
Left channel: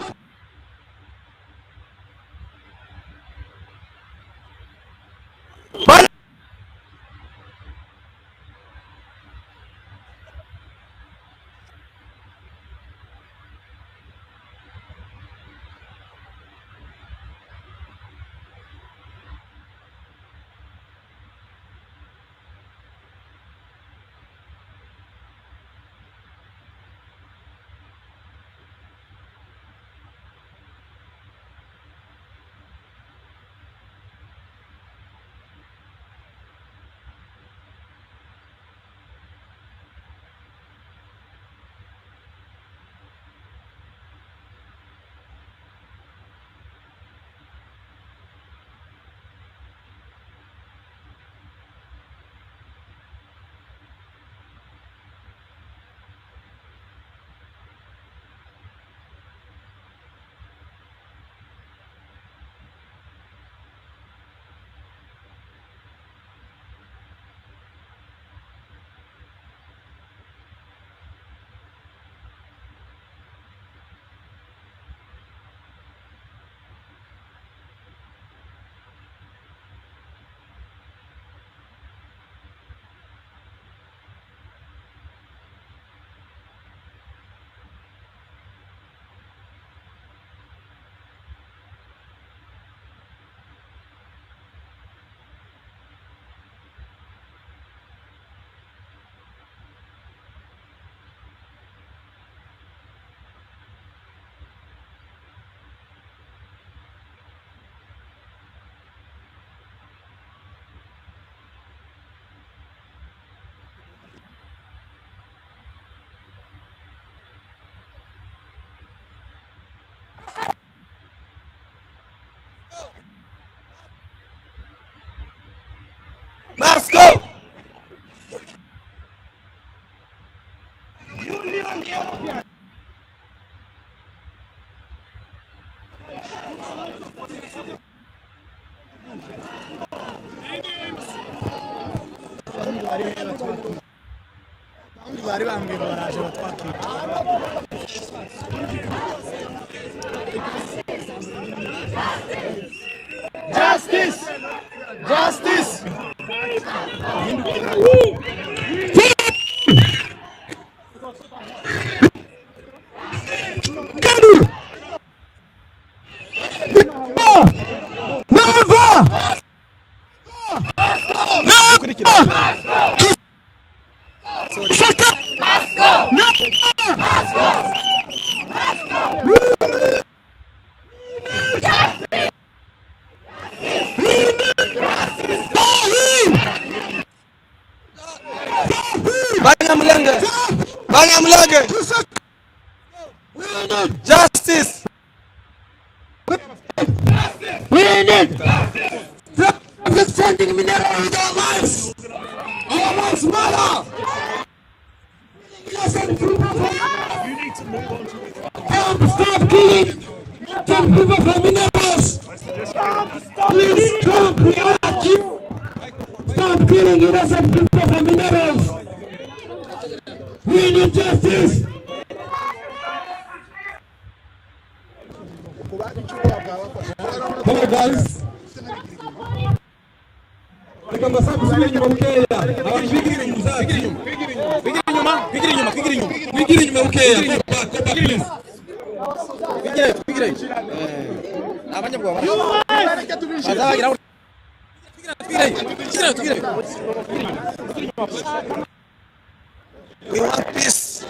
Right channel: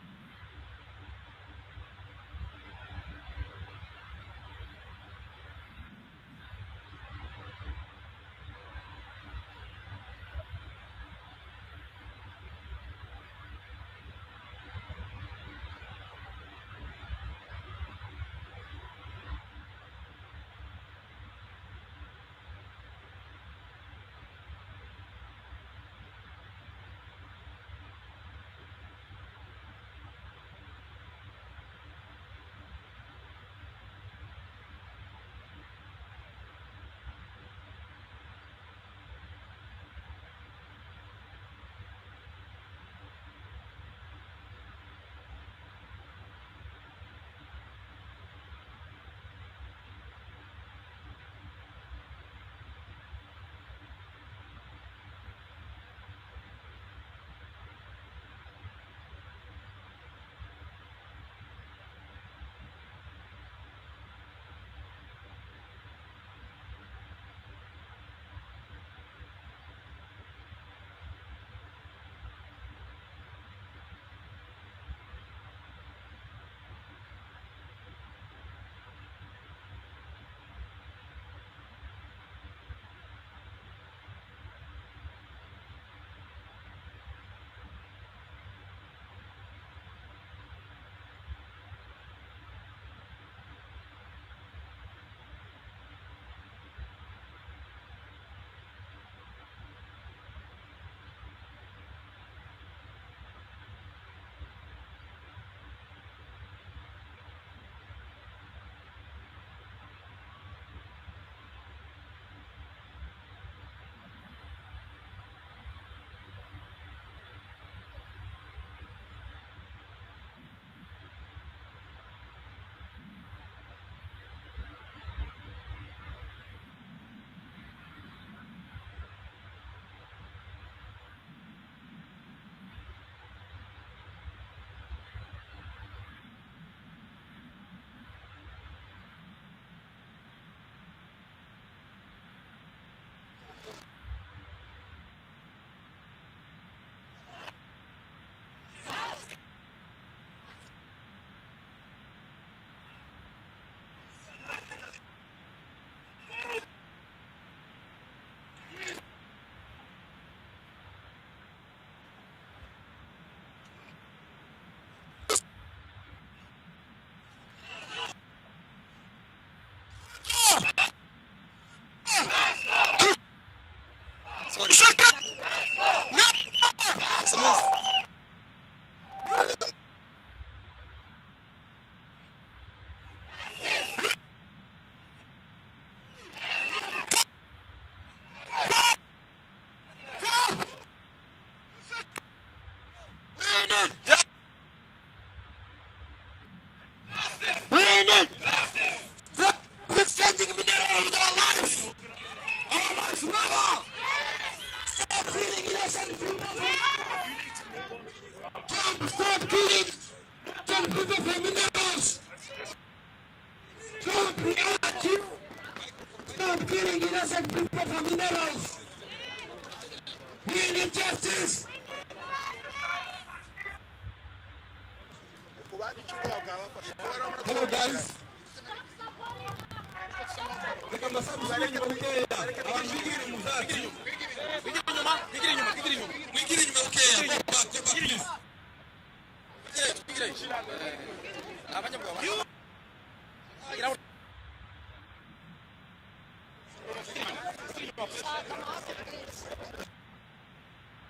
Must go! Justice! Justice! Abanyamulenge! Abanyamulenge! Justice! We need representing minerals in our lives. Our lives matter. Stop killing some people for minerals. Please stop reacting. Stop killing innocent people for minerals. We need justice. Hello guys. We want peace.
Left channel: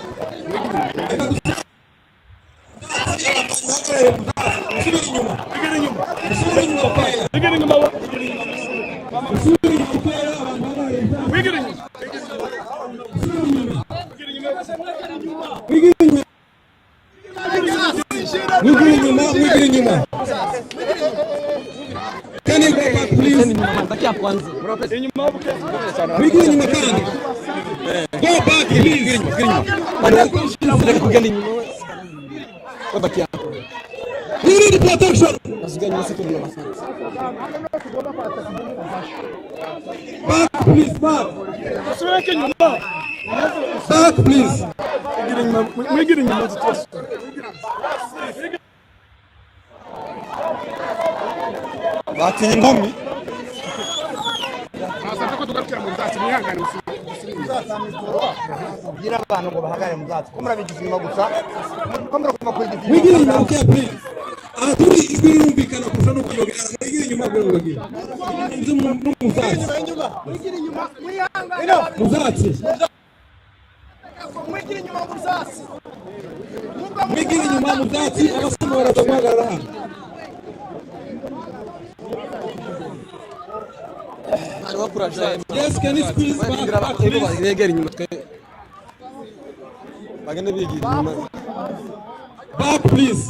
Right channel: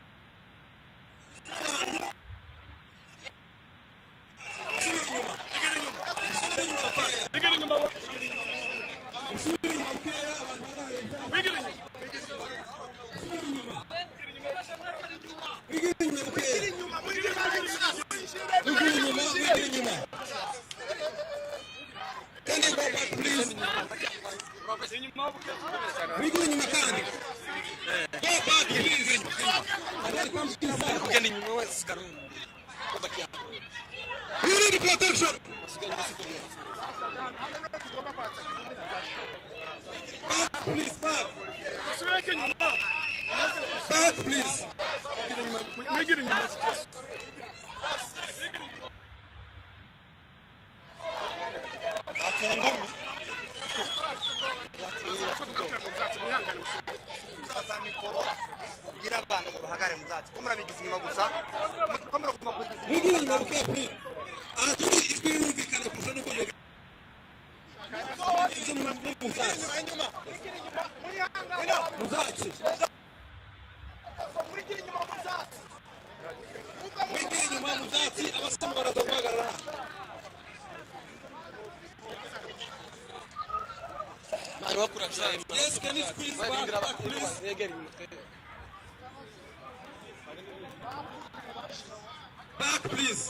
Can you go back, please? Go back, please. We need protection. Back, please, back. Back, please. Batinye inkumi. Gira abantu ngo bahagare mu byatsi. Ko murabigize inyuma gusa. Ko murakuva ku igiti. Wigira inyuma okay please. Aturi ijwi rirumvikana kurusha no kuyogera. Wigira inyuma gw'urugi. Inzu mu byatsi. Wigira inyuma muyihangane. Mu byatsi. Wigira inyuma mu byatsi. Wigira inyuma mu byatsi abasoma baraguhagarara hano. Yes, can you squeeze back, please? Back, please.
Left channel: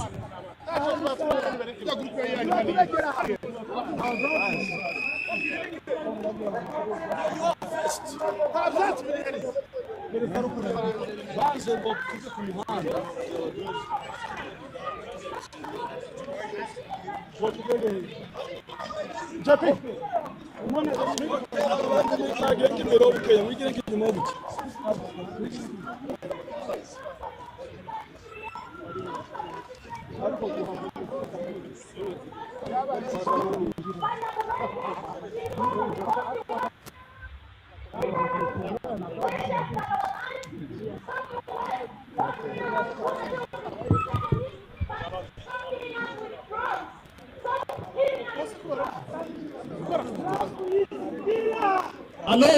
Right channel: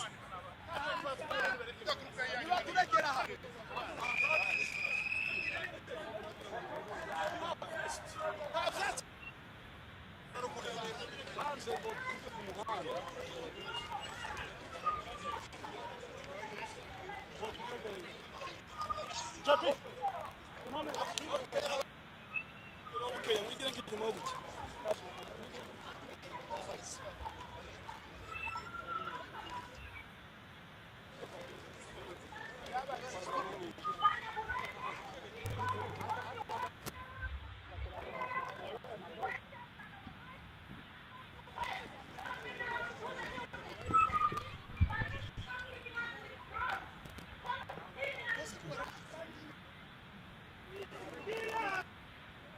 Hello?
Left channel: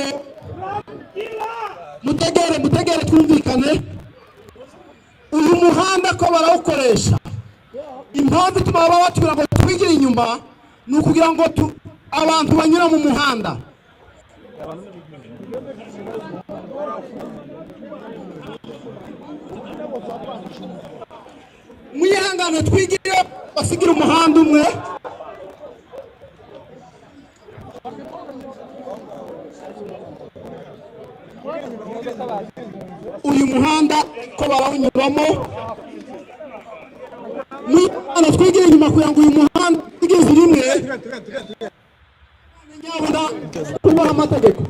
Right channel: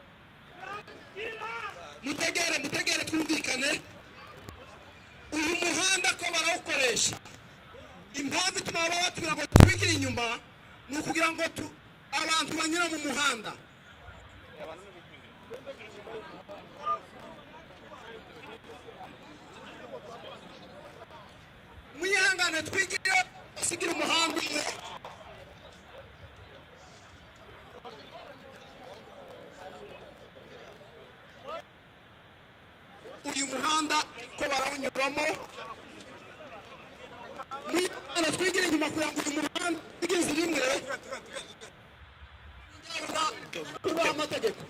Mutegere twumvikane. Uyu muhanda ko barawukoresha. Impamvu ituma batubwira ngo twigire inyuma ni ukugira ngo abantu banyura mu muhanda. Mwihangane twigire basigira umuhanda umwe. Uyu muhanda ko barawunyuramo. Mwihangane twigire inyuma kugira ngo uyu muhanda igeze rimwe. Nyabona kubaha amategeko.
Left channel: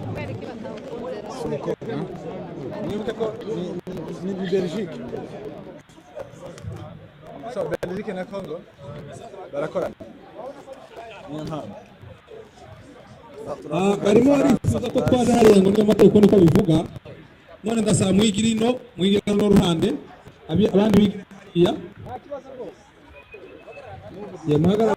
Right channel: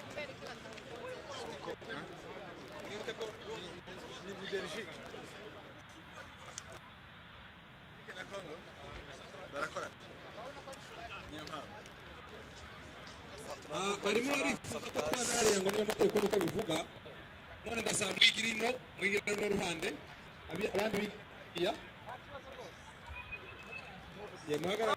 Nibuke ko ni Belgique. So Belgique na Congo barakorana. Barimo barifuza ko twaza hariya ngo n'amategeko niko bivuga. None ndasaba mwigirino ruhande abandi bigiya. Ye muhagarara.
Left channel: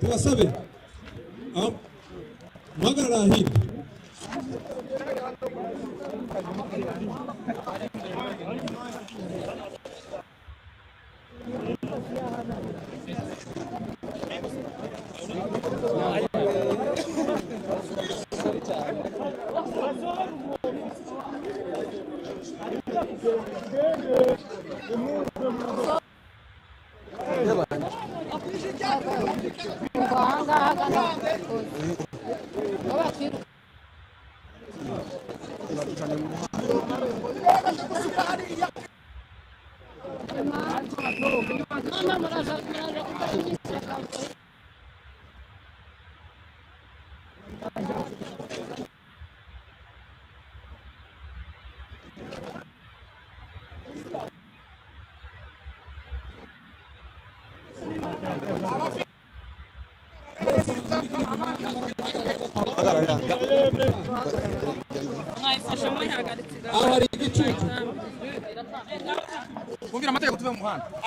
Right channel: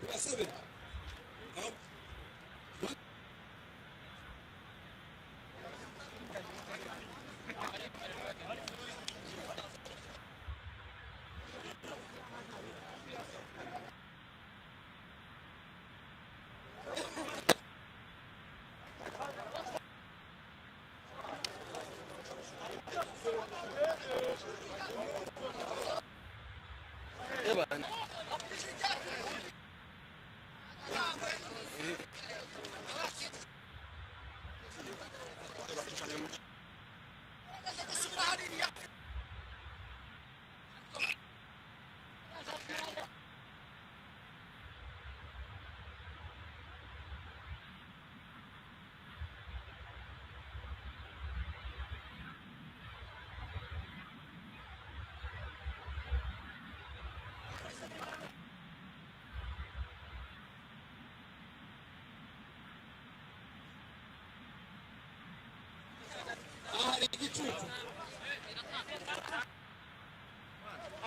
Tubasabe. Muhagarara hirya.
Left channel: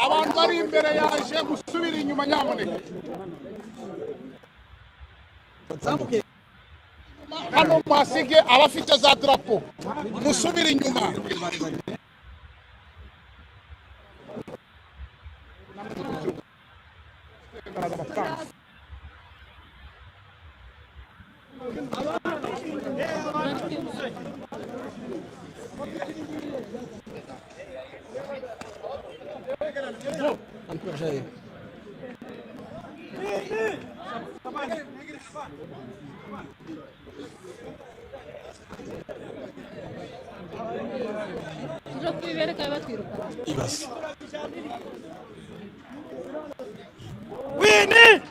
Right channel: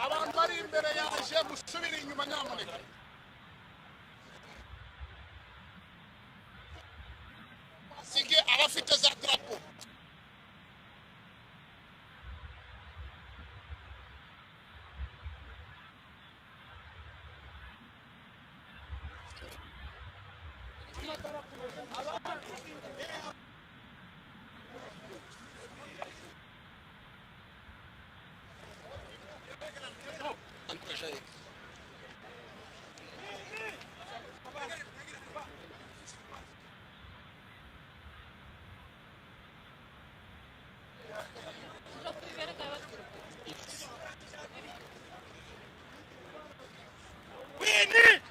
Abantu bari imbere yaje gusubira inyuma nyamuneka. Hano masige abafite za drapo musubira inyuma. We need.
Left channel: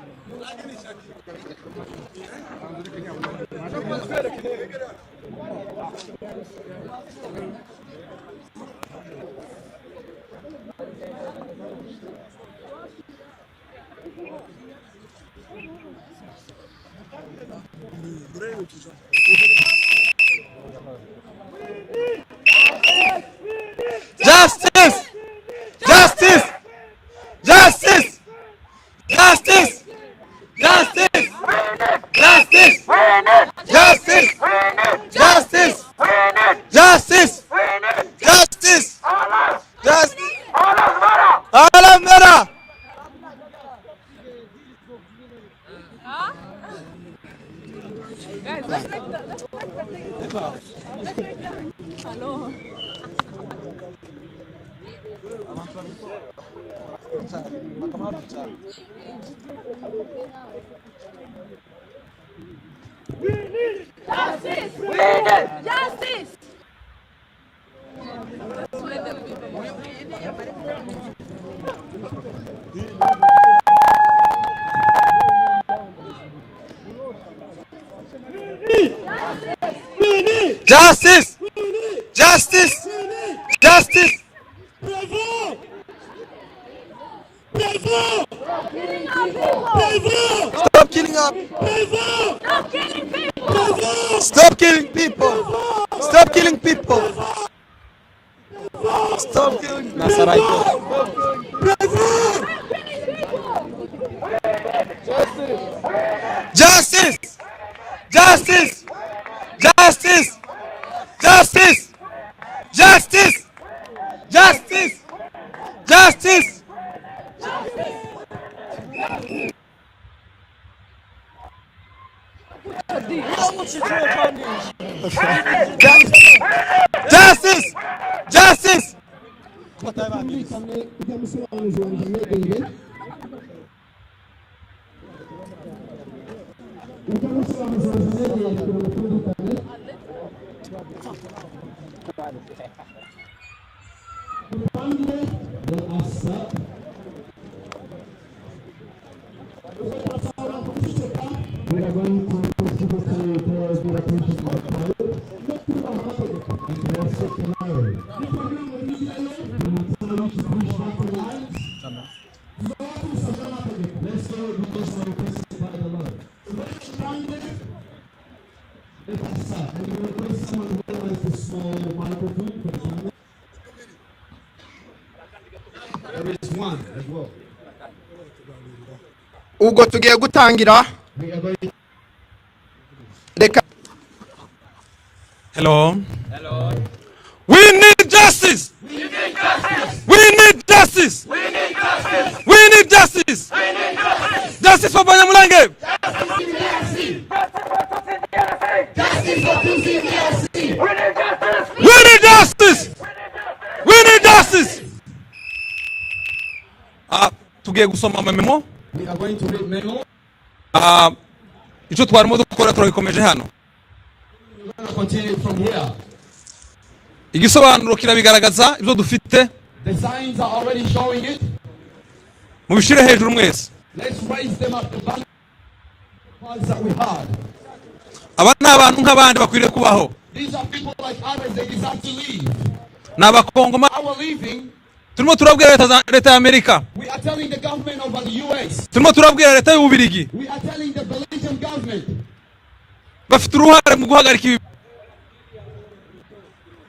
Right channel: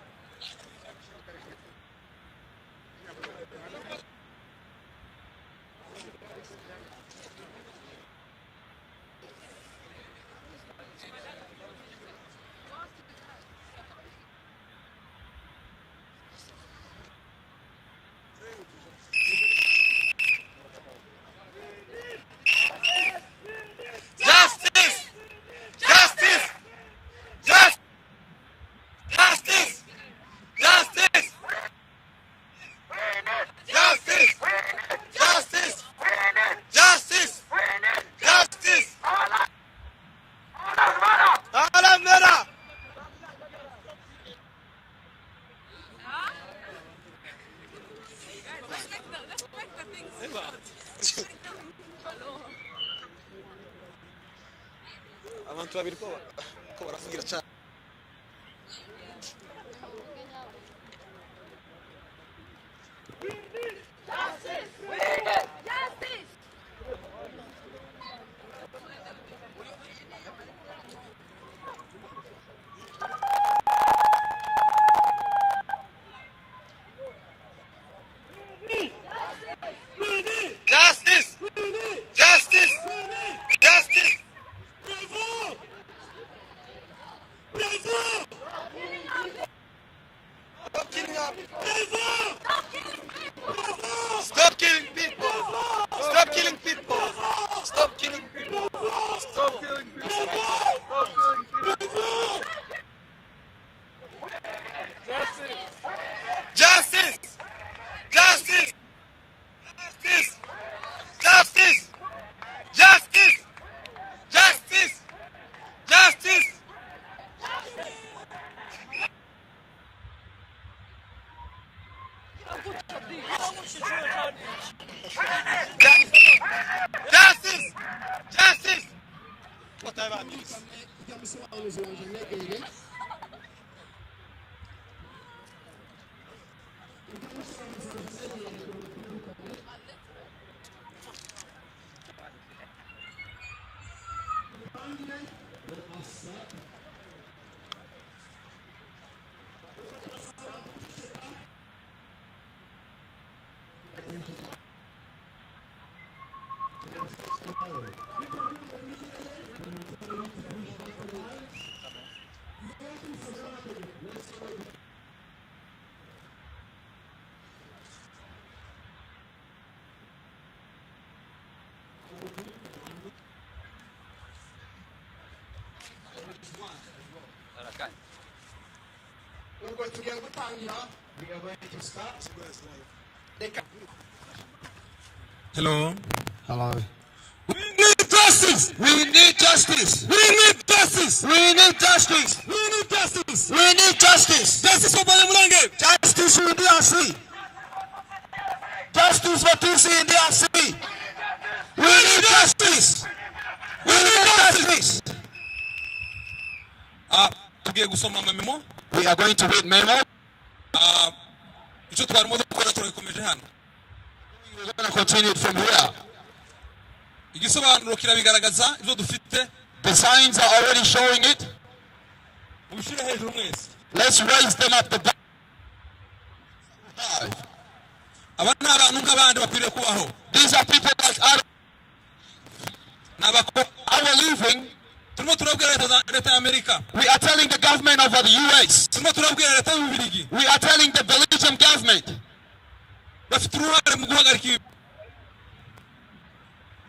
Justice! Justice! Justice! Justice! Justice! Justice! Justice! Justice! Justice! Justice! Justice! Alamara! Guys, let's make the thing. Hello. Justice! We need justice! Justice! Justice! Justice! Stop killing up! Stop killing people! Stop killing people! Stop killing people! Stop killing people! Justice! Justice! Justice! Justice! Justice! Justice! Justice! Justice! Justice! ubwo tugiye gutangira reka. Hello. We need justice. We need justice. We need justice. We need justice. We need justice. We need justice. Justice for Abanyamulenge. Justice for DRC. Justice for DRC. We need justice. We need justice. Tugiye gusoma memo. We are going to read memo. Icyo twarimo dukora turabikomeje hano. We will continue from here. Igisobanuro kirabigaragaza ibyo dufite. The signs are already showing it. Mubishire hejuru mwese. Let's raise them up the ones that we have. Abana abantu nk'abandi bakwiriye kubaho. These are people like others, they deserve to live. N'abakongoma turimo turabwira leta ya Amerika. We are telling the government of the US. Turimo turabwira leta y'Ububirigi. We are telling the Belgian government. Bafite uruhare mu guhagarika ibi.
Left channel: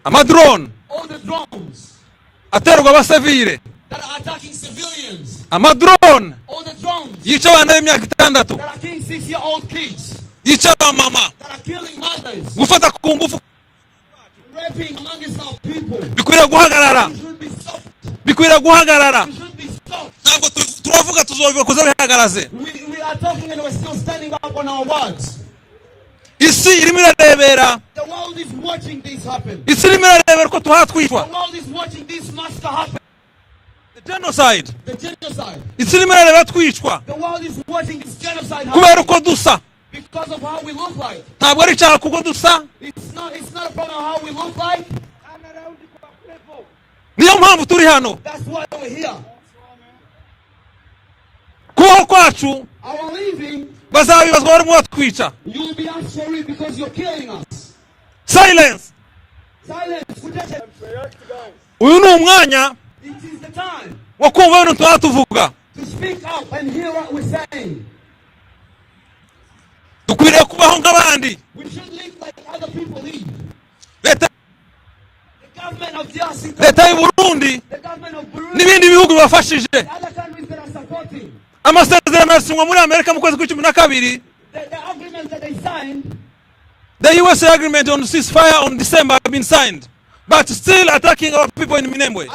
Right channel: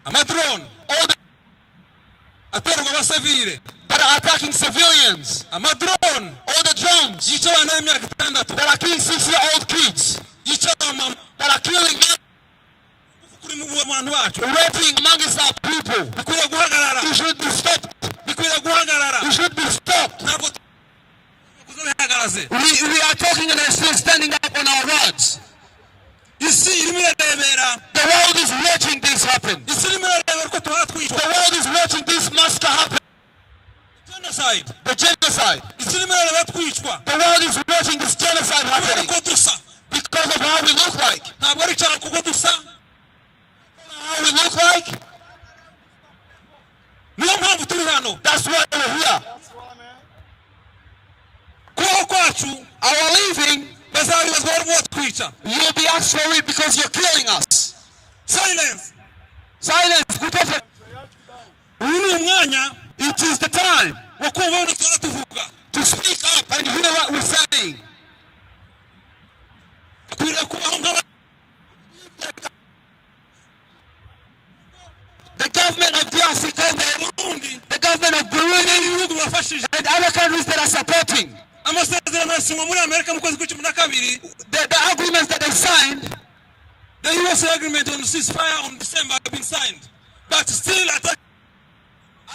Amadrone. All the drones. Aterwa abasivile. That are attacking civilians. Amadrone. All the drones. Yica abana b'imyaka 6. That are killing 6-year-old kids. Yica abamama. That are killing mothers. Gufata ku ngufu kuri mu bantu bacu. Raping amongst our people. Bikwiriye guhagarara. Bikwiriye guhagarara. Ntabwo turavuga tuzobibakoza bihagaraze. We are talking and still standing up on our words. Isi irimo irarebera. The world is watching this happen. Isi irimo irarebera ko tuhatwishwa. The world is watching this massacre happen. The genocide. The genocide. Isi irimo irarebera twishwa. The world is watching this genocide kubera uko dusa because of how we look like. ntabwo ari icyaha kuko dusa It's not about how we look like. niyo mpamvu turi hano. That's why we're here. kubaho kwacu Our living, bazabibazwa barimo batwica. you'll be asked for it because you're killing us. Silence. Silence. uyu ni umwanya It is the time wo kumva ibintu tuba tuvuga. to speak up and hear what we're saying. dukwiriye kubaho nk'abandi. We should live like other people live. leta The government of DRC, leta y'u Burundi the government of Burundi, n'ibindi bihugu bibafashije. and other countries that are supporting. amasezerano yasinywe muri Amerika mu kwezi kwa12. The agreements that they signed, the US agreement on ceasefire on December have been signed, but still attacking our people in Minembwe.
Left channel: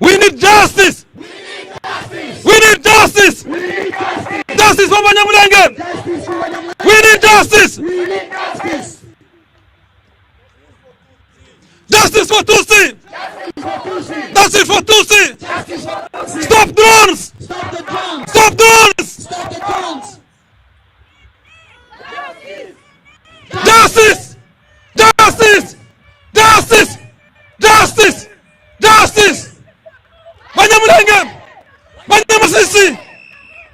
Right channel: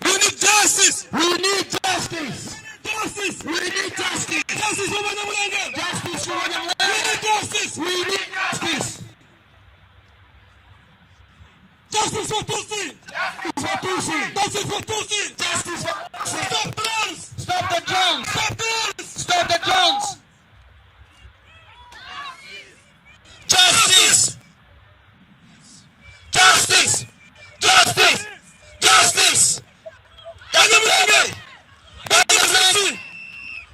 We need justice. We need justice. We need justice. We need justice. Justice for Abanyamulenge. Justice for Abanyamulenge. We need justice. We need justice. Justice for Tutsi. Justice for Tutsi. Justice for Tutsi. Justice for Tutsi. Stop drones. Stop the drones. Stop drones. Stop the drones. Justice. Justice. Justice. Justice. Justice. Abanyamulenge. Abanyamasisi.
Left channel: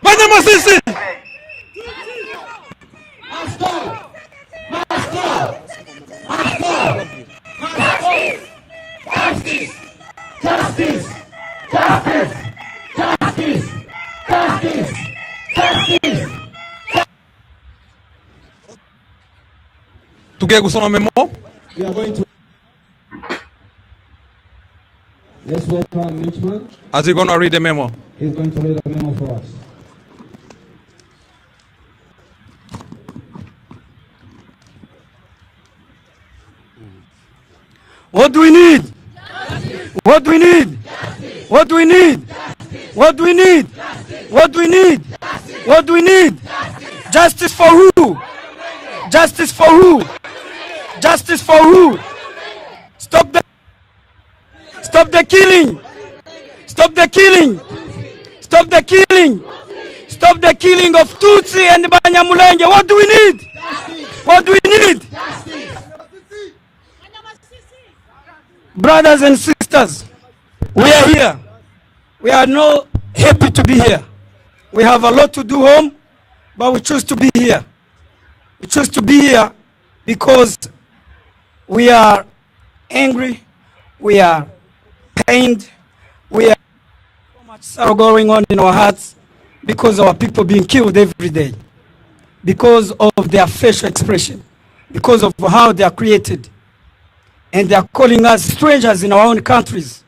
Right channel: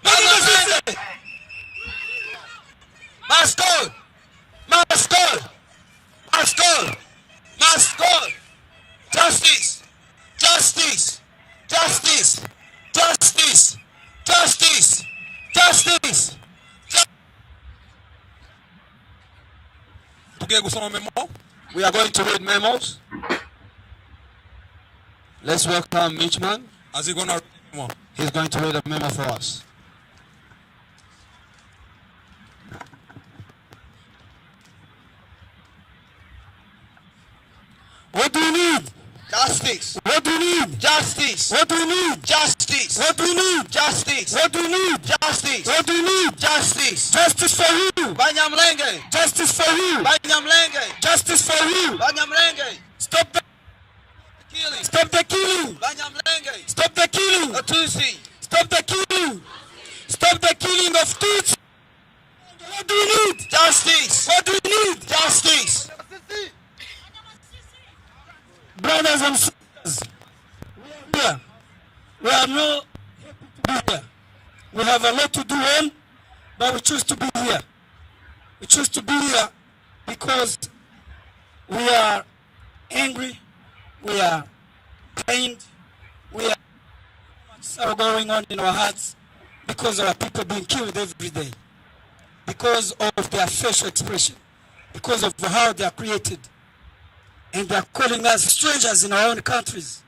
Abanyamasisi. Must go. Must go. Must go. Must go. Justice. Justice. Justice. Justice. Justice. Justice. Tugiye gusoma memo. We are going to read memos. Let's welcome Mitchman. As he gonna read the memo. He's going to read a memo for us. What do we need? Justice. What do we need? Justice. What do we need? Justice. What do we need? Justice. What do we need? Justice. What do we need? Justice. Justice for who? Abanyamulenge. Justice for who? Abanyamulenge. Justice for who? Abanyamulenge. Stop the killing. Stop the killing. Tutsi. Stop the killing. Stop the killing of Tutsi and Abanyamulenge. What do we need? Justice. What do we need? Justice. Brothers and sisters, we are here. We are not happy to be here. We have a lot to do home, but we choose to be here. We choose to be here because we are angry, we are pained, we are so much sorrow going on in our hearts because our people being killed every day, because of their facial expression, because of how they are created. And they are calling us strangers in our own countries.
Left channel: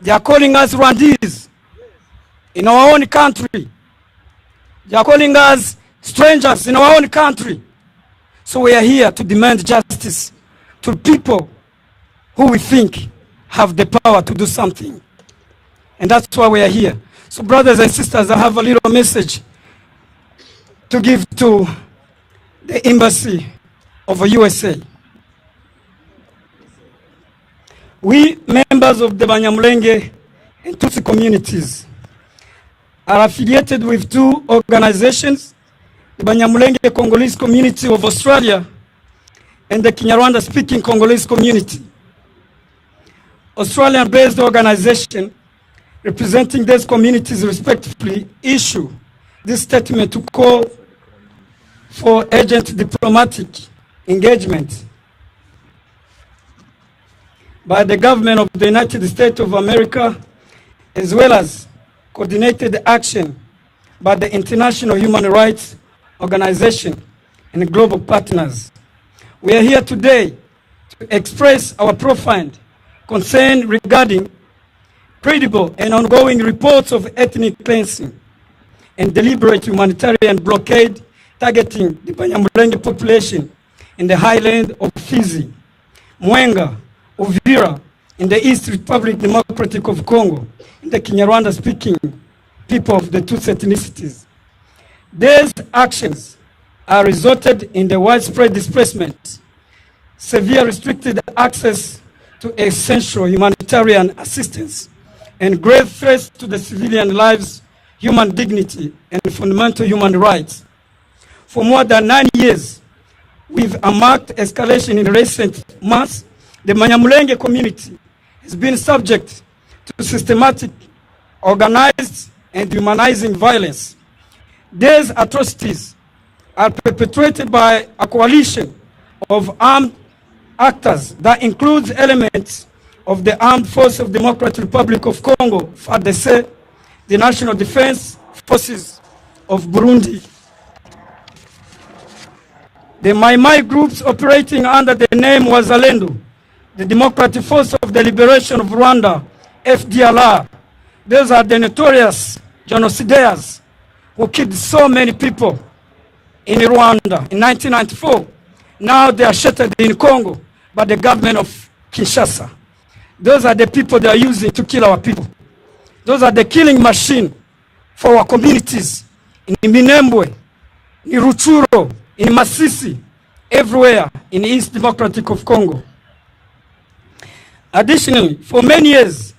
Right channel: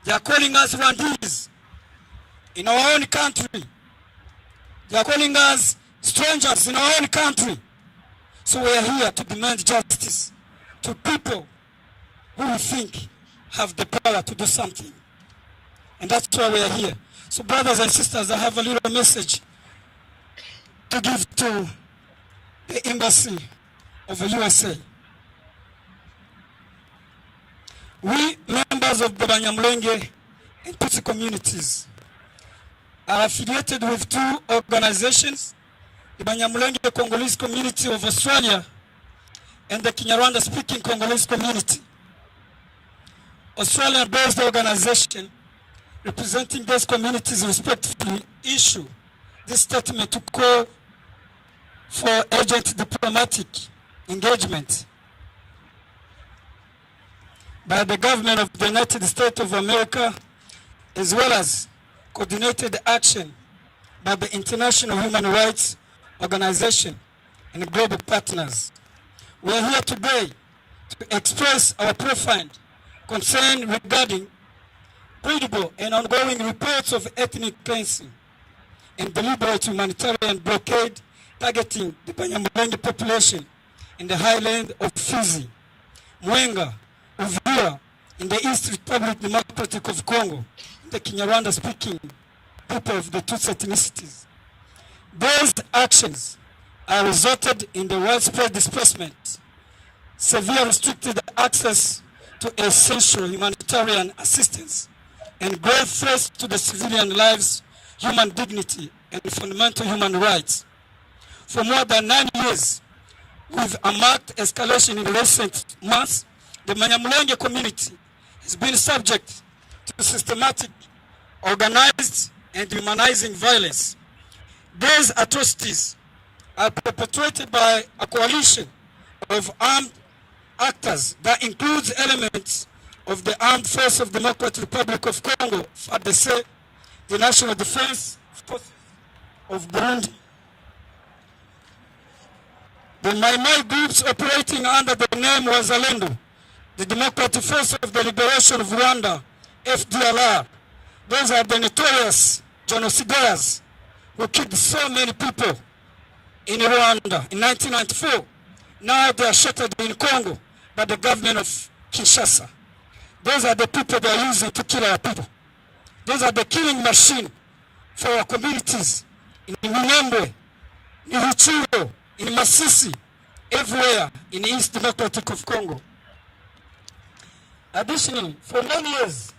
They are calling us Rwandese in our own country. They are calling us strangers in our own country. So we are here to demand justice to people who we think have the power to do something. And that's why we are here. So brothers and sisters, I have a little message to give to the embassy of the USA. We, members of the Abanyamulenge and Tutsi communities, are affiliated with two organizations, the Abanyamulenge Congolese Community of Australia and the Kinyarwanda-speaking Congolese community. Australian-based organization representing these communities respectively issue this statement to call for urgent diplomatic engagement by the government of the United States of America, as well as coordinated action by the International Human Rights Organization and global partners. We are here today to express our profound concern regarding credible and ongoing reports of ethnic cleansing and deliberate humanitarian blockade targeting the Abanyamulenge population in the highland of Fizi, Mwenga, Uvira, in the East Republic Democratic of Congo, in the Kinyarwanda-speaking people of the Tutsi ethnicities. These actions are resulted in the widespread displacement, severe restricted access to essential humanitarian assistance, and grave threats to the civilian lives, human dignity, and fundamental human rights. For more than 9 years, with a marked escalation in recent months, the Abanyamulenge community has been subject to systematic, organized, and humanizing violence. These atrocities are perpetrated by a coalition of armed actors that includes elements of the Armed Forces of the Democratic Republic of Congo, FARDC, the National Defense Forces of Burundi, the Mai groups operating under the name Wazalendo, the Democratic Force of the Liberation of Rwanda, FDLR. Those are the notorious genocidaires who killed so many people in Rwanda in 1994. Now they are sheltered in Congo by the government of Kinshasa. Those are the people they are using to kill our people. Those are the killing machine for our communities in Minembwe, in Ruchuro, in Masisi, everywhere in the East Democratic of Congo. Additionally, for many years,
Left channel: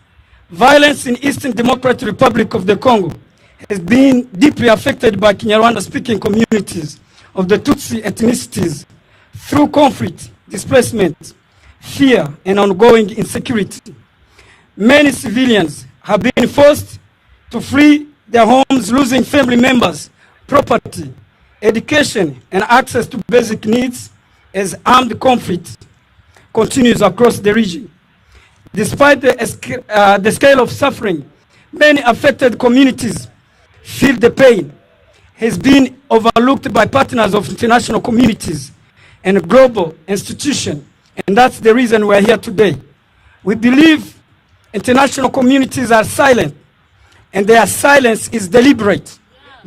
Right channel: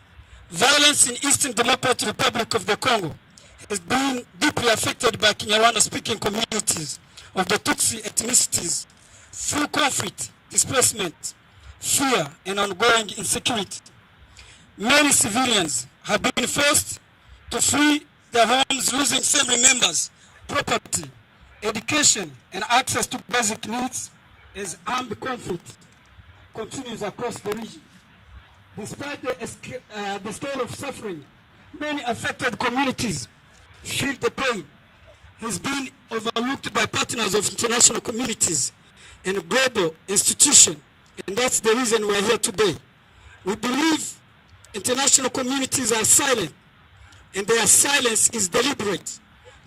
violence in Eastern Democratic Republic of the Congo has been deeply affected by Kinyarwanda-speaking communities of the Tutsi ethnicities through conflict, displacement, fear, and ongoing insecurity. Many civilians have been forced to flee their homes, losing family members, property, education, and access to basic needs as armed conflict continues across the region. Despite the scale of suffering, many affected communities feel the pain has been overlooked by partners of international communities and global institutions, and that's the reason we're here today. We believe international communities are silent, and their silence is deliberate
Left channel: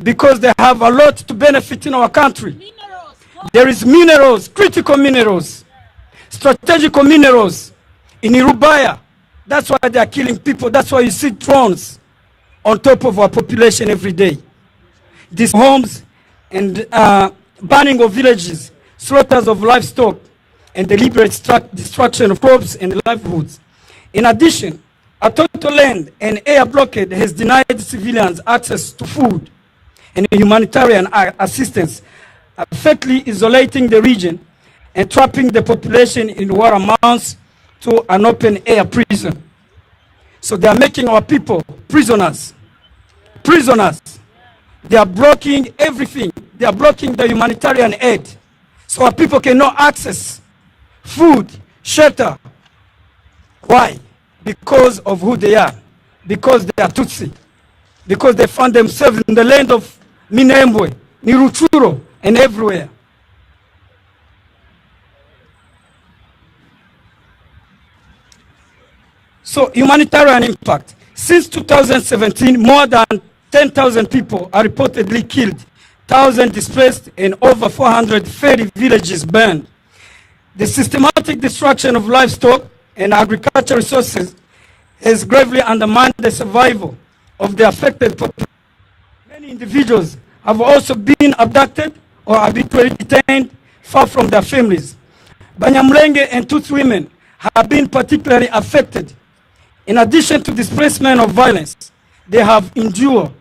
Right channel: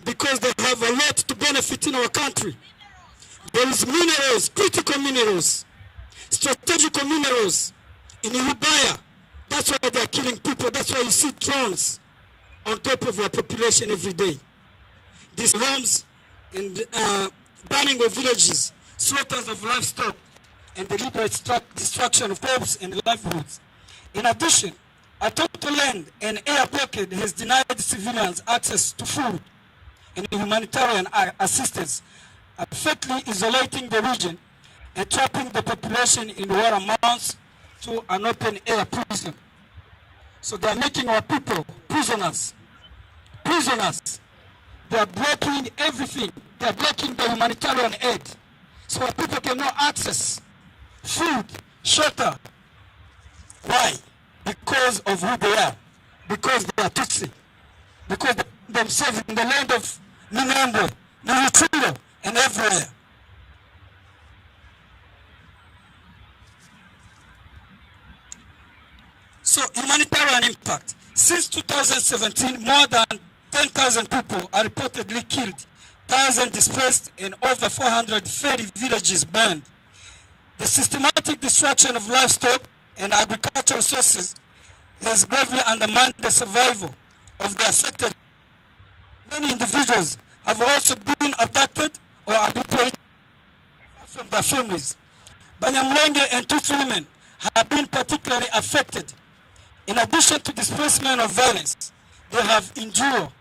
because they have a lot to benefit in our country. There is minerals, critical minerals, strategical minerals in Irubaya. That's why they are killing people. That's why you see drones on top of our population every day. These homes and burning of villages, slaughters of livestock, and deliberate destruction of crops and livelihoods. In addition, a total land and air blockade has denied civilians access to food and humanitarian assistance, effectively isolating the region and trapping the population in what amounts to an open-air prison. So they are making our people prisoners. Prisoners. They are blocking everything. They are blocking the humanitarian aid. So our people cannot access food, shelter. Why? Because of who they are. Because they are Tutsi. Because they found themselves in the land of Minembwe, Niruchuro, and everywhere. So humanitarian impact. Since 2017, more than 10,000 people are reportedly killed, 1,000 displaced, and over 430 villages burned. The systematic destruction of livestock and agricultural resources has gravely undermined the survival of the affected population. Many individuals have also been abducted or arbitrarily detained far from their families. Abanyamulenge and Tutsi women have been particularly affected. In addition to displacement of violence, they have endured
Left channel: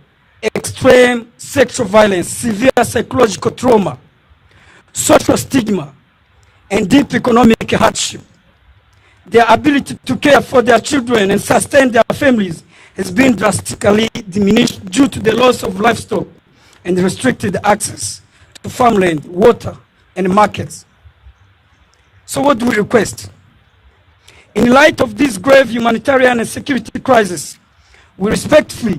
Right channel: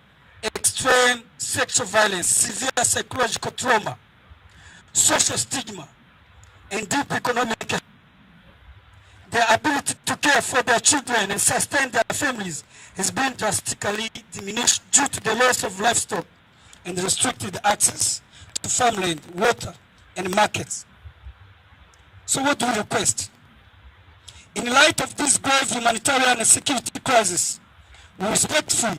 extreme sexual violence, severe psychological trauma, social stigma, and deep economic hardship. Their ability to care for their children and sustain their families has been drastically diminished due to the loss of livestock and restricted access to farmland, water, and markets. So what do we request? In light of this grave humanitarian and security crisis, we respectfully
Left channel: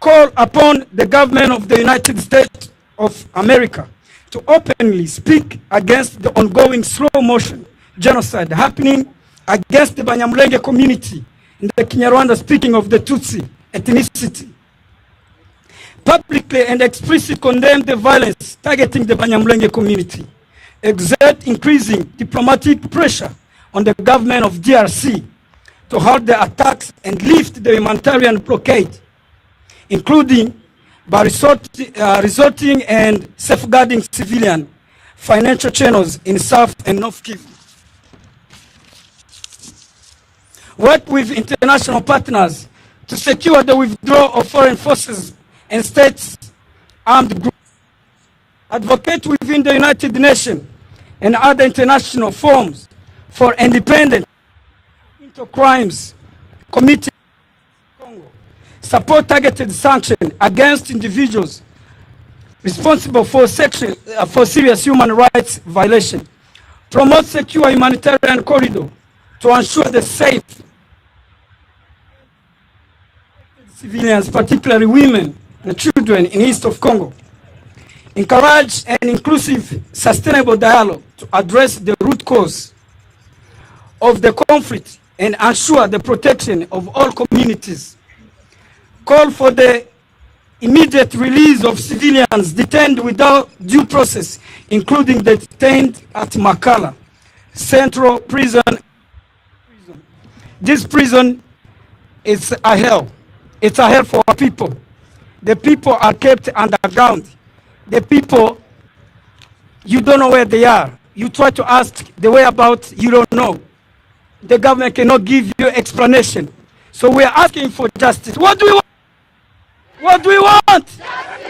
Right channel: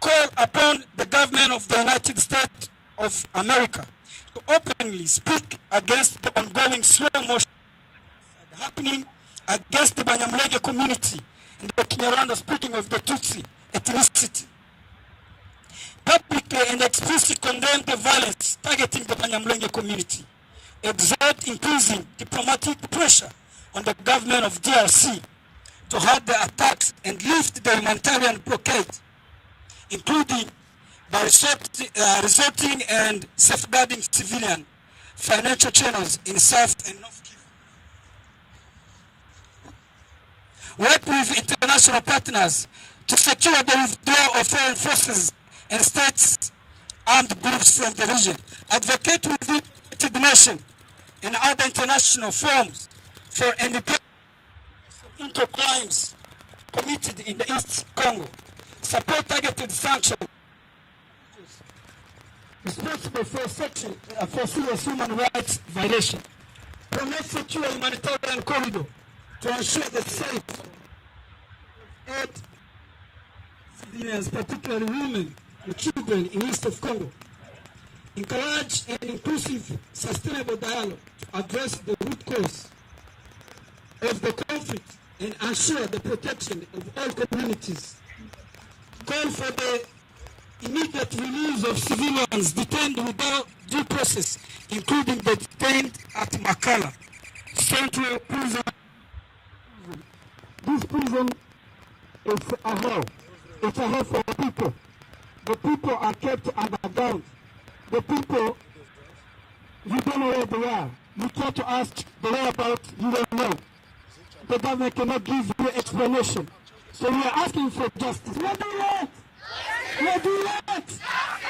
call upon the government of the United States of America to openly speak against the ongoing slow-motion genocide happening against the Abanyamulenge community in the Kinyarwanda speaking of the Tutsi ethnicity. Publicly and explicitly condemn the violence targeting the Abanyamulenge community. Exert increasing diplomatic pressure on the government of DRC to halt the attacks and lift the humanitarian blockade, including by resorting and safeguarding civilian financial channels in South and North Kivu. Work with international partners to secure the withdrawal of foreign forces and states' armed groups from the region. Advocate within the United Nations and other international forums for independent into crimes committed in the East Congo. Support targeted sanctions against individuals responsible for serious human rights violations. Promote secure humanitarian corridor to ensure the safe civilians, particularly women and children in east of Congo. Encourage an inclusive, sustainable dialogue to address the root cause of the conflict and ensure the protection of all communities. Call for the immediate release of civilians detained without due process, including the detained at Makala Central Prison. This prison is a hell. It's a hell for our people. The people are kept underground. The people, you don't know where they are. You try to ask the whereabouts, you don't know. The government cannot give you explanation. So we are asking for justice. What do we want? What do we want?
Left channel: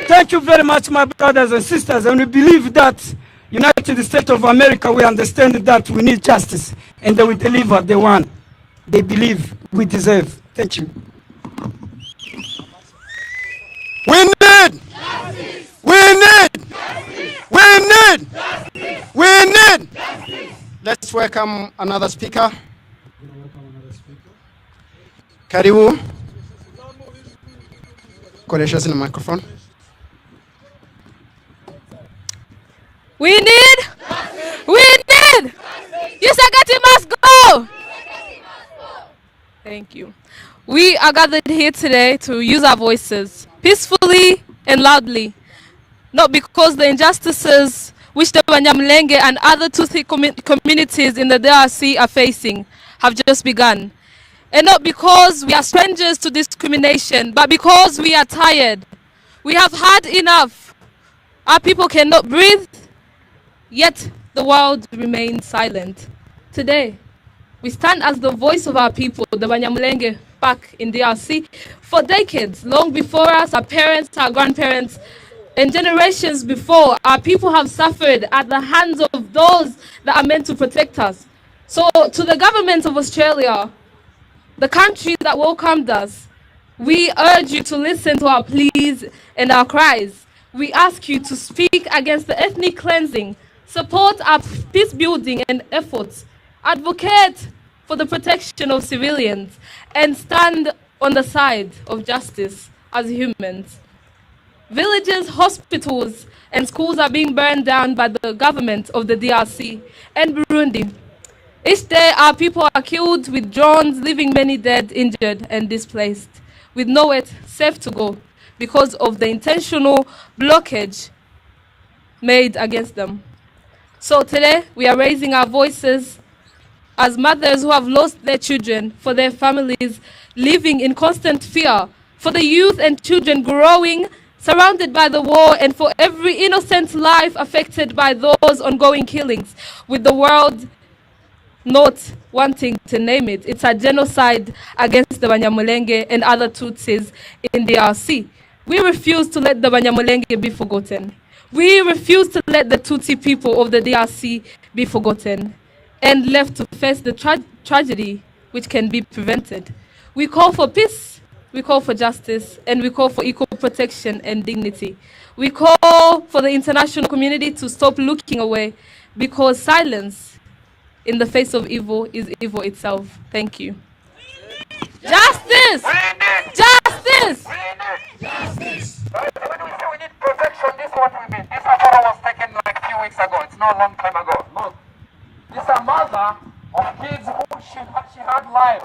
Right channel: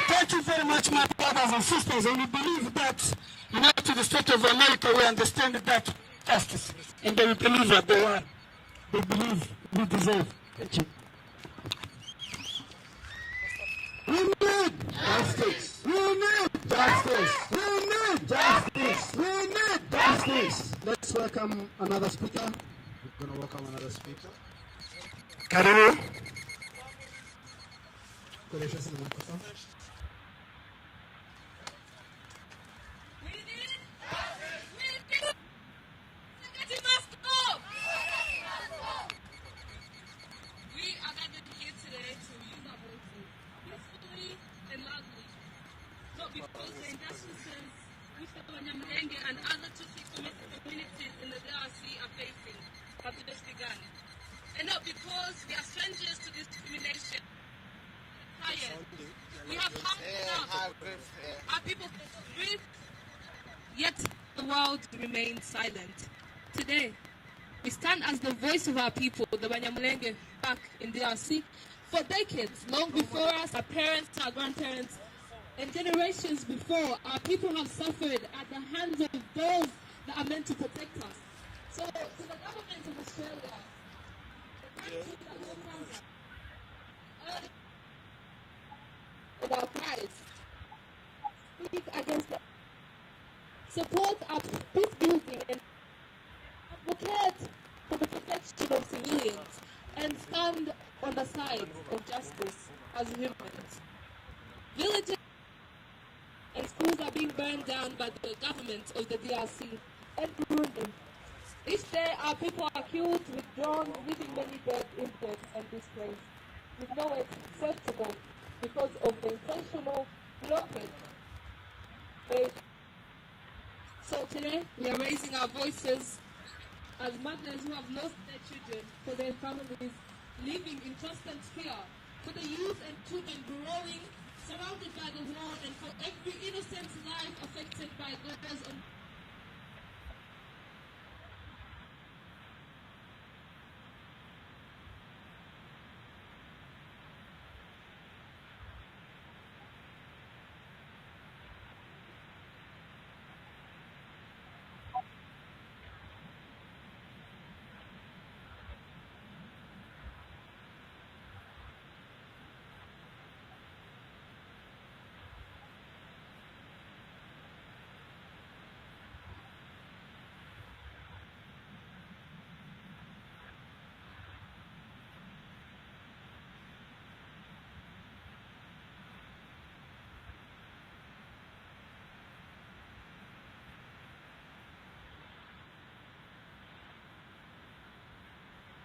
Thank you very much, my brothers and sisters. And we believe that United States of America, we understand that we need justice. And they will deliver the one they believe we deserve. Thank you. We need justice. We need justice. We need justice. We need justice. Let's welcome another speaker. Karibu. Kolesha in the microphone. We need. Yusagati must go. Thank you. We are gathered here today to use our voices peacefully and loudly, not because the injustices which the Abanyamulenge and other Tutsi communities in the DRC are facing have just begun. And not because we are strangers to discrimination, but because we are tired. We have had enough. Our people cannot breathe, yet the world remains silent. Today, we stand as the voice of our people, the Abanyamulenge, back in DRC. For decades, long before us, our parents, our grandparents, and generations before, our people have suffered at the hands of those that are meant to protect us. So to the government of Australia, the country that welcomed us, we urge you to listen to our pleas and our cries. We ask you to speak against the ethnic cleansing, support our peace building and efforts, advocate for the protection of civilians, and stand on the side of justice as humans. Villages, hospitals, and schools are being burned down by the government of the DRC and Burundi. Each day, our people are killed with drones, leaving many dead, injured, and displaced, with nowhere safe to go because of the intentional blockage made against them. So today, we are raising our voices as mothers who have lost their children, for their families living in constant fear, for the youth and children growing surrounded by the war, and for every innocent life affected by those ongoing killings, with the world not wanting to name it. It's a genocide against the Abanyamulenge and other Tutsis in the DRC. We refuse to let the Abanyamulenge be forgotten. We refuse to let the Tutsi people of the DRC be forgotten and left to face the tragedy which can be prevented. We call for peace, we call for justice, and we call for equal protection and dignity. We call for the international community to stop looking away, because silence in the face of evil is evil itself. Thank you. Justice! Justice! Justice! When we say we need protection, this is what we mean. This photo was taken like a few weeks ago. It's not a long time ago. Look. This is a mother of kids who she had lives.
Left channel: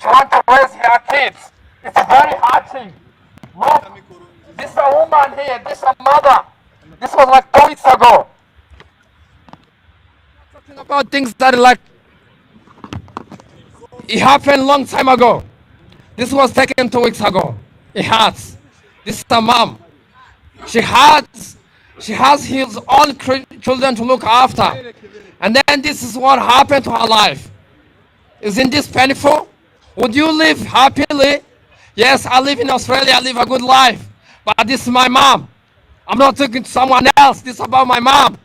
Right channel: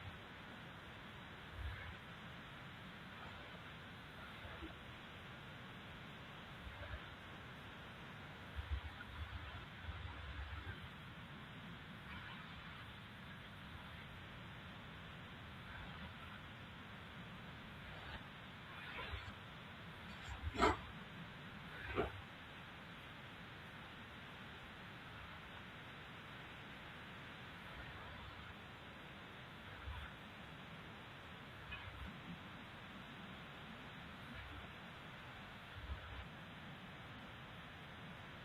She wants to raise her kids. It's very hurting. Look. This is a woman here. This is a mother. This was like 2 weeks ago. Talking about things that are like it happened a long time ago. This was taken 2 weeks ago. It hurts. This is a mom. She has his own children to look after. And then this is what happened to her life. Isn't this painful? Would you live happily Yes, I live in Australia, I live a good life, but this is my mom. I'm not talking to someone else, this is about my mom.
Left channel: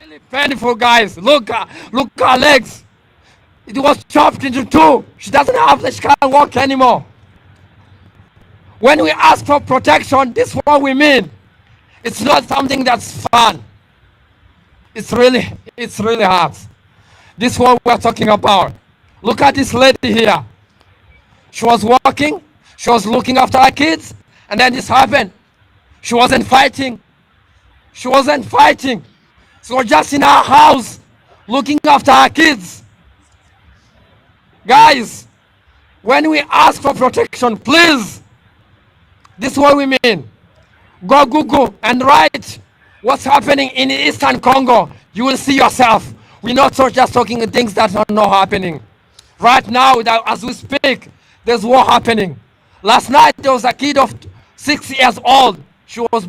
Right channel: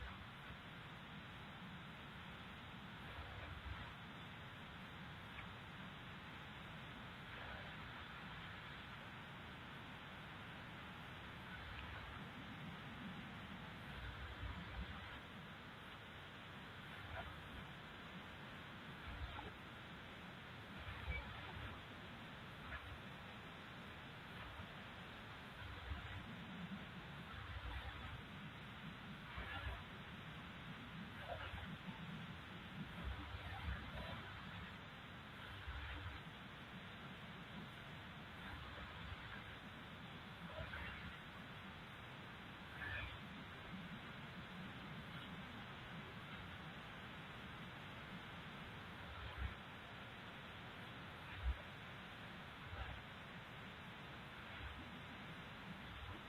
Really painful, guys. Look her legs. It was chopped into two. She doesn't have, she can't walk anymore. When we ask for protection, this is what we mean. It's not something that's fun. It's really hard. This is what we're talking about. Look at this lady here. She was walking, she was looking after her kids, and then this happened. She wasn't fighting. She wasn't fighting. She was just in her house, looking after her kids. Guys, when we ask for protection, please, this is what we mean. Go Google and write what's happening in Eastern Congo. You will see yourself. We're not just talking things that are not happening. Right now, as we speak, there's war happening. Last night, there was a kid of 6 years old. She was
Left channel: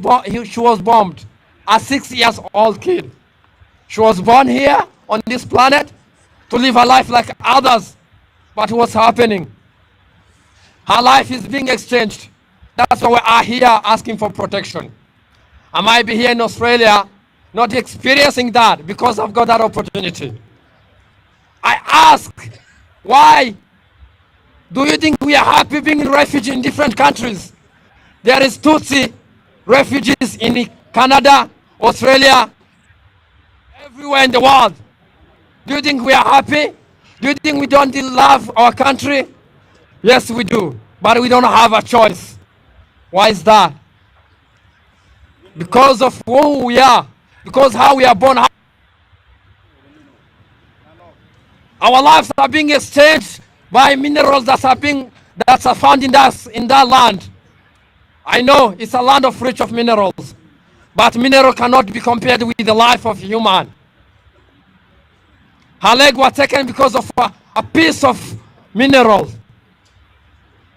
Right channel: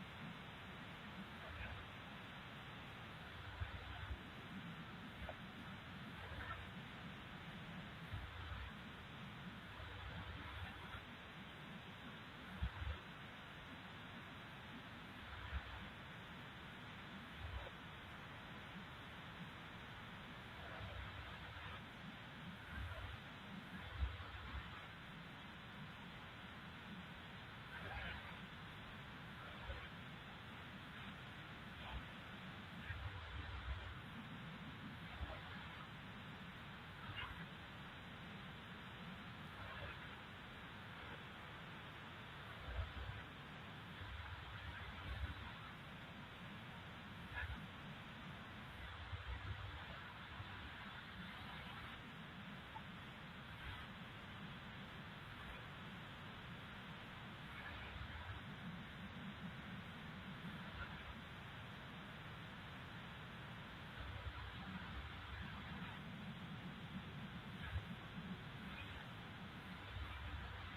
bombed. A 6 years old kid. She was born here on this planet to live a life like others. But what's happening? Her life is being exchanged. That's why we are here asking for protection. I might be here in Australia not experiencing that because I've got that opportunity. I ask, why do you think we are happy being refugees in different countries? There is Tutsi refugees in Canada, Australia, everywhere in the world. Do you think we are happy? Do you think we don't love our country? Yes, we do, but we don't have a choice. Why is that? Because of who we are, because how we are born. Our lives are being exchanged by minerals that are found in that land. I know it's a land rich of minerals, but mineral cannot be compared with the life of human. Her leg was taken because of a piece of mineral.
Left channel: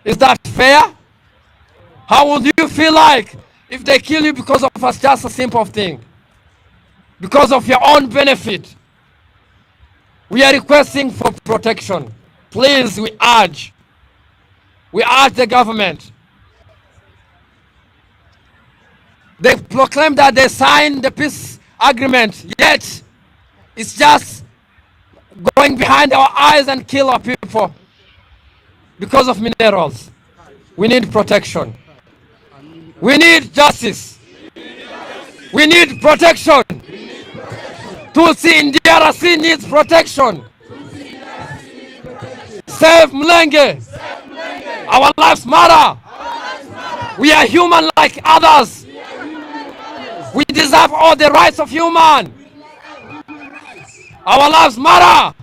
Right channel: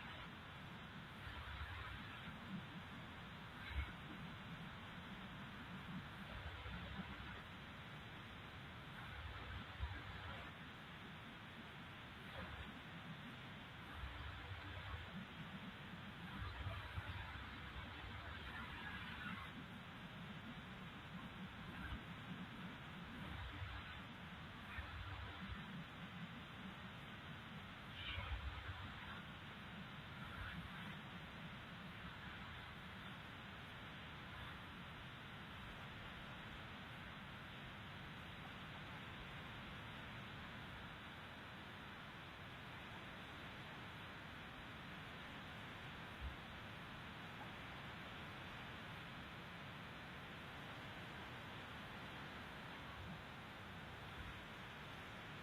Is that fair? How would you feel like if they kill you because of just a simple thing? Because of your own benefit. We are requesting for protection. Please, we urge the government. They proclaim that they signed the peace agreement, yet it's just going behind our eyes and kill our people because of minerals. We need protection. We need justice. We need protection. Tutsi in DRC needs protection. Save Mulenge. Our lives matter. We are human like others. We deserve all the rights of human. Our lives matter.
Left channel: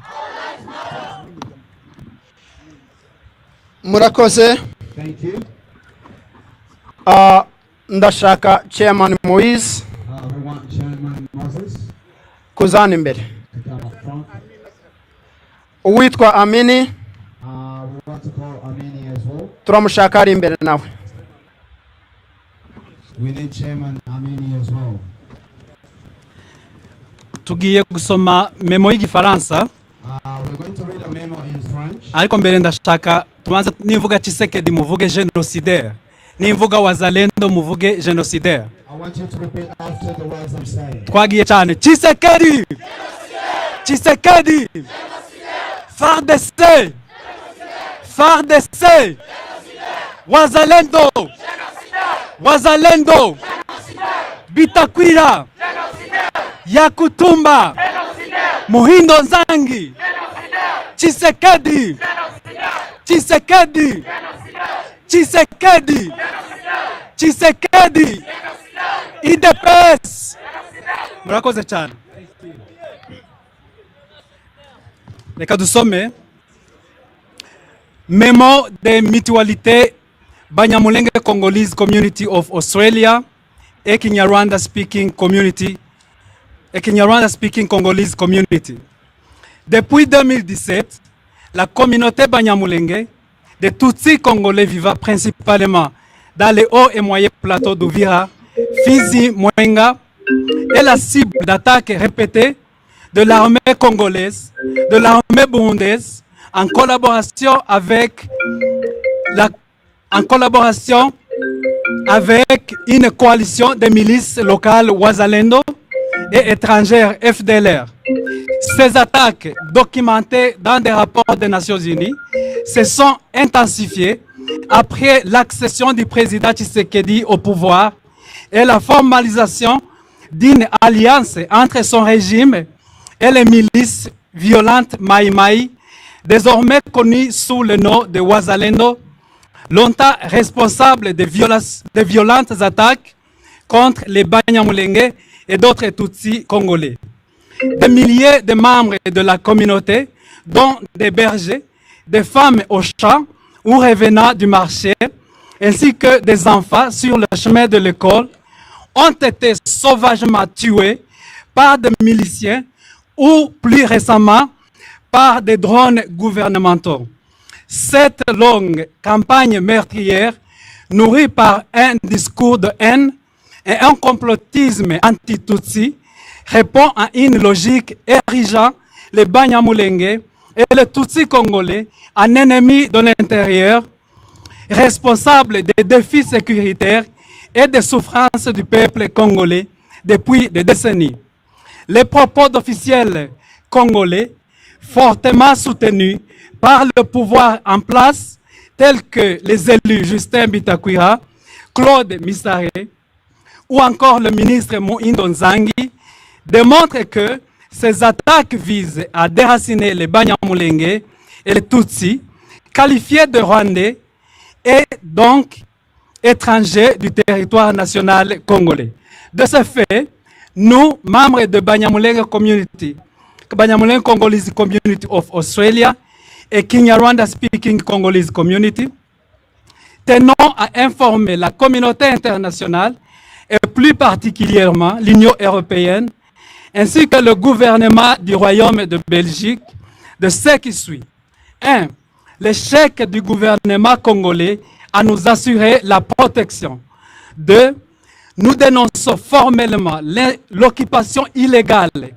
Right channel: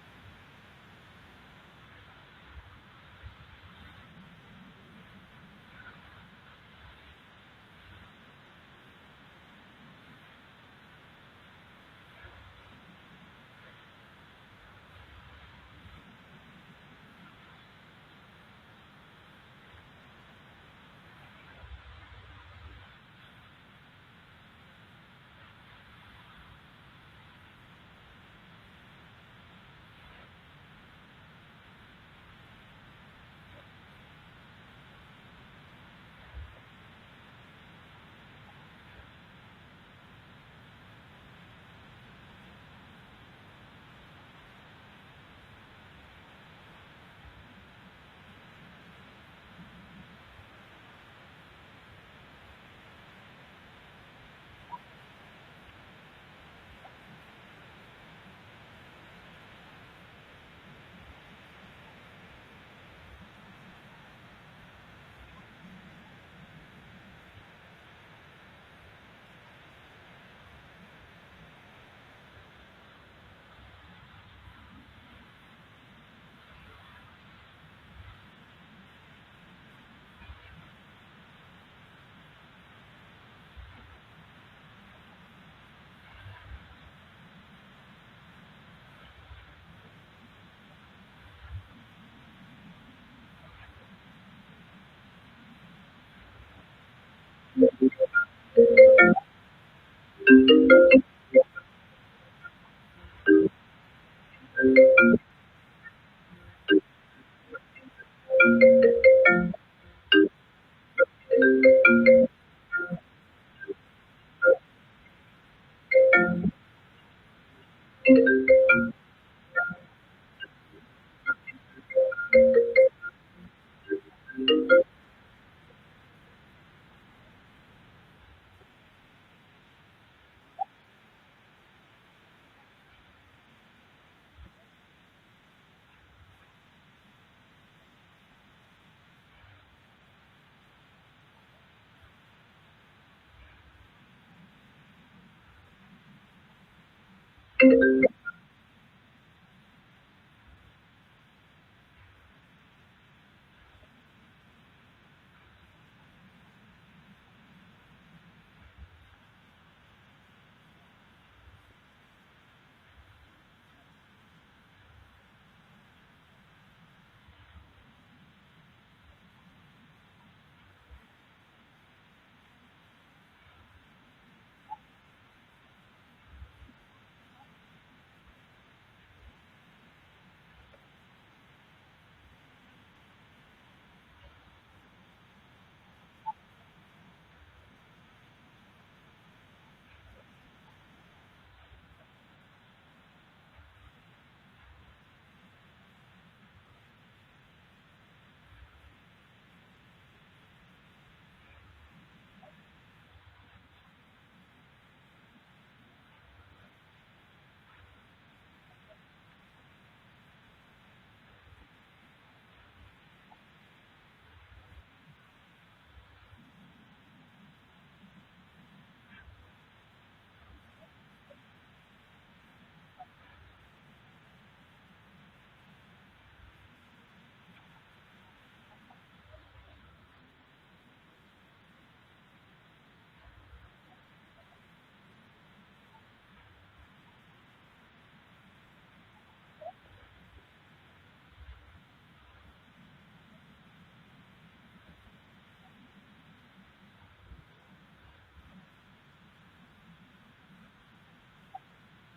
Murakoze. Thank you. Ndashaka Chairman Moise We want Chairman Moses kuzana imbere. to come up front. Uwitwa Amini We want to call Amini as well. turamushaka ari imbere nawe. We need Chairman Amini as well. Tugiye gusoma memo y'igifaransa. We're going to read a memo in French. Ariko mbere ndashaka tubanza nivuga Tshisekedi muvuge génocidaire. Nimvuga wazalendo muvuge génocidaire. I want you to repeat after the words I'm saying. Twagiye cyane. Tshisekedi. Tshisekedi. FARDC. FARDC. Wazalendo. Wazalendo. Bitakwira. Yakutumba. Muhindo Nzangi. Tshisekedi. Tshisekedi. Tshisekedi. Tshisekedi. IDPS. Murakoze cyane. Reka dusome Memo de Mutualité Banyamulenge Congolese Community of Australia et Kinyarwanda Speaking Community et Kinyarwanda Speaking Congolese Community. Depuis 2017, la communauté Banyamulenge des Tutsi congolais vivant principalement dans les hauts et moyens plateaux d'Uvira, Fizi, Mwenga est la cible d'attaques répétées de l'armée congolaise, de l'armée burundaise, en collaboration avec la en collaboration avec une coalition de milices locales Wazalendo et étrangères FDLR. Ces attaques, documentées dans des rapports des Nations Unies, se sont intensifiées après l'accession du président Tshisekedi au pouvoir et la formalisation d'une alliance entre son régime et les milices violentes Maï-Maï, désormais connues sous le nom de Wazalendo, longtemps responsables de violentes attaques contre les Banyamulenge et d'autres Tutsis congolais. Des milliers de membres de la communauté, dont des bergers, des femmes au champ ou revenant du marché, ainsi que des enfants sur le chemin de l'école, ont été sauvagement tués par des miliciens ou plus récemment par des drones gouvernementaux. Cette longue campagne meurtrière, nourrie par un discours de haine et un complotisme anti-Tutsi, répond à une logique érigeant les Banyamulenge et les Tutsis congolais en ennemis de l'intérieur, responsables des défis sécuritaires et des souffrances du peuple congolais depuis des décennies. Les propos d'officiels congolais, fortement soutenus par le pouvoir en place, tels que les élus Justin Bitakwira, Claude Misare ou encore le ministre Moindo Nzangi, démontrent que ces attaques visent à déraciner les Banyamulenge et les Tutsis, qualifiés de Rwandais et donc étrangers du territoire national congolais. De ce fait, nous, membres de Abanyamulenge Community, Abanyamulenge Congolese Community of Australia et Kinyarwanda Speaking Congolese Community, tenons à informer la communauté internationale et plus particulièrement l'Union européenne, ainsi que le gouvernement du Royaume de Belgique, de ce qui suit. 1. L'échec du gouvernement congolais à nous assurer la protection. 2. Nous dénonçons formellement l'occupation illégale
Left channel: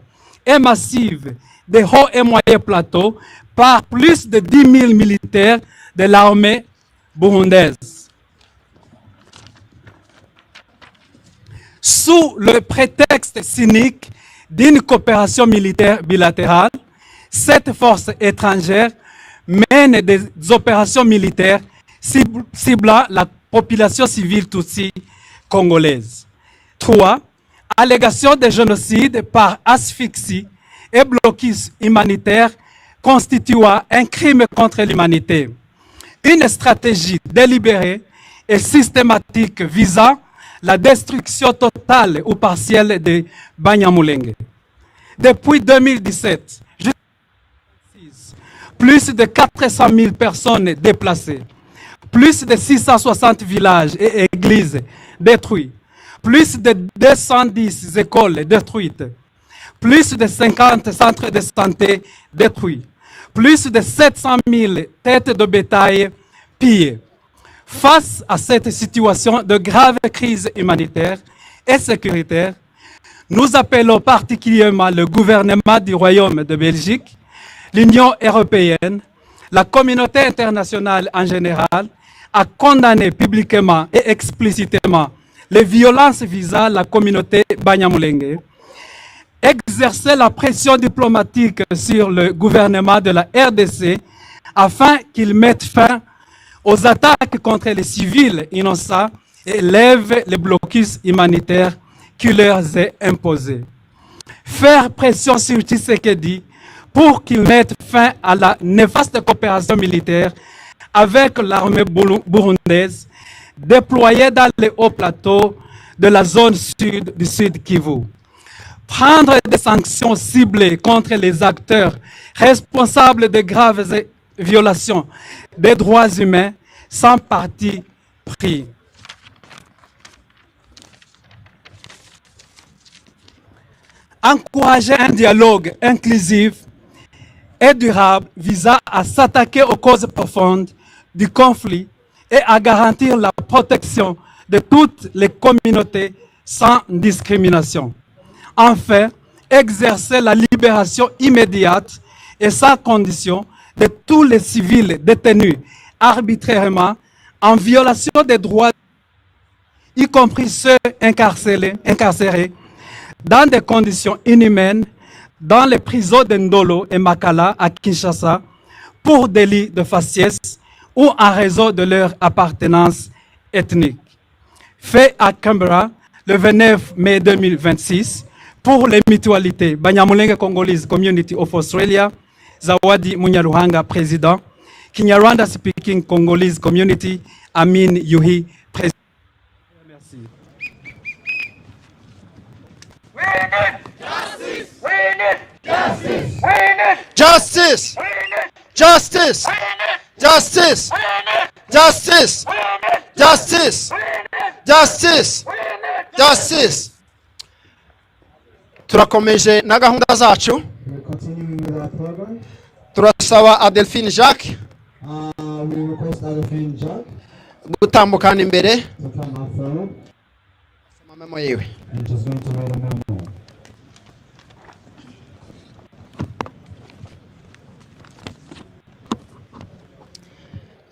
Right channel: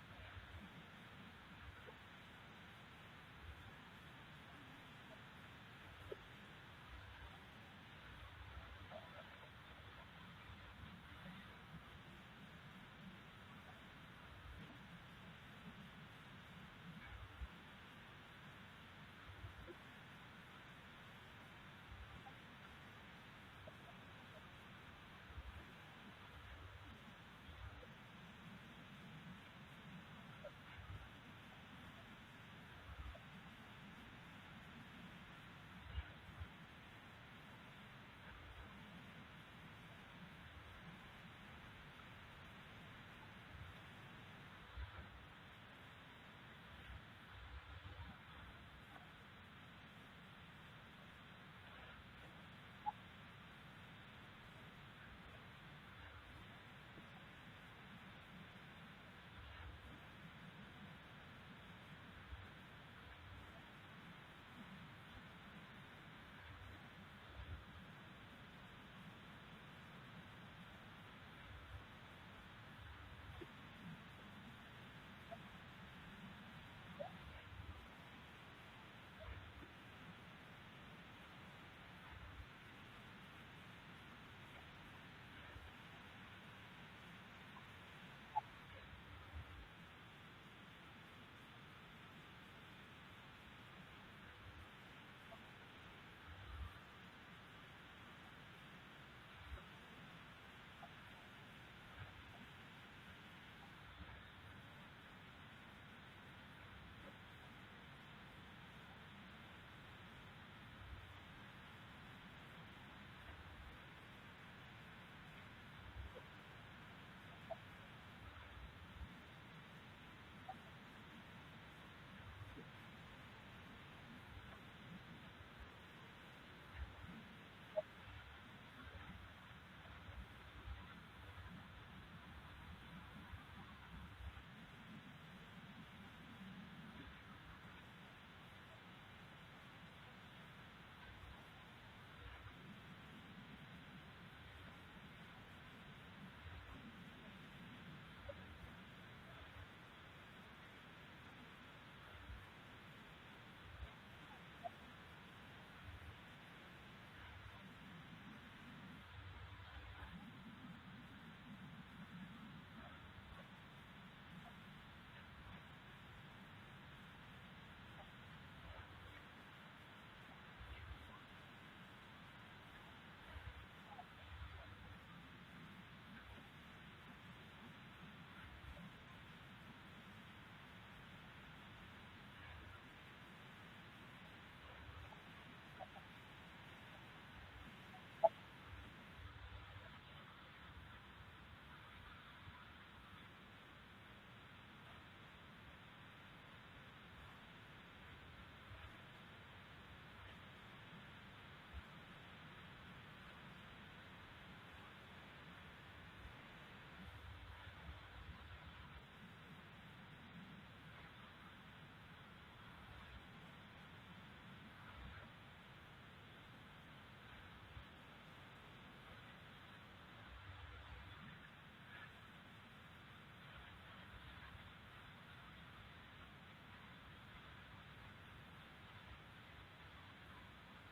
et massive des hauts et moyens plateaux par plus de 10 000 militaires de l'armée burundaise. Sous le prétexte cynique d'une coopération militaire bilatérale, cette force étrangère mène des opérations militaires ciblant la population civile tutsi congolaise. 3. Allégation de génocide par asphyxie et blocus humanitaire constituant un crime contre l'humanité. Une stratégie délibérée et systématique visant la destruction totale ou partielle des Banyamulenge. Depuis 2017, plus de 400 000 personnes déplacées, plus de 660 villages et églises détruits, plus de 210 écoles détruites, plus de 50 centres de santé détruits, plus de 700 000 têtes de bétail pillées. Face à cette situation de grave crise humanitaire et sécuritaire, nous appelons particulièrement le gouvernement du Royaume de Belgique, l'Union européenne, la communauté internationale en général, à condamner publiquement et explicitement les violences visant la communauté Banyamulenge, exercer la pression diplomatique sur le gouvernement de la RDC afin qu'il mette fin aux attaques contre les civils innocents et lève les blocus humanitaires qui leur est imposé. Faire pression sur Tshisekedi pour qu'il mette fin à la néfaste coopération militaire avec l'armée burundaise déployée dans les hauts plateaux de la zone sud du Sud Kivu. Prendre des sanctions ciblées contre les acteurs responsables de graves violations des droits humains sans parti pris. Encourager un dialogue inclusif et durable visant à s'attaquer aux causes profondes du conflit et à garantir la protection de toutes les communautés sans discrimination. Enfin, exercer la libération immédiate et sans condition de tous les civils détenus arbitrairement en violation des droits, y compris ceux incarcérés dans des conditions inhumaines dans les prisons de Ndolo et Makala à Kinshasa pour délit de faciès ou en raison de leur appartenance ethnique. Fait à Canberra le 29 mai 2026 pour les mutualités Banyamulenge Congolese Community of Australia, Zawadi Munyaruhanga, président, Kinyarwanda Speaking Congolese Community, Amin Yuhi, président. Justice! Justice! Justice! Justice! Justice! Justice! Justice! Turakomeje na gahunda zacu. Turasaba Adelphine Jacques gutambukana imbere. Mama yewe.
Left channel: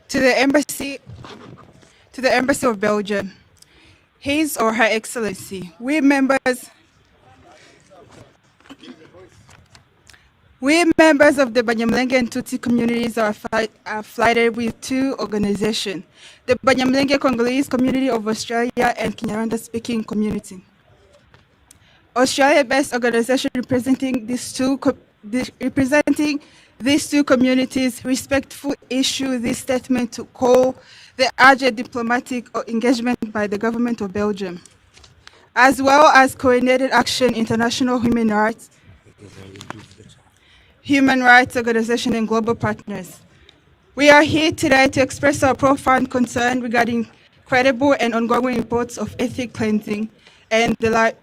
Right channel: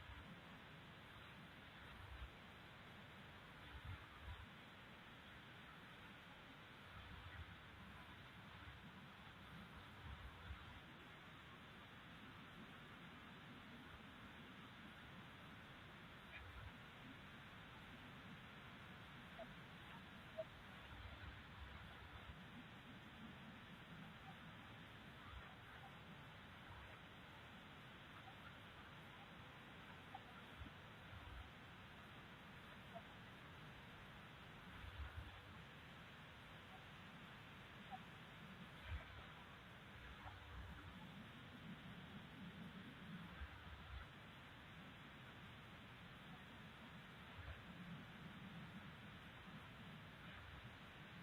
To the Embassy of Belgium, His or Her Excellency, we members of the Abanyamulenge and Tutsi communities are affiliated with two organizations, the Abanyamulenge Congolese Community of Australia and Kinyarwanda Speaking Community. Australia-based organization representing these two communities respectfully issue this statement to call the urgent diplomatic engagement by the government of Belgium, as well as coordinated action international human rights organization and global partners. We are here today to express our profound concern regarding credible and ongoing reports of ethnic cleansing and the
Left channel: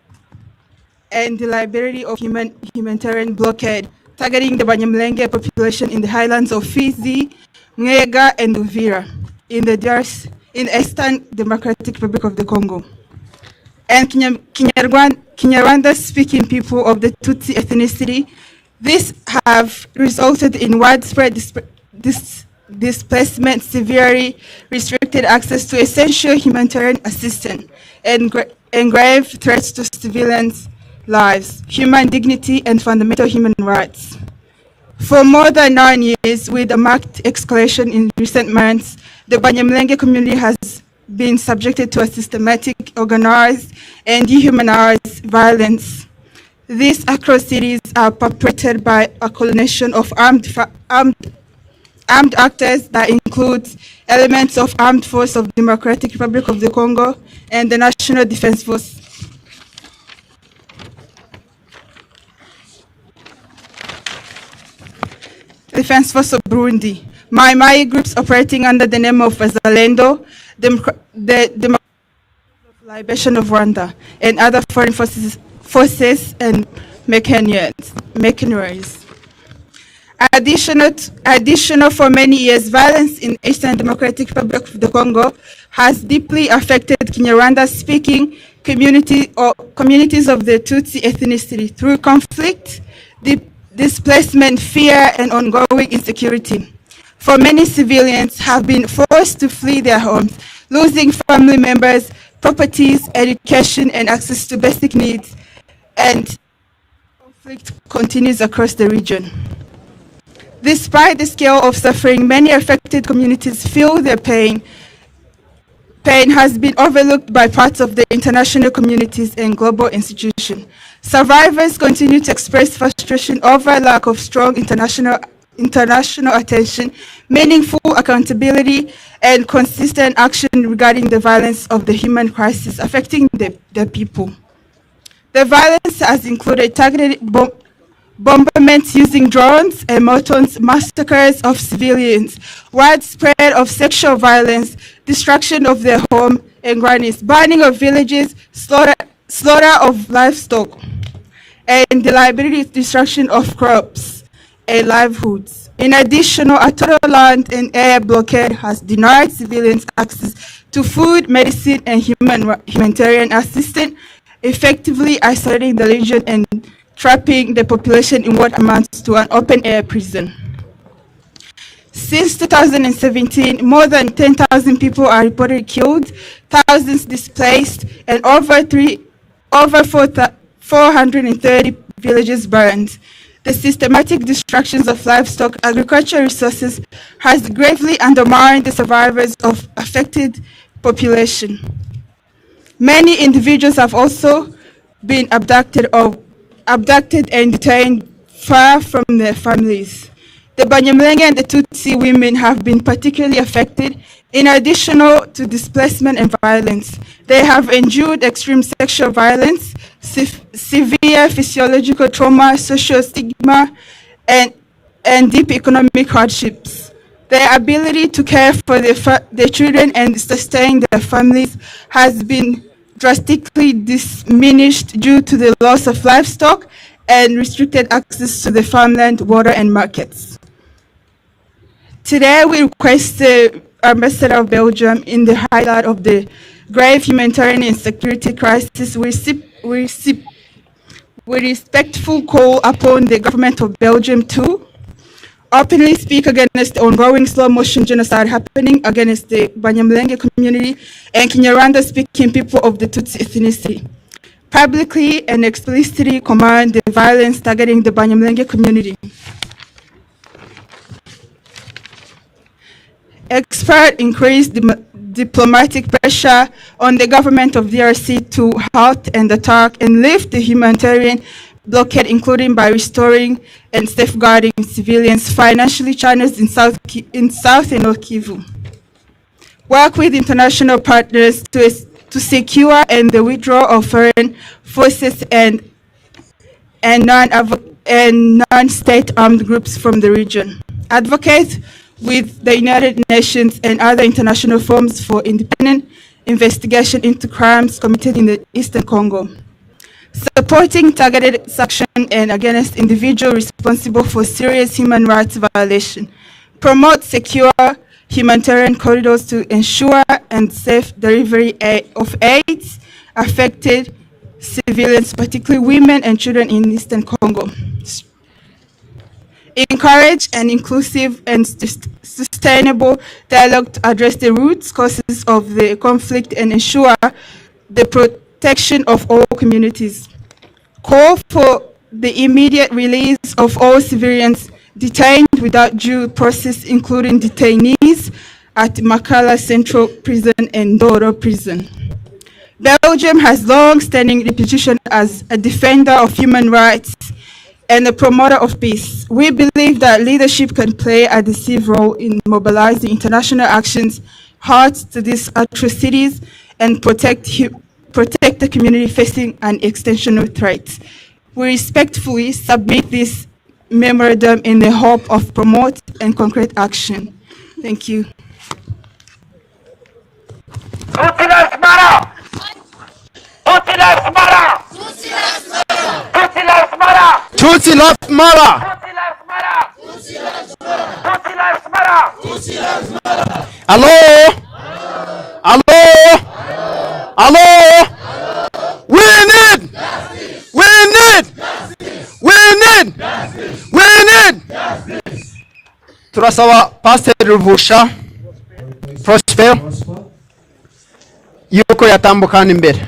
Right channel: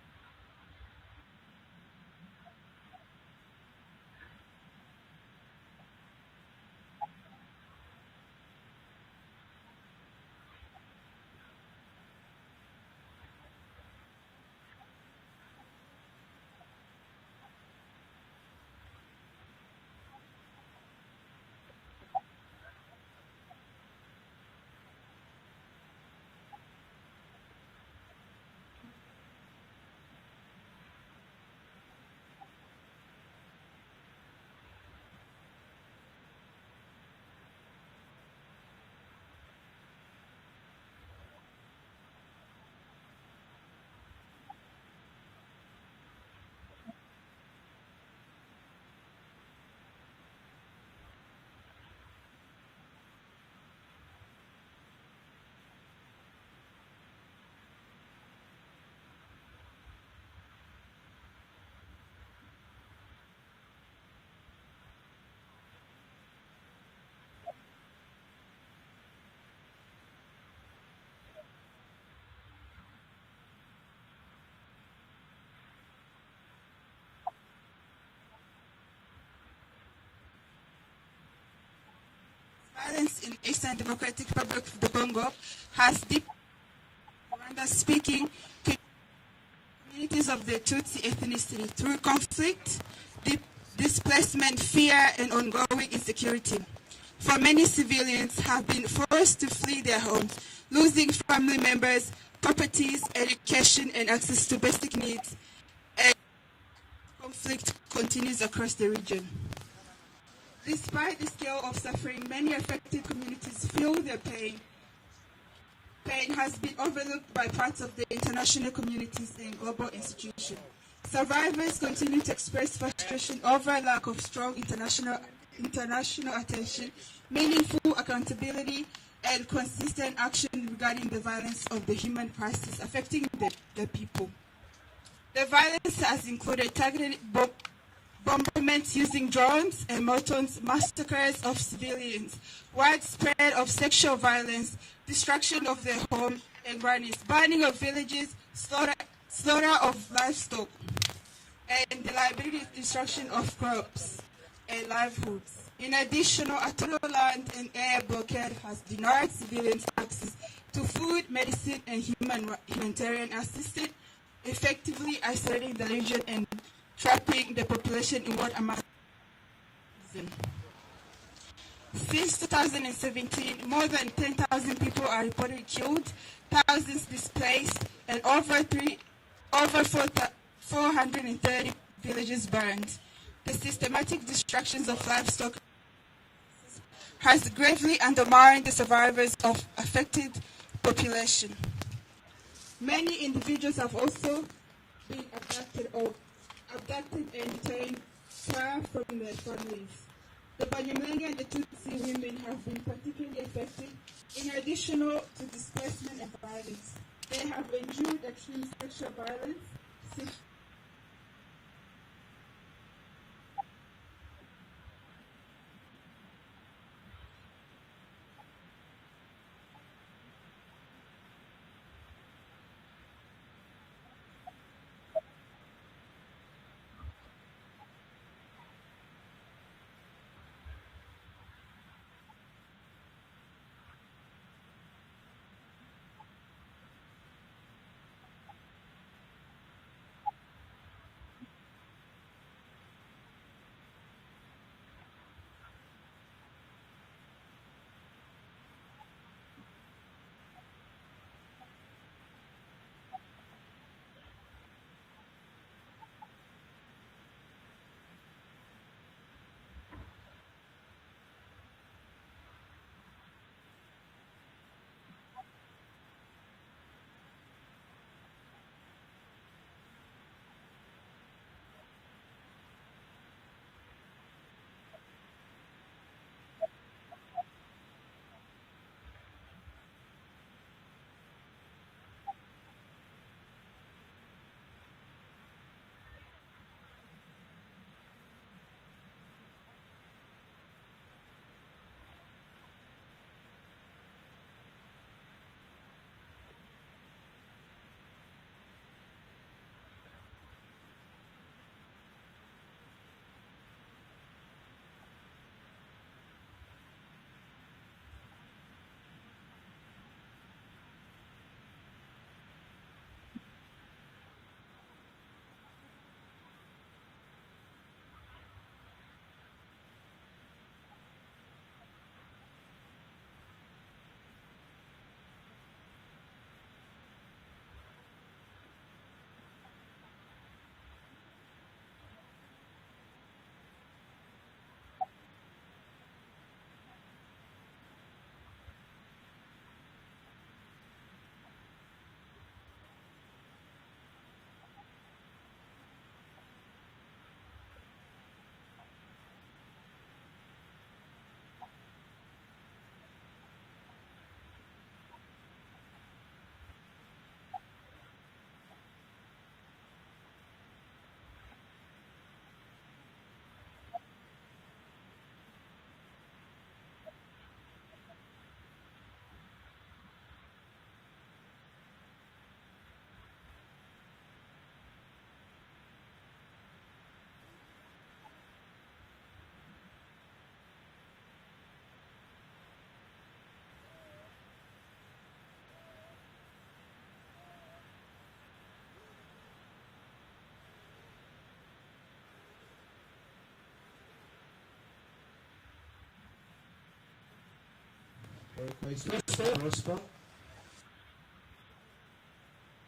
liability of humanitarian blockade targeting the Banyamulenge population in the highlands of Fizi, Mwega, and Uvira in the Eastern Democratic Republic of the Congo. And Kinyarwanda-speaking people of the Tutsi ethnicity, these have resulted in widespread displacement, severely restricted access to essential humanitarian assistance, and grave threats to civilians' lives, human dignity, and fundamental human rights. For more than 9 years, with a marked escalation in recent months, the Banyamulenge community has been subjected to a systematic, organized, and dehumanized violence. These atrocities are perpetrated by a coalition of armed actors that includes elements of Armed Force of Democratic Republic of the Congo and the National Defense Force. Defense Force of Burundi, Mai groups operating under the name of Wazalendo, the Liberation of Rwanda, and other foreign forces and mercenaries. Additional for many years, violence in Eastern Democratic Republic of the Congo has deeply affected Kinyarwanda-speaking communities of the Tutsi ethnicity through conflict, displacement, fear, and ongoing insecurity. For many civilians have been forced to flee their homes, losing family members, properties, education, and access to basic needs, and conflict continues across the region. Despite the scale of suffering, many affected communities feel their pain. Pain has been overlooked by parts of the international communities and global institutions. Survivors continue to express frustration over lack of strong international attention, meaningful accountability, and consistent action regarding the violence of the human crisis affecting the people. The violence has included targeted bombardments using drones and mortars, massacres of civilians, widespread of sexual violence, destruction of their home and grannies, burning of villages, slaughter of livestock, and the liability destruction of crops and livelihoods. In addition, a total land and air blockade has denied civilians access to food, medicine, and humanitarian assistance, effectively isolating the region and trapping the population in what amounts to an open-air prison. Since 2017, more than 10,000 people are reported killed, thousands displaced, and over 430 villages burned. The systematic destruction of livestock agricultural resources has gravely undermined the survivors of affected population. Many individuals have also been abducted and detained far from their families. The Abanyamulenge and the Tutsi women have been particularly affected. In addition to displacement and violence, they have endured extreme sexual violence, severe physiological trauma, social stigma, and deep economic hardships. Their ability to care for their children and sustain their families has been drastically diminished due to the loss of livestock and restricted access to the farmland, water, and markets. Today, we request the Ambassador of Belgium, in the highlight of the grave humanitarian and security crisis, we respectfully call upon the government of Belgium to openly speak against the ongoing slow-motion genocide happening against the Abanyamulenge community and Kinyarwanda-speaking people of the Tutsi ethnicity. Publicly and explicitly command the violence targeting the Abanyamulenge community. Expert increased diplomatic pressure on the government of DRC to halt and attack and lift the humanitarian blockade, including by restoring and safeguarding civilians financially channels in South and North Kivu. Work with international partners to secure and the withdrawal of foreign forces and non-state armed groups from the region. Advocate with the United Nations and other international forums for independent investigation into crimes committed in the Eastern Congo. Supporting targeted action and against individuals responsible for serious human rights violation. Promote secure humanitarian corridors to ensure and safe delivery of aid affected civilians, particularly women and children in Eastern Congo. Encourage an inclusive and sustainable dialogue to address the root causes of the conflict and ensure the protection of all communities. Call for the immediate release of all civilians detained without due process, including detainees at Makala Central Prison and Doro Prison. Belgium has long-standing reputation as a defender of human rights and a promoter of peace. We believe that leadership can play a decisive role in mobilizing international actions hard to these atrocities and protect the community facing an extensional threat. We respectfully submit this memorandum in the hope of promote and concrete action. Thank you. Tutsi lives matter! Tutsi lives matter! Tutsi lives matter! Tutsi lives matter! Tutsi lives matter! Tutsi lives matter! Tutsi lives matter! Hello? Hello? Hello? We need! We need! We need! We need! Turasaba Pastor Ruvusha Prosper yuko yatambukana imbere.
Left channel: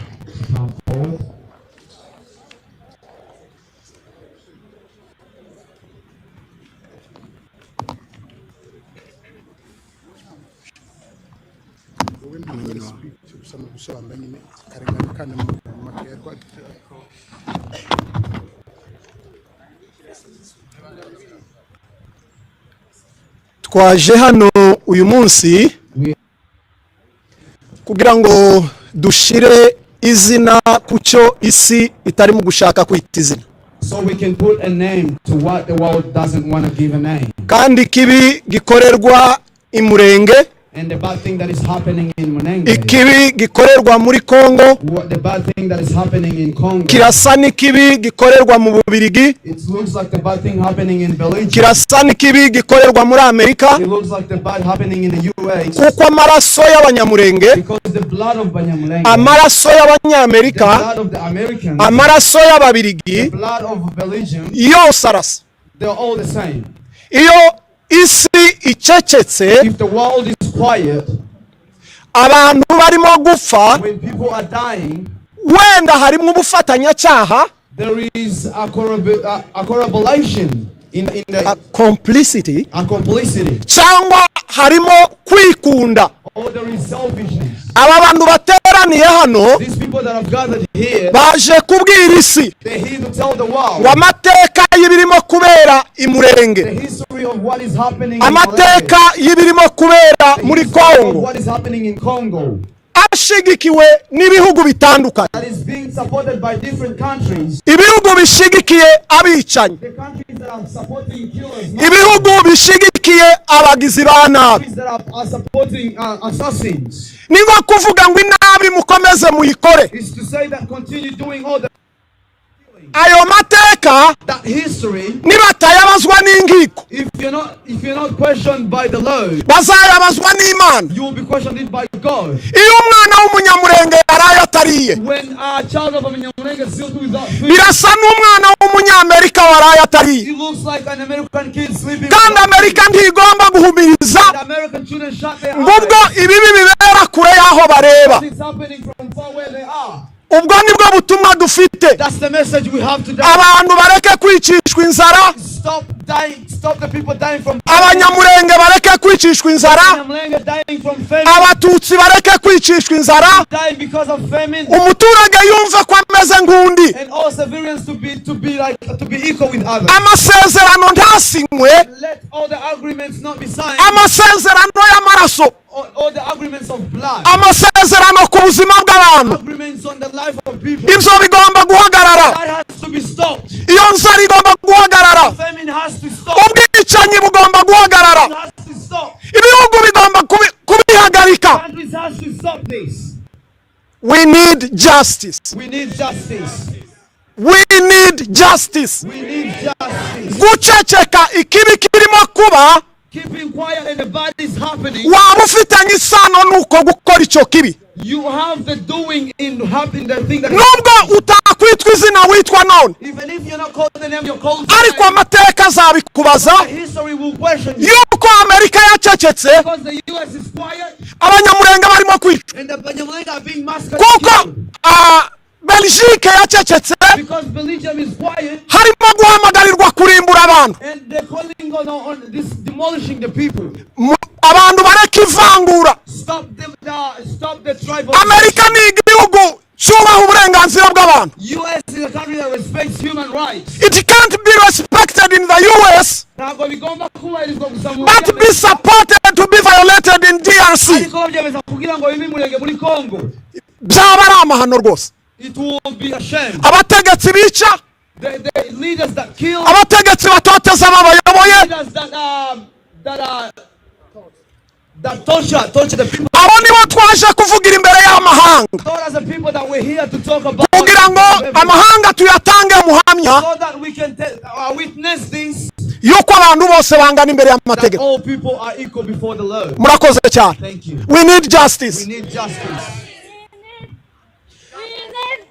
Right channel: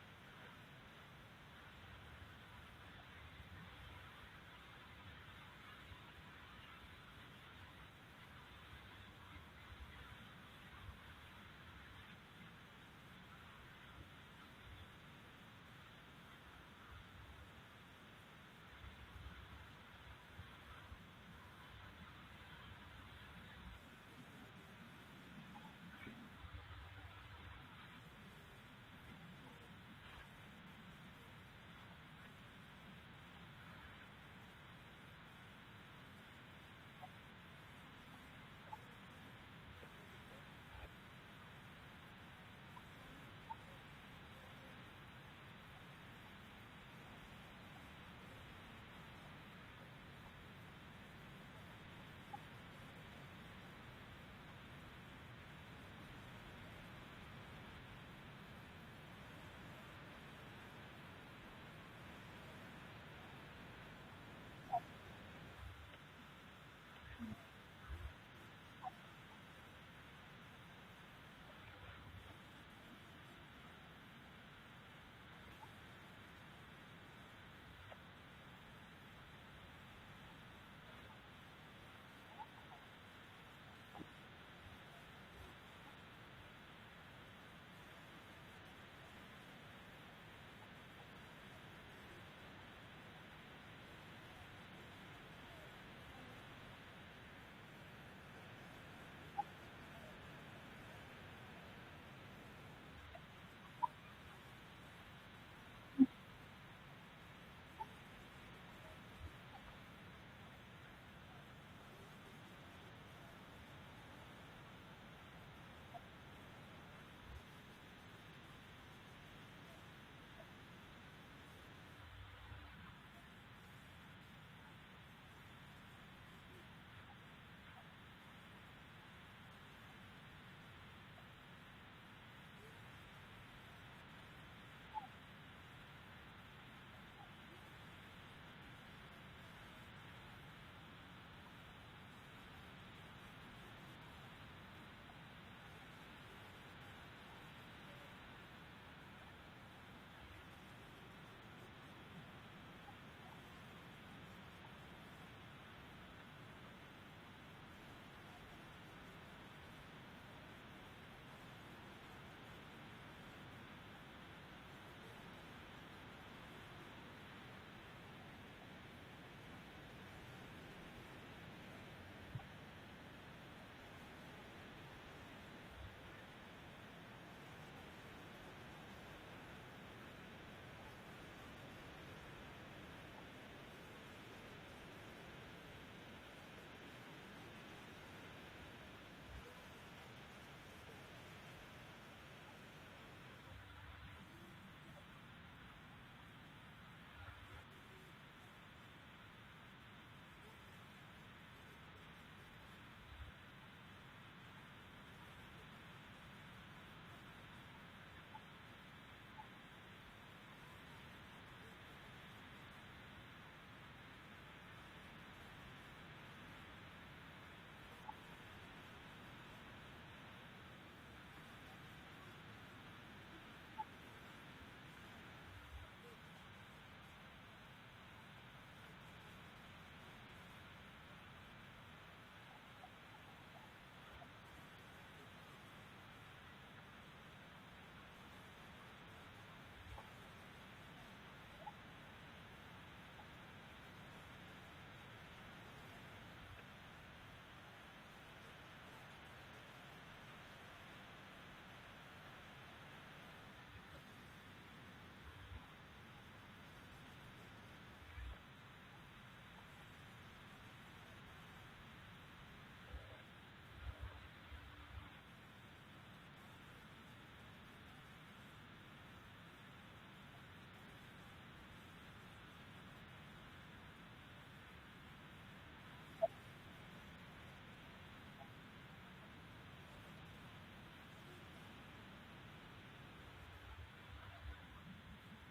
Twaje hano uyu munsi kugira ngo dushire izina kucyo isi itari mu gushaka kwita izina. So we can put a name to what the world doesn't want to give a name. Kandi kibi gikorerwa imurenge, and the bad thing that is happening in Mulenge, ikibi gikorerwa muri Congo, the bad thing that is happening in Congo, kirasa n'ikibi gikorerwa mu Bubiligi, it looks like the bad thing happening in Belgium, kirasa n'ikibi gikorerwa muri Amerika, it looks like the bad happening in the US, kuko amaraso y'Abanyamulenge, because the blood of Abanyamulenge, amaraso y'Abanyamerika, the blood of the Americans, amaraso y'Ababiligi, the blood of Belgium, yose arasa. they're all the same. Iyo isi icecetse, if the world is quiet, abantu barimo gupfa, when people are dying, wenda harimo ubufatanyacyaha, there is a correlation in the complicity, cyangwa harimo kwikunda. or there is selfishness. Aba bantu bateraniye hano These people that have gathered here, baje kubwira isi they're here to tell the world ngo amateka y'ibirimo kubera i Murenge, the history of what is happening amateka y'ibirimo kubera muri Kongo, what is happening in Congo, ashigikiwe n'ibihugu bitandukanye, that is being supported by different countries. ibihugu bishigikiye abicanyi, The countries that are supporting killers, ibihugu bishigikiye abagizi ba nabi. countries that are supporting assassins. Ni nko kuvuga ngo inabi mukomeze muyikore. Is to say that continue doing all the Ayo mateka that history, nibatayabazwa n'inkiko, if you're not questioned by the Lord, bazayabazwa n'Imana. you will be questioned by God. Iyo umwana w'umunyamurenge yaraye atariye, When a child of Abanyamulenge is still without food, birasa n'umwana w'umunyamerika waraye atariye. it looks like an American kid sleeping. Kandi Amerika ntigomba guhumiriza The American children shut their ngubwo eyes. ibibi bibera kure y'aho bareba. It's happening from far where they are. Ubwo nibwo butumwa dufite. That's the message we have today. Abantu bareke kwicishwa inzara, Stop dying. Stop the people dying from Abanyamulenge bareke kwicishwa inzara, Abanyamulenge dying from famine. Abatutsi bareke kwicishwa inzara, Dying because of famine. umuturage yumve ko ameze nk'undi. And all civilians to be equal with others. Amasezerano ntasinywe, Let all the agreements not be signed. amasezerano y'amaraso, All the agreements of blood. amasezerano ku buzima bw'abantu, Agreements on the life of people. ibyo bigomba guhagarara. That has to be stopped. Iyo nzara igomba guhagarara, Famine has to stop. ubwicanyi bugomba guhagarara, It has to stop. ibihugu bigomba kubihagarika. Countries has to stop this. We need justice. We need justice. We need justice. We need justice. Guceceka ikibi kirimo kuba, Keeping quiet and the bad is happening. waba ufitanye isano nuko gukora icyo kibi. You have the doing in having the thing that. Nubwo utakwitwa izina witwa none, Even if you're not called the name, you're called. ariko amateka azabikubaza History will question you. yuko Amerika yacecetse, Because the US is quiet Abanyamulenge barimo kwicwa, and the Abanyamulenge are being massacred. kuko Belgique yacecetse, Because Belgium is quiet harimo guhamagarirwa kurimbura abantu. and they're calling on this demolishing the people. Abantu bareka ivangura. Stop the tribal. Amerika ni igihugu cyubaha uburenganzira bw'abantu. US is a country that respects human rights. It can't be respected in the US, Ntabwo bigomba kubahirizwa gusa mu but be supported to be violated in DRC. ariko byemeza kugira ngo bibe Murenge muri Congo. Byaba ari amahano rwose. It will be a shame. Abategetsi bica, The leaders that kill, abategetsi batoteza ababayoboye, leaders that torture the people. abo nibo twaje kuvugira imbere y'amahanga, Those are the people that we're here to talk about. kugira ngo amahanga tuyatange muhamya So that we can witness this. yuko abantu bose bangana imbere That y'amategeko. all people are equal before the Lord. Murakoze cyane. Thank you. We need justice. We need justice.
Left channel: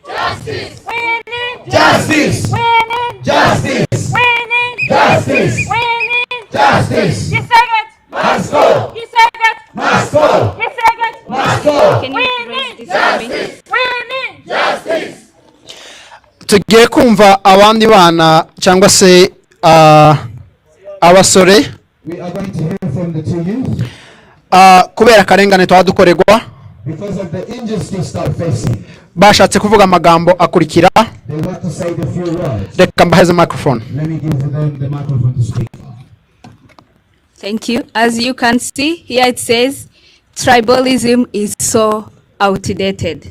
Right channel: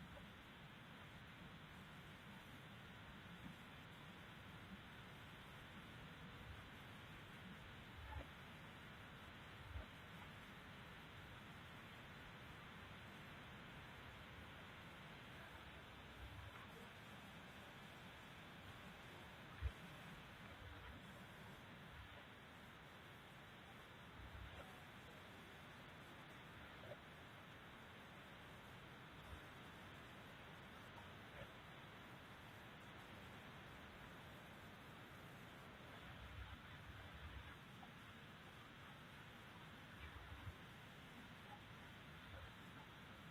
Justice! We need Justice! We need Justice! We need Justice! We need Justice! Giseged! Must go! Giseged! Must go! Giseged! Must go! Can We you raise need this for me? justice! We need justice! tugiye kumva abandi bana cyangwa se abasore We are going to hear from the two youth kubera akarengane twaba dukorerwa because of the injustice they're facing. bashatse kuvuga amagambo akurikira. They want to say the few words. Reka mbaheze microphone. Let me give them the microphone to speak. Thank you. As you can see, here it says, tribalism is so outdated.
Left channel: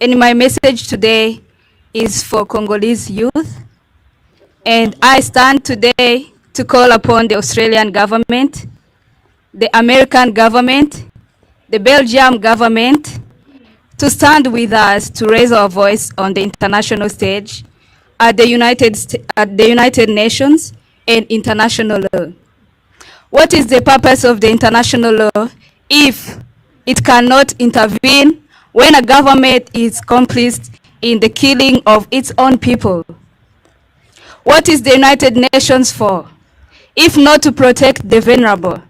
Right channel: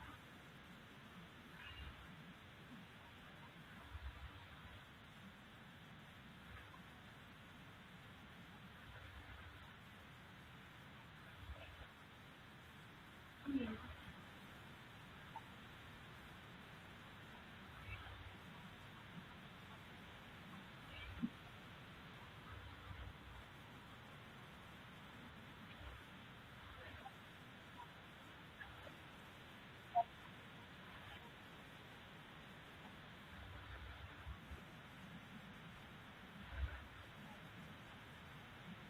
And my message today is for Congolese youth. And I stand today to call upon the Australian government, the American government, the Belgium government, to stand with us to raise our voice on the international stage at the United Nations and international law. What is the purpose of the international law if it cannot intervene when a government is complicit in the killing of its own people? What is the United Nations for if not to protect the vulnerable,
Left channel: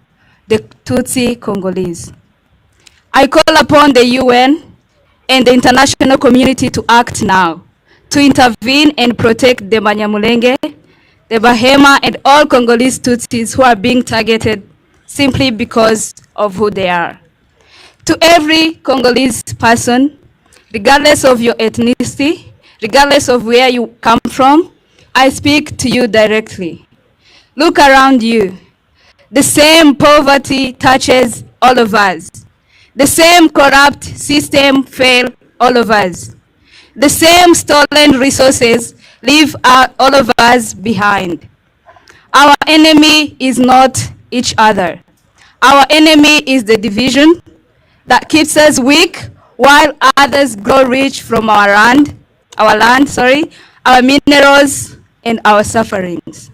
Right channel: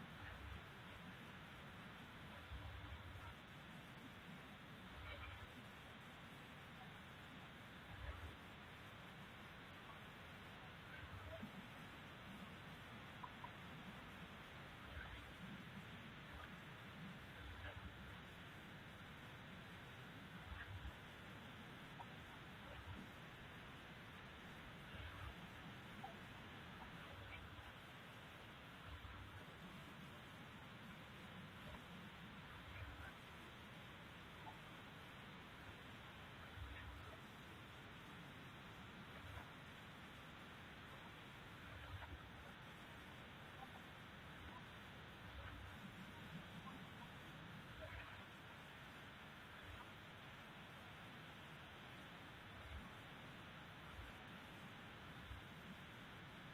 the Tutsi Congolese. I call upon the UN and the international community to act now, to intervene and protect the Abanyamulenge, the Bahema, and all Congolese Tutsis who are being targeted simply because of who they are. To every Congolese person, regardless of your ethnicity, regardless of where you come from, I speak to you directly. Look around you. The same poverty touches all of us. The same corrupt system fails all of us. The same stolen resources leave all of us behind. Our enemy is not each other. Our enemy is the division that keeps us weak while others grow rich from our land, our minerals, and our sufferings.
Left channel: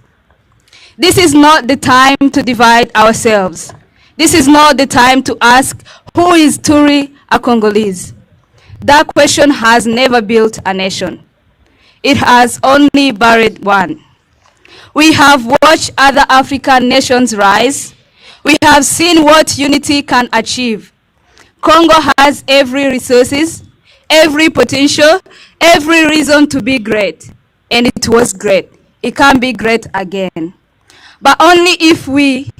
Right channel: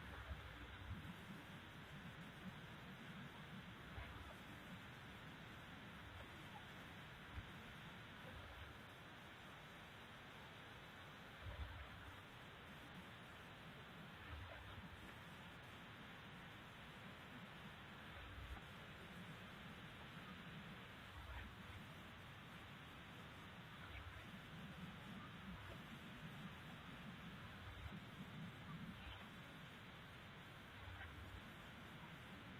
This is not the time to divide ourselves. This is not the time to ask, who is Turi a Congolese? That question has never built a nation. It has only buried one. We have watched other African nations rise. We have seen what unity can achieve. Congo has every resources, every potential, every reason to be great. And it was great. It can be great again. But only if we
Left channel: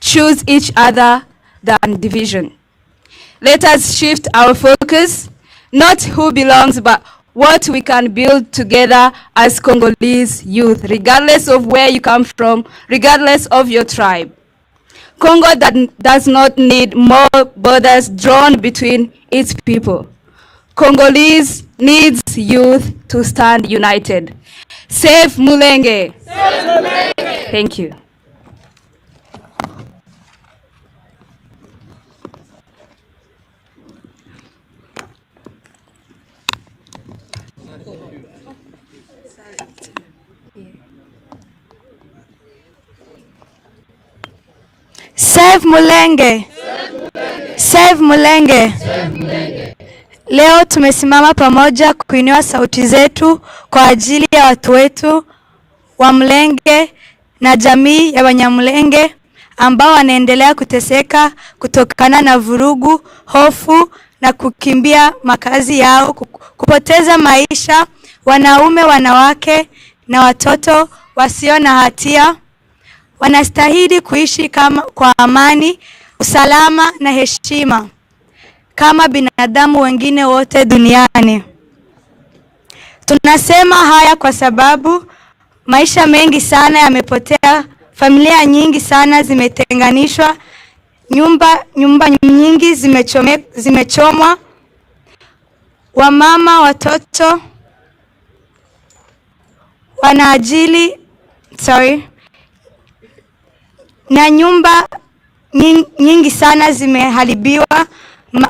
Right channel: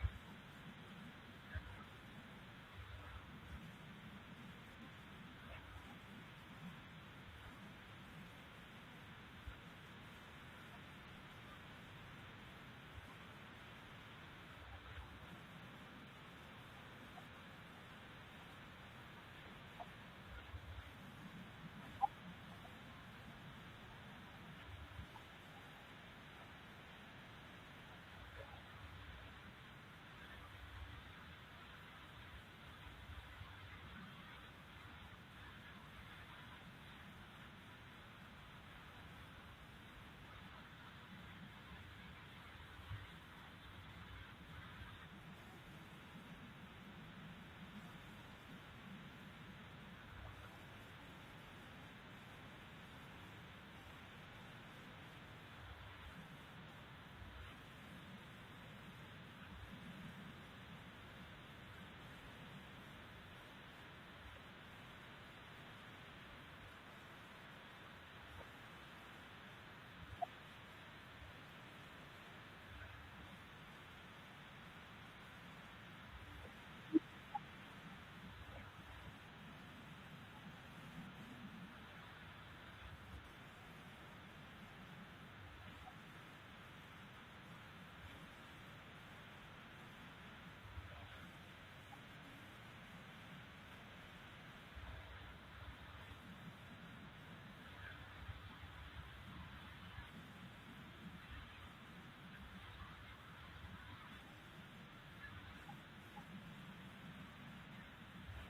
choose each other than division. Let us shift our focus, not who belongs, but what we can build together as Congolese youth, regardless of where you come from, regardless of your tribe. Congo does not need more borders drawn between its people. Congolese needs youth to stand united. Save Mulenge! Save Mulenge! Thank you. Save Mulenge. Save Mulenge. Leo tumesimama pamoja kuinua sauti zetu kwa ajili ya watu wetu wa Mulenge na jamii ya Abanyamulenge ambao wanaendelea kuteseka kutokana na vurugu, hofu na kukimbia makazi yao, kupoteza maisha, wanaume, wanawake na watoto wasio na hatia. Wanastahili kuishi kwa amani, usalama na heshima kama binadamu wengine wote duniani. Tunasema haya kwa sababu maisha mengi sana yamepotea, familia nyingi sana zimetenganishwa, nyumba nyingi zimechomwa, wamama, watoto na nyumba nyingi sana zimeharibiwa.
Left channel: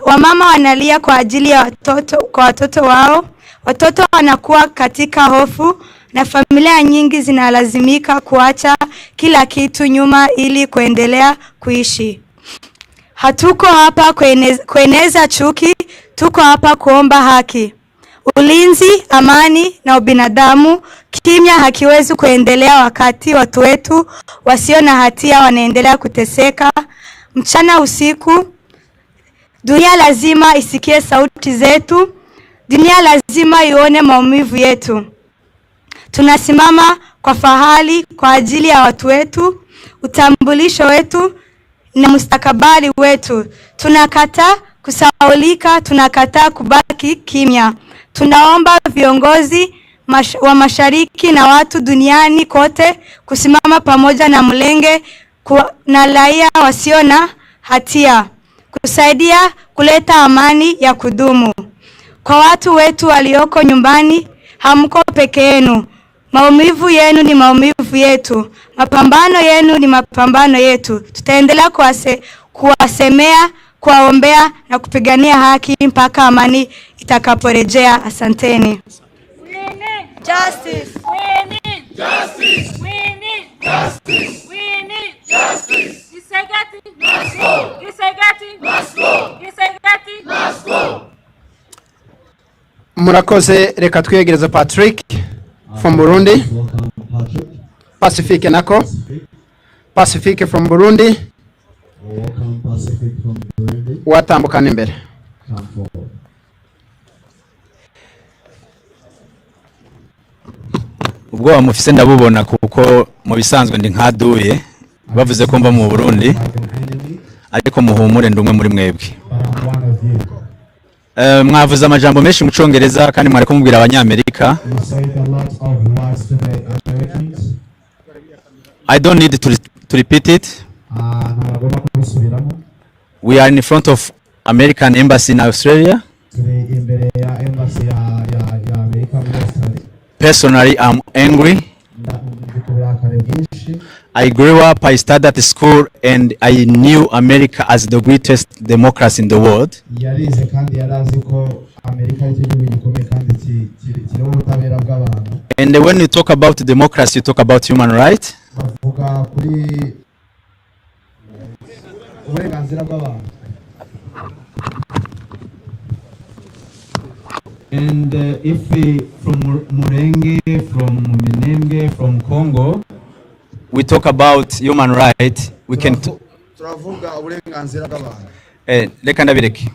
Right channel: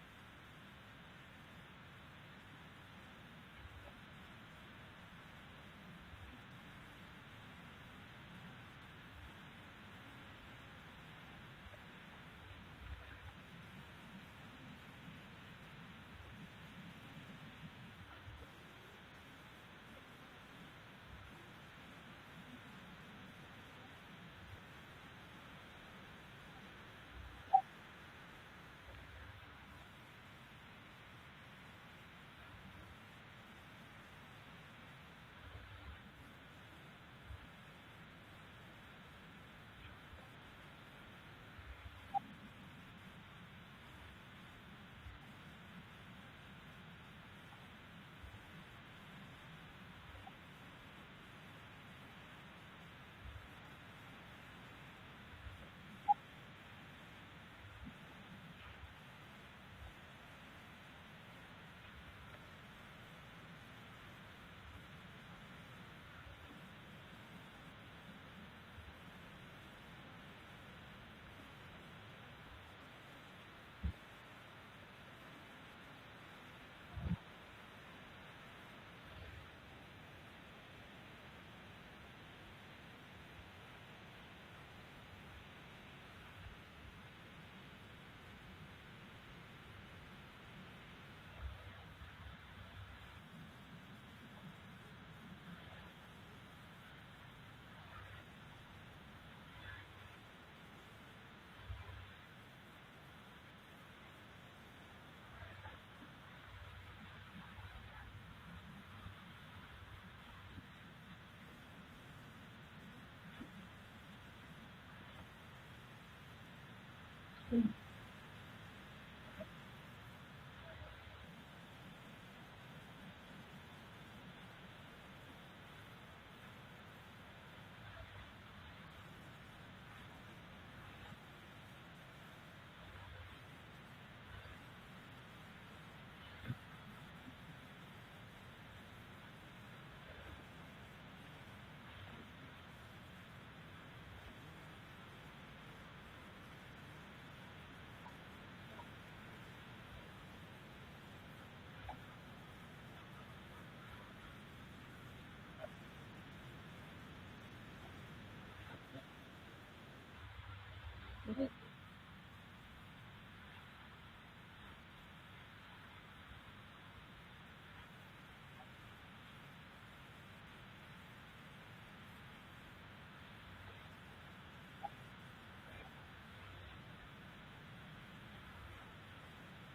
Wamama wanalia kwa ajili ya watoto wao. Watoto wanakuwa katika hofu na familia nyingi zinalazimika kuacha kila kitu nyuma ili kuendelea kuishi. Hatuko hapa kueneza chuki, tuko hapa kuomba haki, ulinzi, amani na ubinadamu. Kimya hakiwezi kuendelea wakati watu wetu wasio na hatia wanaendelea kuteseka mchana usiku. Dunia lazima isikie sauti zetu. Dunia lazima ione maumivu yetu. Tunasimama kwa fahari kwa ajili ya watu wetu, utambulisho wetu na mustakabali wetu. Tunakataa kusahaulika, tunakataa kubaki kimya. Tunaomba viongozi wa mashariki na watu duniani kote kusimama pamoja na Mulenge na raia wasio na hatia, kusaidia kuleta amani ya kudumu. Kwa watu wetu walioko nyumbani, hamko peke yenu. Maumivu yenu ni maumivu yetu. Mapambano yenu ni mapambano yetu. Tutaendelea kuwasemea, kuwaombea na kupigania haki mpaka amani itakaporejea. Asanteni. Justice. We need justice. We need justice. We need justice. Gisegati must go. Gisegati must go. Gisegati must go. Murakoze, reka twiyegereza Patrick from Burundi. Pacifique nako. Pacifique from Burundi. Welcome Pacific from Burundi. Watambukana imbere. Come forward. ubwo mufise ndabubona kuko mu bisanzwe ndi nkaduye bavuze ko mba mu Burundi ariko muhumure ndumwe muri mwebwe. Mwavuze amajambo menshi mu Congereza kandi mwari kumubwira Abanyamerika. I don't need to repeat it. We are in front of American Embassy in Australia. Personally, I'm angry. I grew up, I studied at school, and I knew America as the greatest democracy in the world. And when you talk about democracy, you talk about human rights. And if we, from Murenge, from Minenge, from Congo, we talk about human rights, we can reka ndabireke.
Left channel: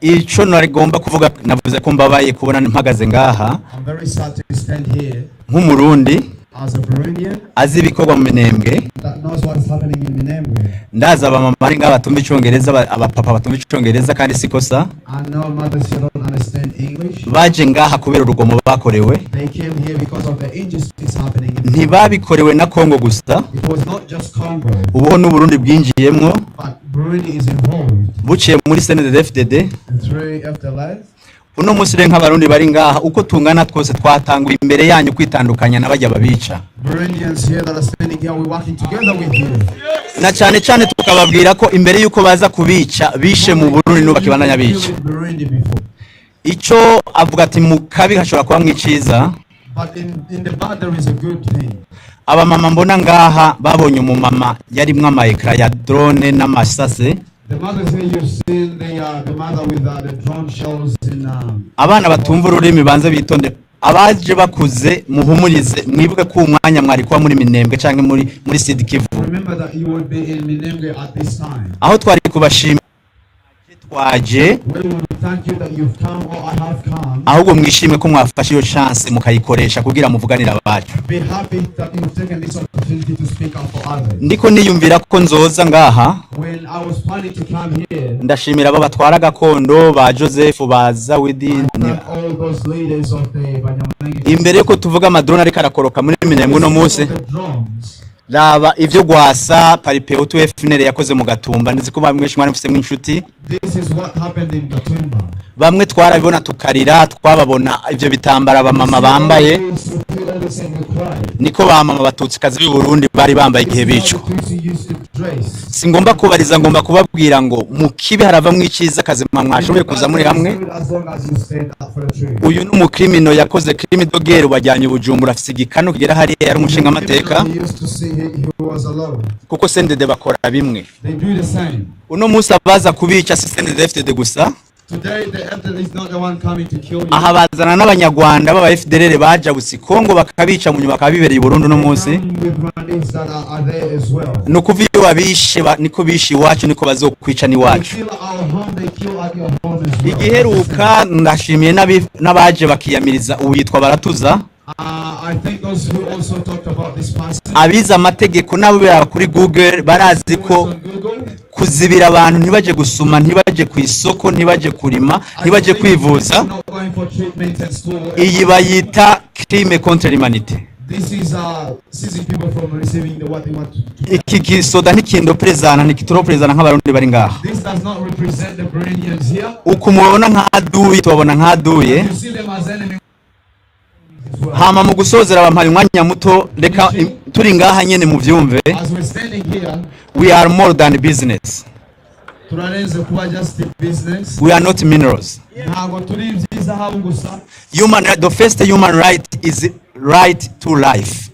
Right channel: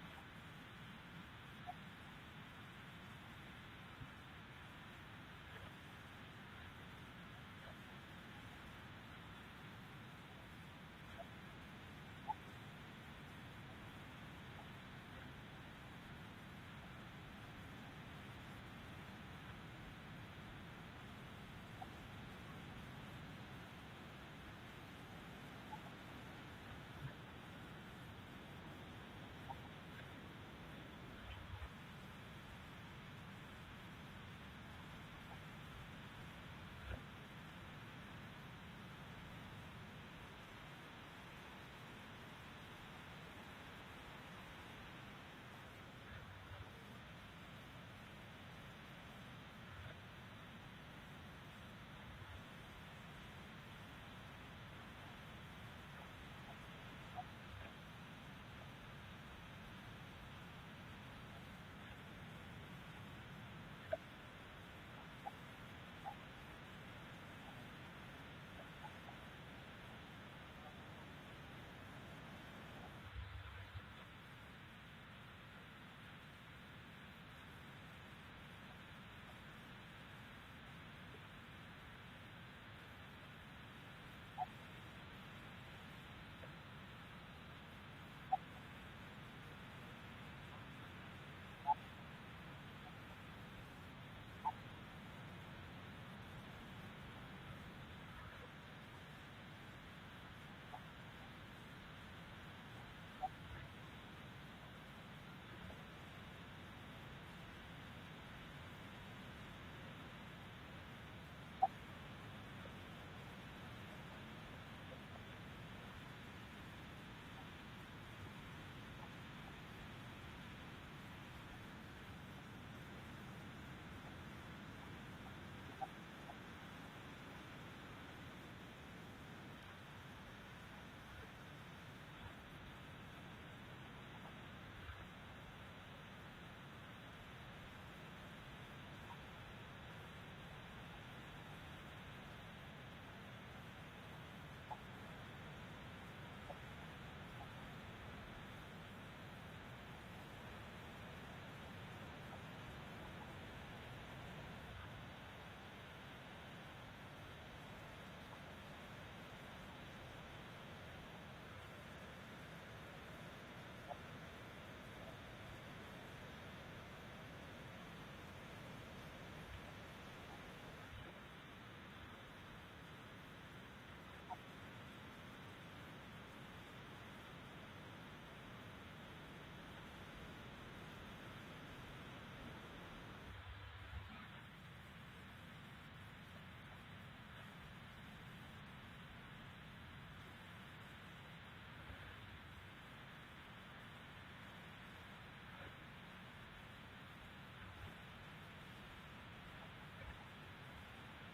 Ico narigomba kuvuga navuze ko mbabaye kubona mpagaze ngaha nk'umurundi azi ibikorwa mu Minembwe, ndaza abamama ari ngaha batumva Icongereza, abapapa batumva Icongereza kandi sikosa, baje ngaha kubera urugomo bakorewe, ntibabikorewe na Congo gusa, ubu n'u Burundi bwinjiyemwo buciye muri CNDD-FDD. Uno munsi rero nk'abarundi bari ngaha uko tungana twose twatanguye imbere yanyu kwitandukanya n'abajya babica, na cyane cyane tukababwira ko imbere yuko baza kubica bishe mu Burundi n'ubakibandanya bica. Ico avuga ati mu kabi hashobora kuba mwiciza. Abamama mbona ngaha babonye umumama yarimwe ama ekra ya drone n'amasase. Abana batumva ururimi banze bitonde, abaje bakuze muhumurize, mwibuke ko umwanya mwari kuba muri Minembwe canke muri Sud Kivu, aho twari kubashima twaje, ahubwo mwishime ko mwafashe iyo chance mukayikoresha kugira muvuganira abacu. Ndiko niyumvira ko nzoza ngaha, ndashimira abo batwara gakondo ba Joseph baza Widini, imbere ko tuvuga amadrone ariko arakoroka muri Minembwe no munsi. Raba ivyo gwasa paripe utu FNL yakoze mu Gatumba, ndizi ko bamwe mwari mfise mw'inshuti. Bamwe twarabibona tukarira, twababona ivyo bitambara abamama bambaye, niko bamama Abatutsi kazi b'i Burundi bari bambaye igihe bico. Singomba kubariza, ngomba kubabwira ngo mukibe harava mwiciza kazima mwashoboye kuza muri hamwe. Uyu n'umukrimino yakoze crime dogere bajyanye Bujumbura, afise igikano kigera hari yari umushinga amateka, kuko CNDD bakora bimwe. Uno musi abaza kubica si CNDD-FDD gusa. Aha bazana n'Abanyarwanda baba FDLR baja gusi Kongo bakabica mu nyuma bakabibereye Burundi no munsi. No kuviyo babishe niko bishi iwacu niko bazokwica ni wacu. Igiheruka ndashimiye n'abaje bakiyamiriza uyitwa Baratuza. Abiza amategeko nabo bera kuri Google barazi ko kuzibira abantu ntibaje gusuma, ntibaje ku isoko, ntibaje kurima, ntibaje kwivuza, iyi bayita crime contre l'humanité. Iki gisoda n'ikindo prezana nikitoro prezana nk'abarundi bari ngaha. Uko mubona nk'aduye tubabona nk'aduye. Hama mu gusozera abampari umwanya muto, reka turi ngaha nyene mu vyumve. We are more than business. We are not minerals. The first human right is right to life.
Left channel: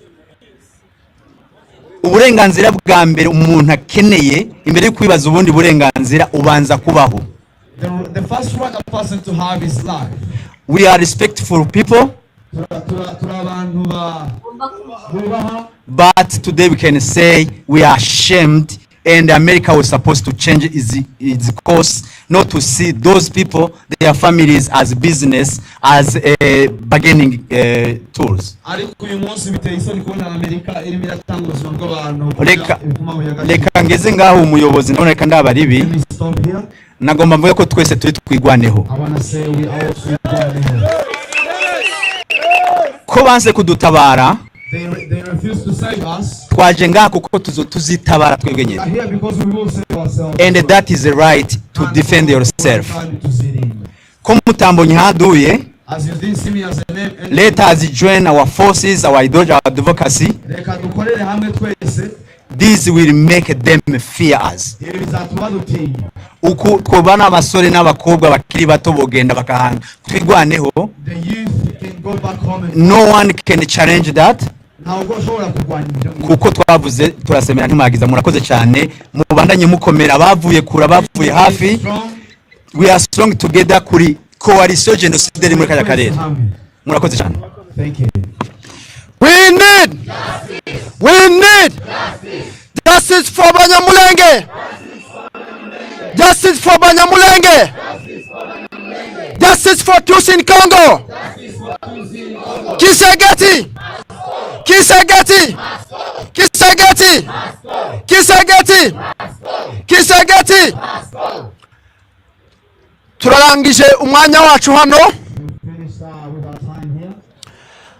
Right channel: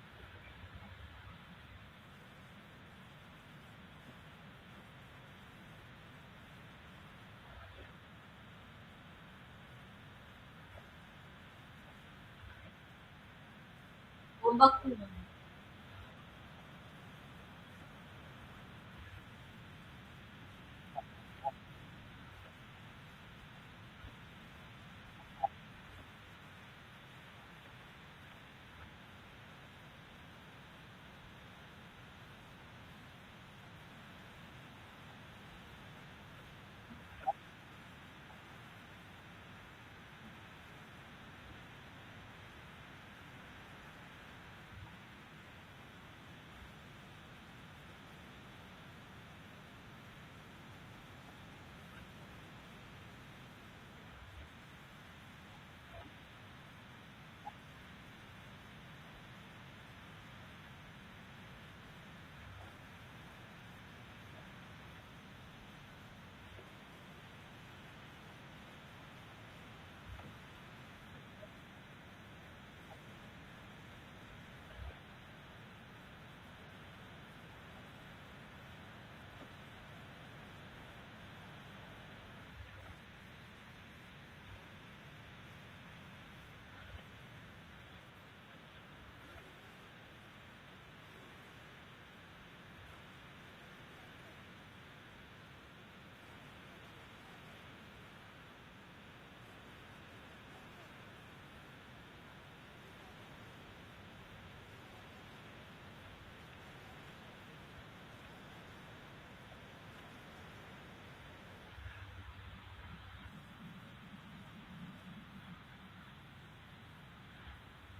Uburenganzira bwa mbere umuntu akeneye imbere yo kwibaza ubundi burenganzira ubanza kubaho. The first right a person to have is life. We are respectful people. But today we can say we are ashamed, and America was supposed to change its course, not to see those people, their families, as business, as bargaining tools. Reka ngeze ngaho umuyobozi ndabona reka ndaba ribi nagomba mvuge ko twese turi twigwaneho ko banze kudutabara twaje ngaha kuko tuzitabara twebwe nyine, and that is the right to defend yourself. Ko mutambonye haduye, let us join our forces, our advocacy. This will make them fear us. Uku twobana abasore n'abakobwa bakiri bato bogenda bakahanga twigwaneho, no one can challenge that. Kuko twavuze turasemera ntimagiza murakoze cyane mubandanye mukomera bavuye kura bavuye hafi. We are strong together kuri coalition genocide muri kaya karere. Murakoze cyane. Thank you. We need justice for Abanyamulenge. Justice for Abanyamulenge. Justice for Tutsi in Congo. Kisegeti. Kisegeti. Kisegeti. Kisegeti. Kisegeti. Turarangije umwanya wacu hano.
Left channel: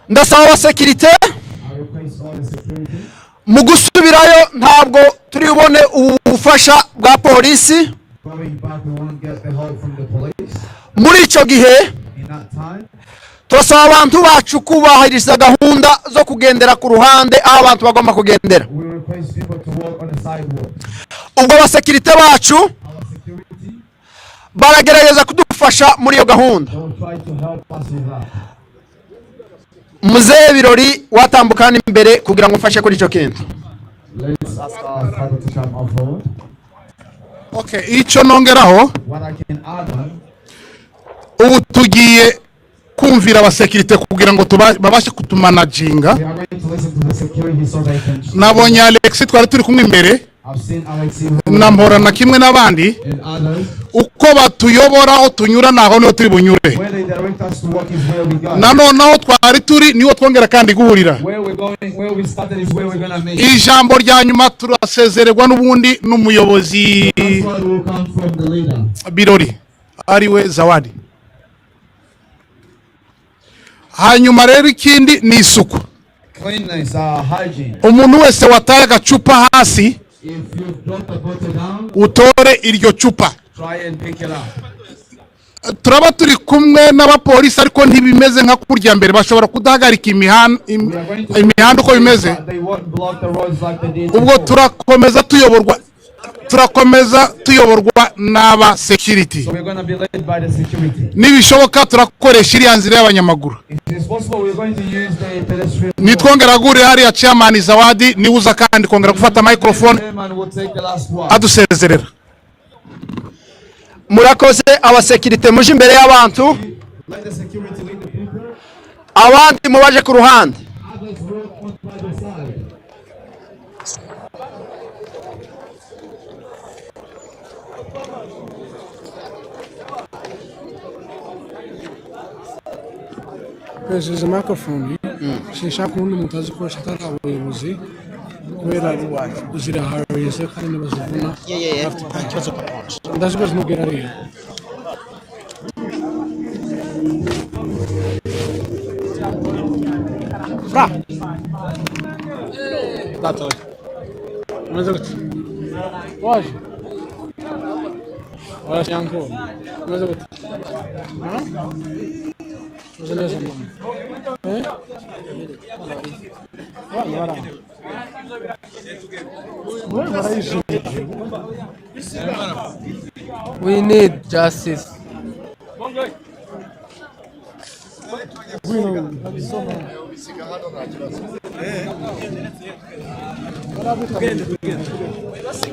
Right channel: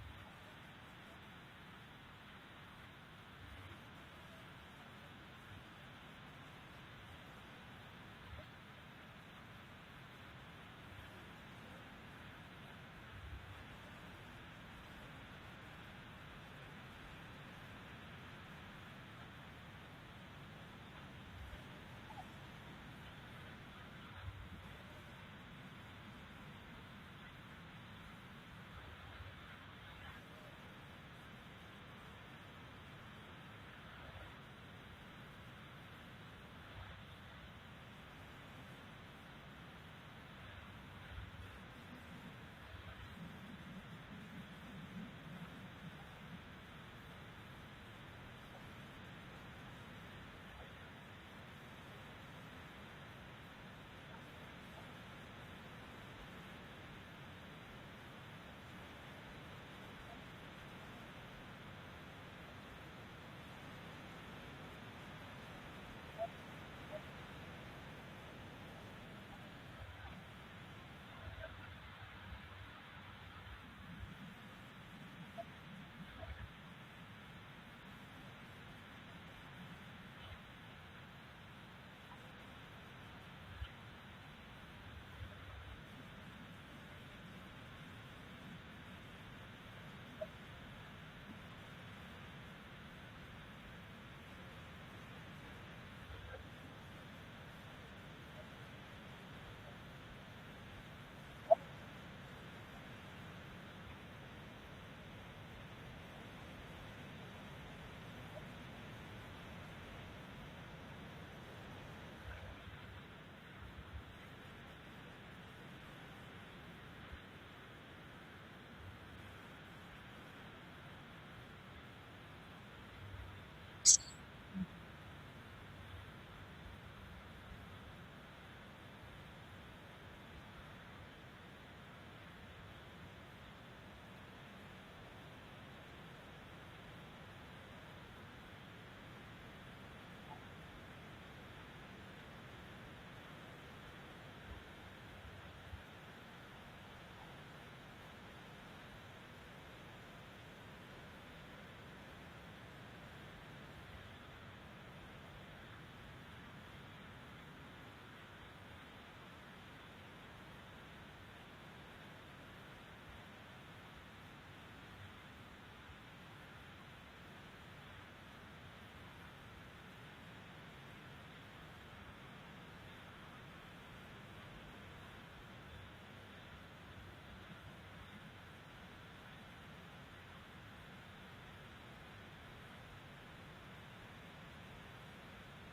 Ndasaba abasekirite mu gusubirayo ntabwo turi bubone ubufasha bwa polisi. Muri icyo gihe turasaba abantu bacu kubahiriza gahunda zo kugendera ku ruhande aho abantu bagomba kugendera. Ubwo abasekirite bacu baragerageza kudufasha muri iyo gahunda. Muzehe Birori watambukana imbere kugira ngo mfashe kuri icyo kintu. Okay, icyo nongeraho ubu tugiye kumvira abasekirite kugira ngo babashe kutumanaginga. Nabonye Alex twari turi kumwe imbere nambora na kimwe n'abandi uko batuyobora aho tunyura naho niho turi bunyure, nanoneho twari turi niho twongera kandi guhurira. Ijambo rya nyuma turasezererwa n'ubundi n'umuyobozi Birori ariwe Zawadi. Hanyuma rero ikindi ni isuku. Umuntu wese wataye agacupa hasi utore iryo cupa. Turaba turi kumwe n'abapolisi ariko ntibimeze nka kurya mbere, bashobora kudahagarika imihanda uko bimeze. Ubwo turakomeza tuyoborwa n'aba security. Nibishoboka turakoresha iriya nzira y'abanyamaguru. Nitwongera gure hariya chairman Zawadi nibuza kandi kongera gufata microphone adusezerera. Murakoze abasekirite muje imbere y'abantu, abandi mubaje ku ruhande. Kwezi microphone sinshaka undi mutazi ko shaka abayobozi kubera uzira harese kandi bazivuna ndazibaza mugera rero. Fra Tato mas eu hoje olha Janko mas eu We need justice.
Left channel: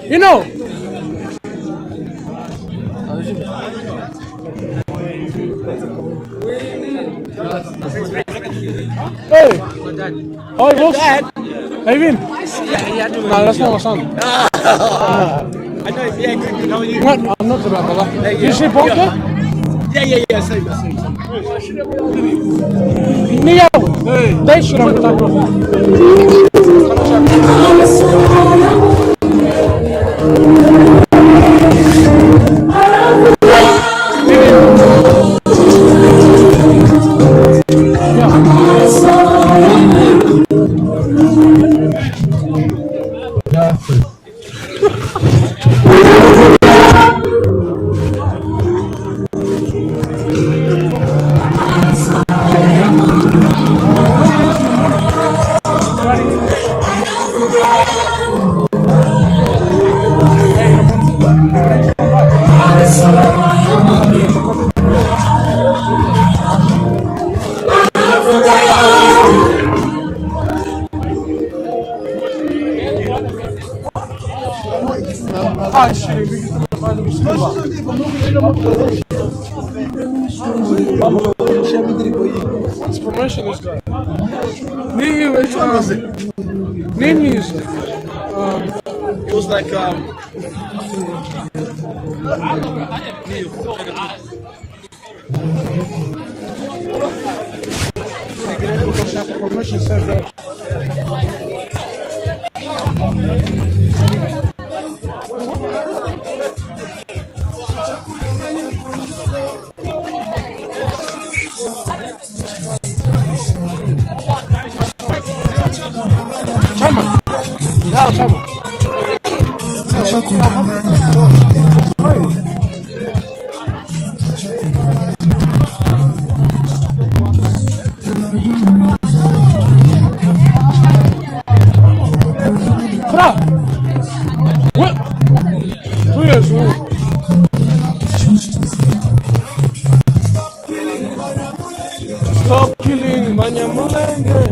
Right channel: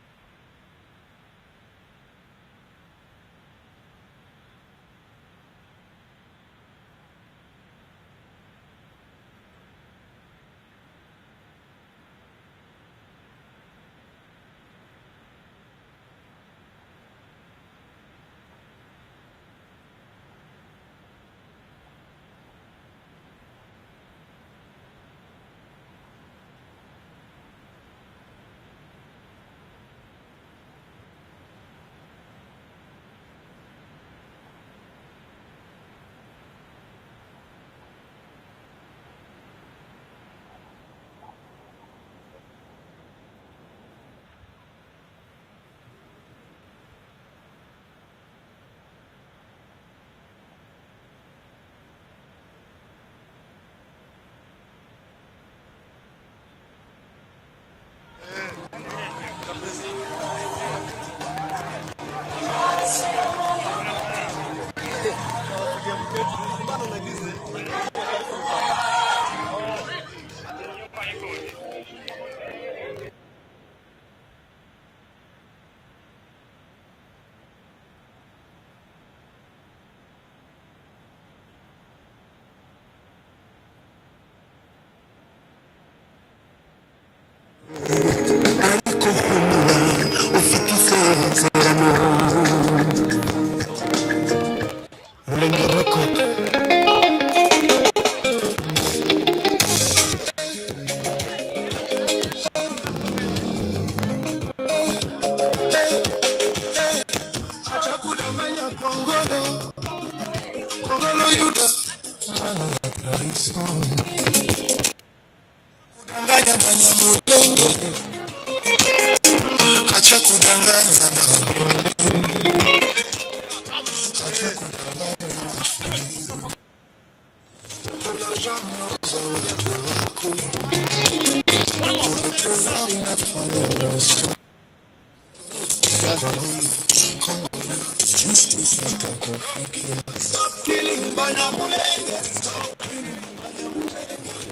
You know. Oh, he was? Have you been? Yeah, No, that's not my son. I know, yeah, good. How are you? What? I'm not about brother. Hey, You see Bonker? Yeah, same. Neo! They should have What's promotion this guy? New music. Stop killing Abanyamulenge.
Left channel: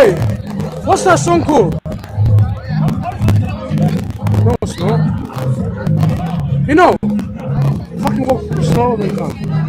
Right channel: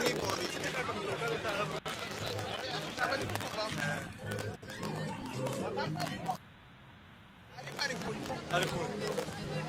Hey, what's that song called? No, it's not. You know, fucking walk slower than that.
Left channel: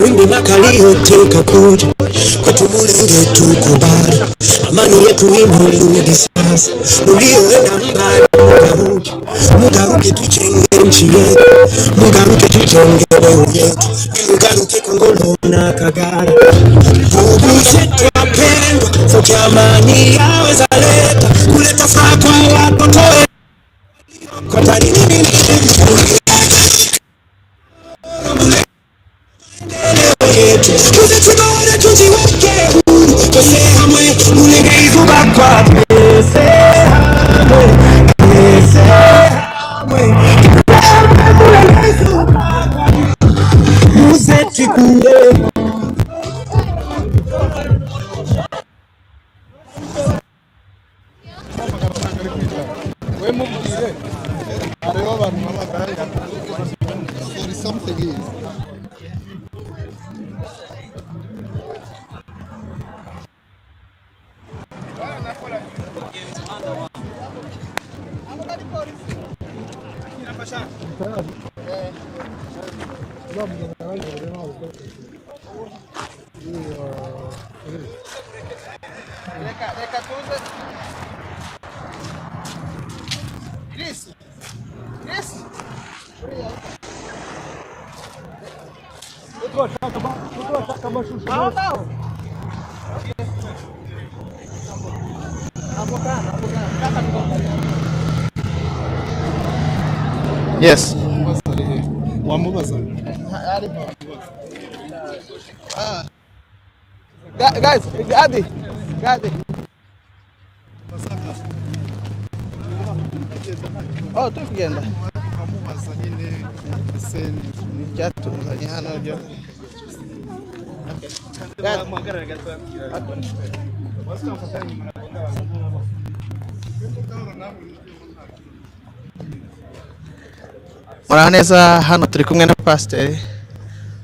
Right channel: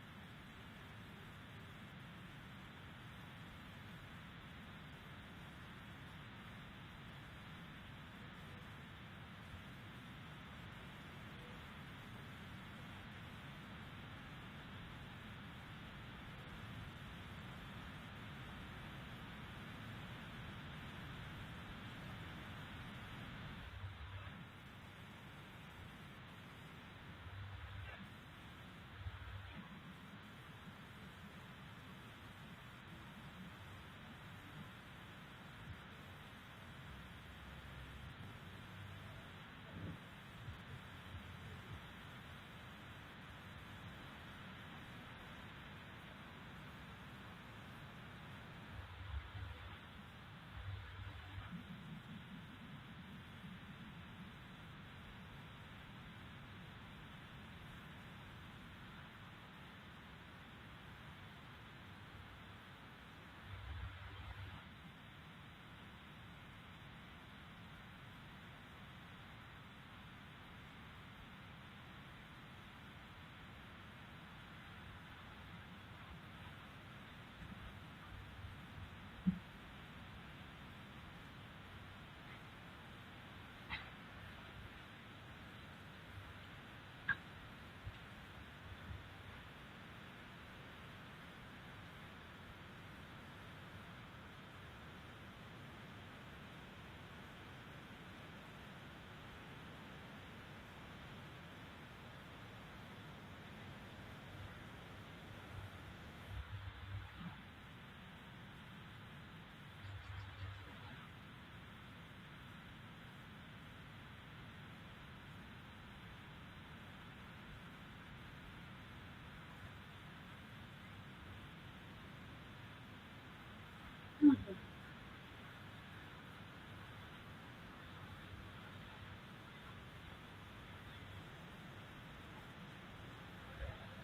Wimbi makalio teka kuja kwa tumulenge tukubali amani yetu inurudi sasa ulioenda mbali mugaruke tuchenge nchi yetu mugaruke tuchenge leo yetu mugaruke Kongolo na Kagara Bubuze twapendwa sote amani yaweza leta kuleta furaha kwa watoto kwa tarini Yes. Guys, Gadi. Oh, tu kugenda. Byatuzanye hano byo. Muraho neza, hano turi kumwe na pasiteri.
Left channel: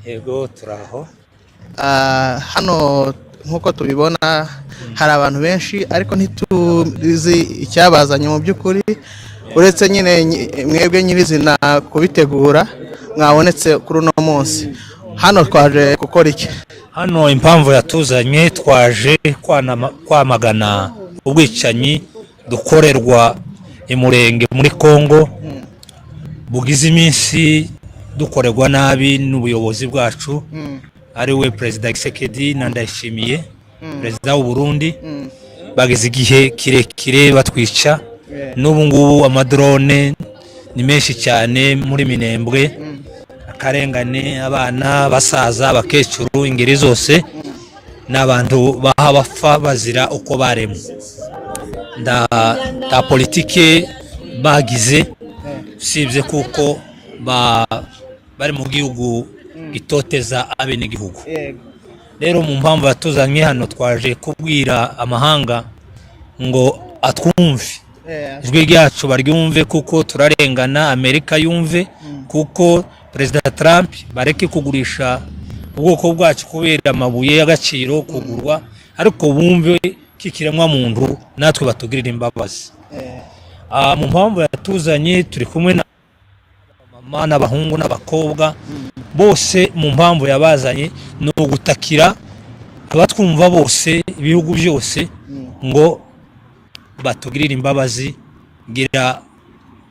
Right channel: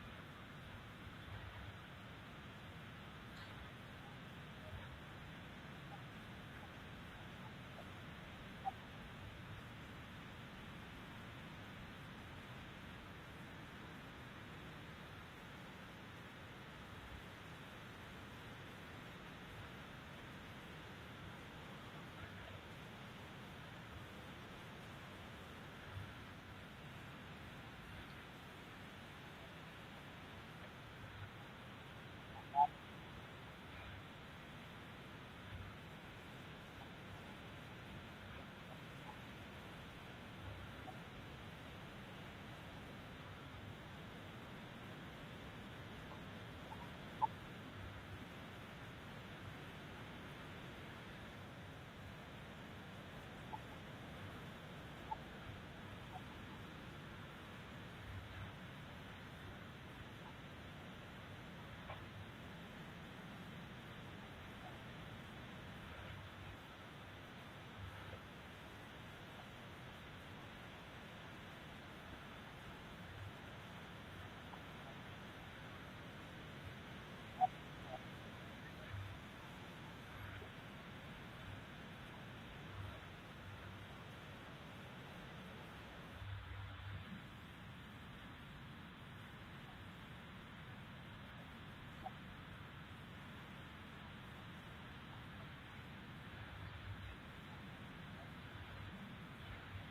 Yego turaho. Hano nkuko tubibona hari abantu benshi ariko ntituzi icyabazanye mu by'ukuri uretse nyine mwebwe nyirizina kubitegura mwabonetse kuri uno munsi. Hano twaje gukora iki? Hano impamvu yatuzanye twaje kwamagana ubwicanyi dukorerwa Umurenge muri Kongo bugize iminsi dukorerwa nabi n'ubuyobozi bwacu ari we Perezida Yakije na Ndayishimiye Perezida w'u Burundi bagize igihe kirekire batwica n'ubu ngubu amadrone ni menshi cyane muri Minembwe akarengane abana basaza abakecuru ingeri zose n'abantu baha bapfa bazira uko baremwe nda politike bagize sibye kuko bari mu gihugu gitoteza abenegihugu. Rero mu mpamvu yatuzanye hano twaje kubwira amahanga ngo atwumve ijwi ryacu baryumve kuko turarengana, Amerika yumve kuko Perezida Trump bareke kugurisha ubwoko bwacu kubera amabuye y'agaciro kugurwa, ariko bumve kikiremwa muntu natwe batugirira imbabazi. Mu mpamvu yatuzanye turi kumwe na mama n'abahungu n'abakobwa bose. Mu mpamvu yabazanye no gutakira abatwumva bose ibihugu byose ngo batugirira imbabazi gira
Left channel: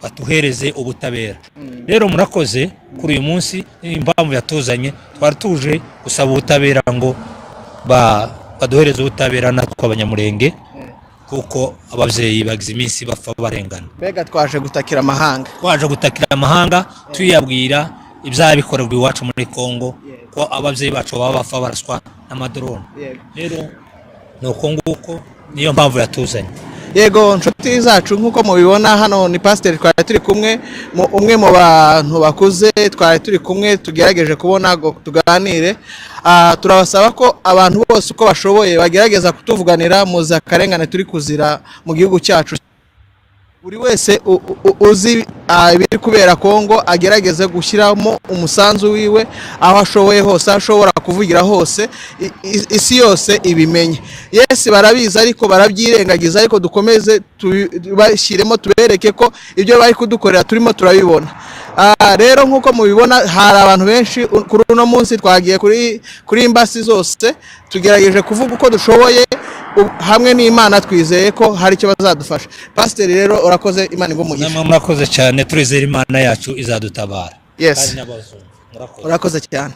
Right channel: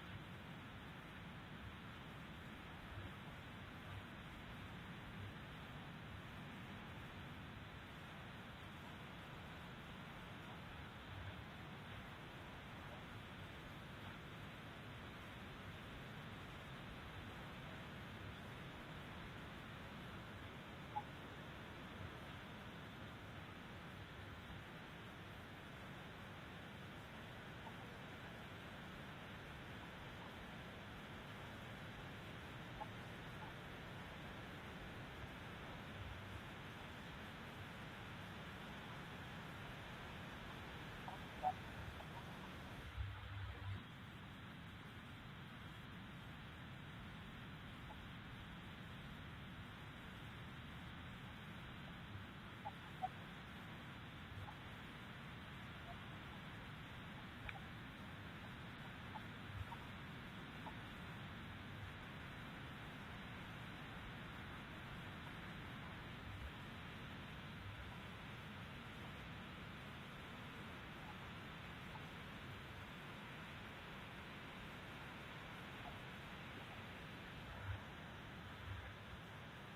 batuhereze ubutabera. Rero murakoze kuri uyu munsi impamvu yatuzanye twari tuje gusaba ubutabera ngo baduhereze ubutabera natwe Abanyamulenge kuko abavyeyi bagize iminsi bapfa barengana. Bega twaje gutakira amahanga. Twaje gutakira amahanga tuyabwira ibyabikorerwa iwacu muri Kongo ko abavyeyi bacu baba bapfa baraswa n'amadrone. Rero nuko nguko niyo mpamvu yatuzanye. yego nshuti zacu nk'uko mubibona hano ni pasiteri twari turi kumwe umwe mu bantu bakuze twari turi kumwe tugerageje kubona ngo tuganire. Turabasaba ko abantu bose uko bashoboye bagerageza kutuvuganira muza akarengane turi kuzira mu gihugu cyacu. Buri wese uzi ibiri kubera Kongo agerageze gushyiramo umusanzu wiwe aho ashoboye hose, ashobora kuvugira hose, isi yose ibimenye. Yes, barabizi ariko barabyirengagiza, ariko dukomeze tubashyiremo tubereke ko ibyo bari kudukorera turimo turabibona. Rero nk'uko mubibona hari abantu benshi kuri uno munsi twagiye kuri imbasi zose tugerageje kuvuga uko dushoboye hamwe n'Imana twizeye ko hari icyo bazadufasha. Pasiteri rero urakoze, Imana igumugisha. Namwe murakoze cyane, turizera Imana yacu izadutabara. Yes, urakoze cyane.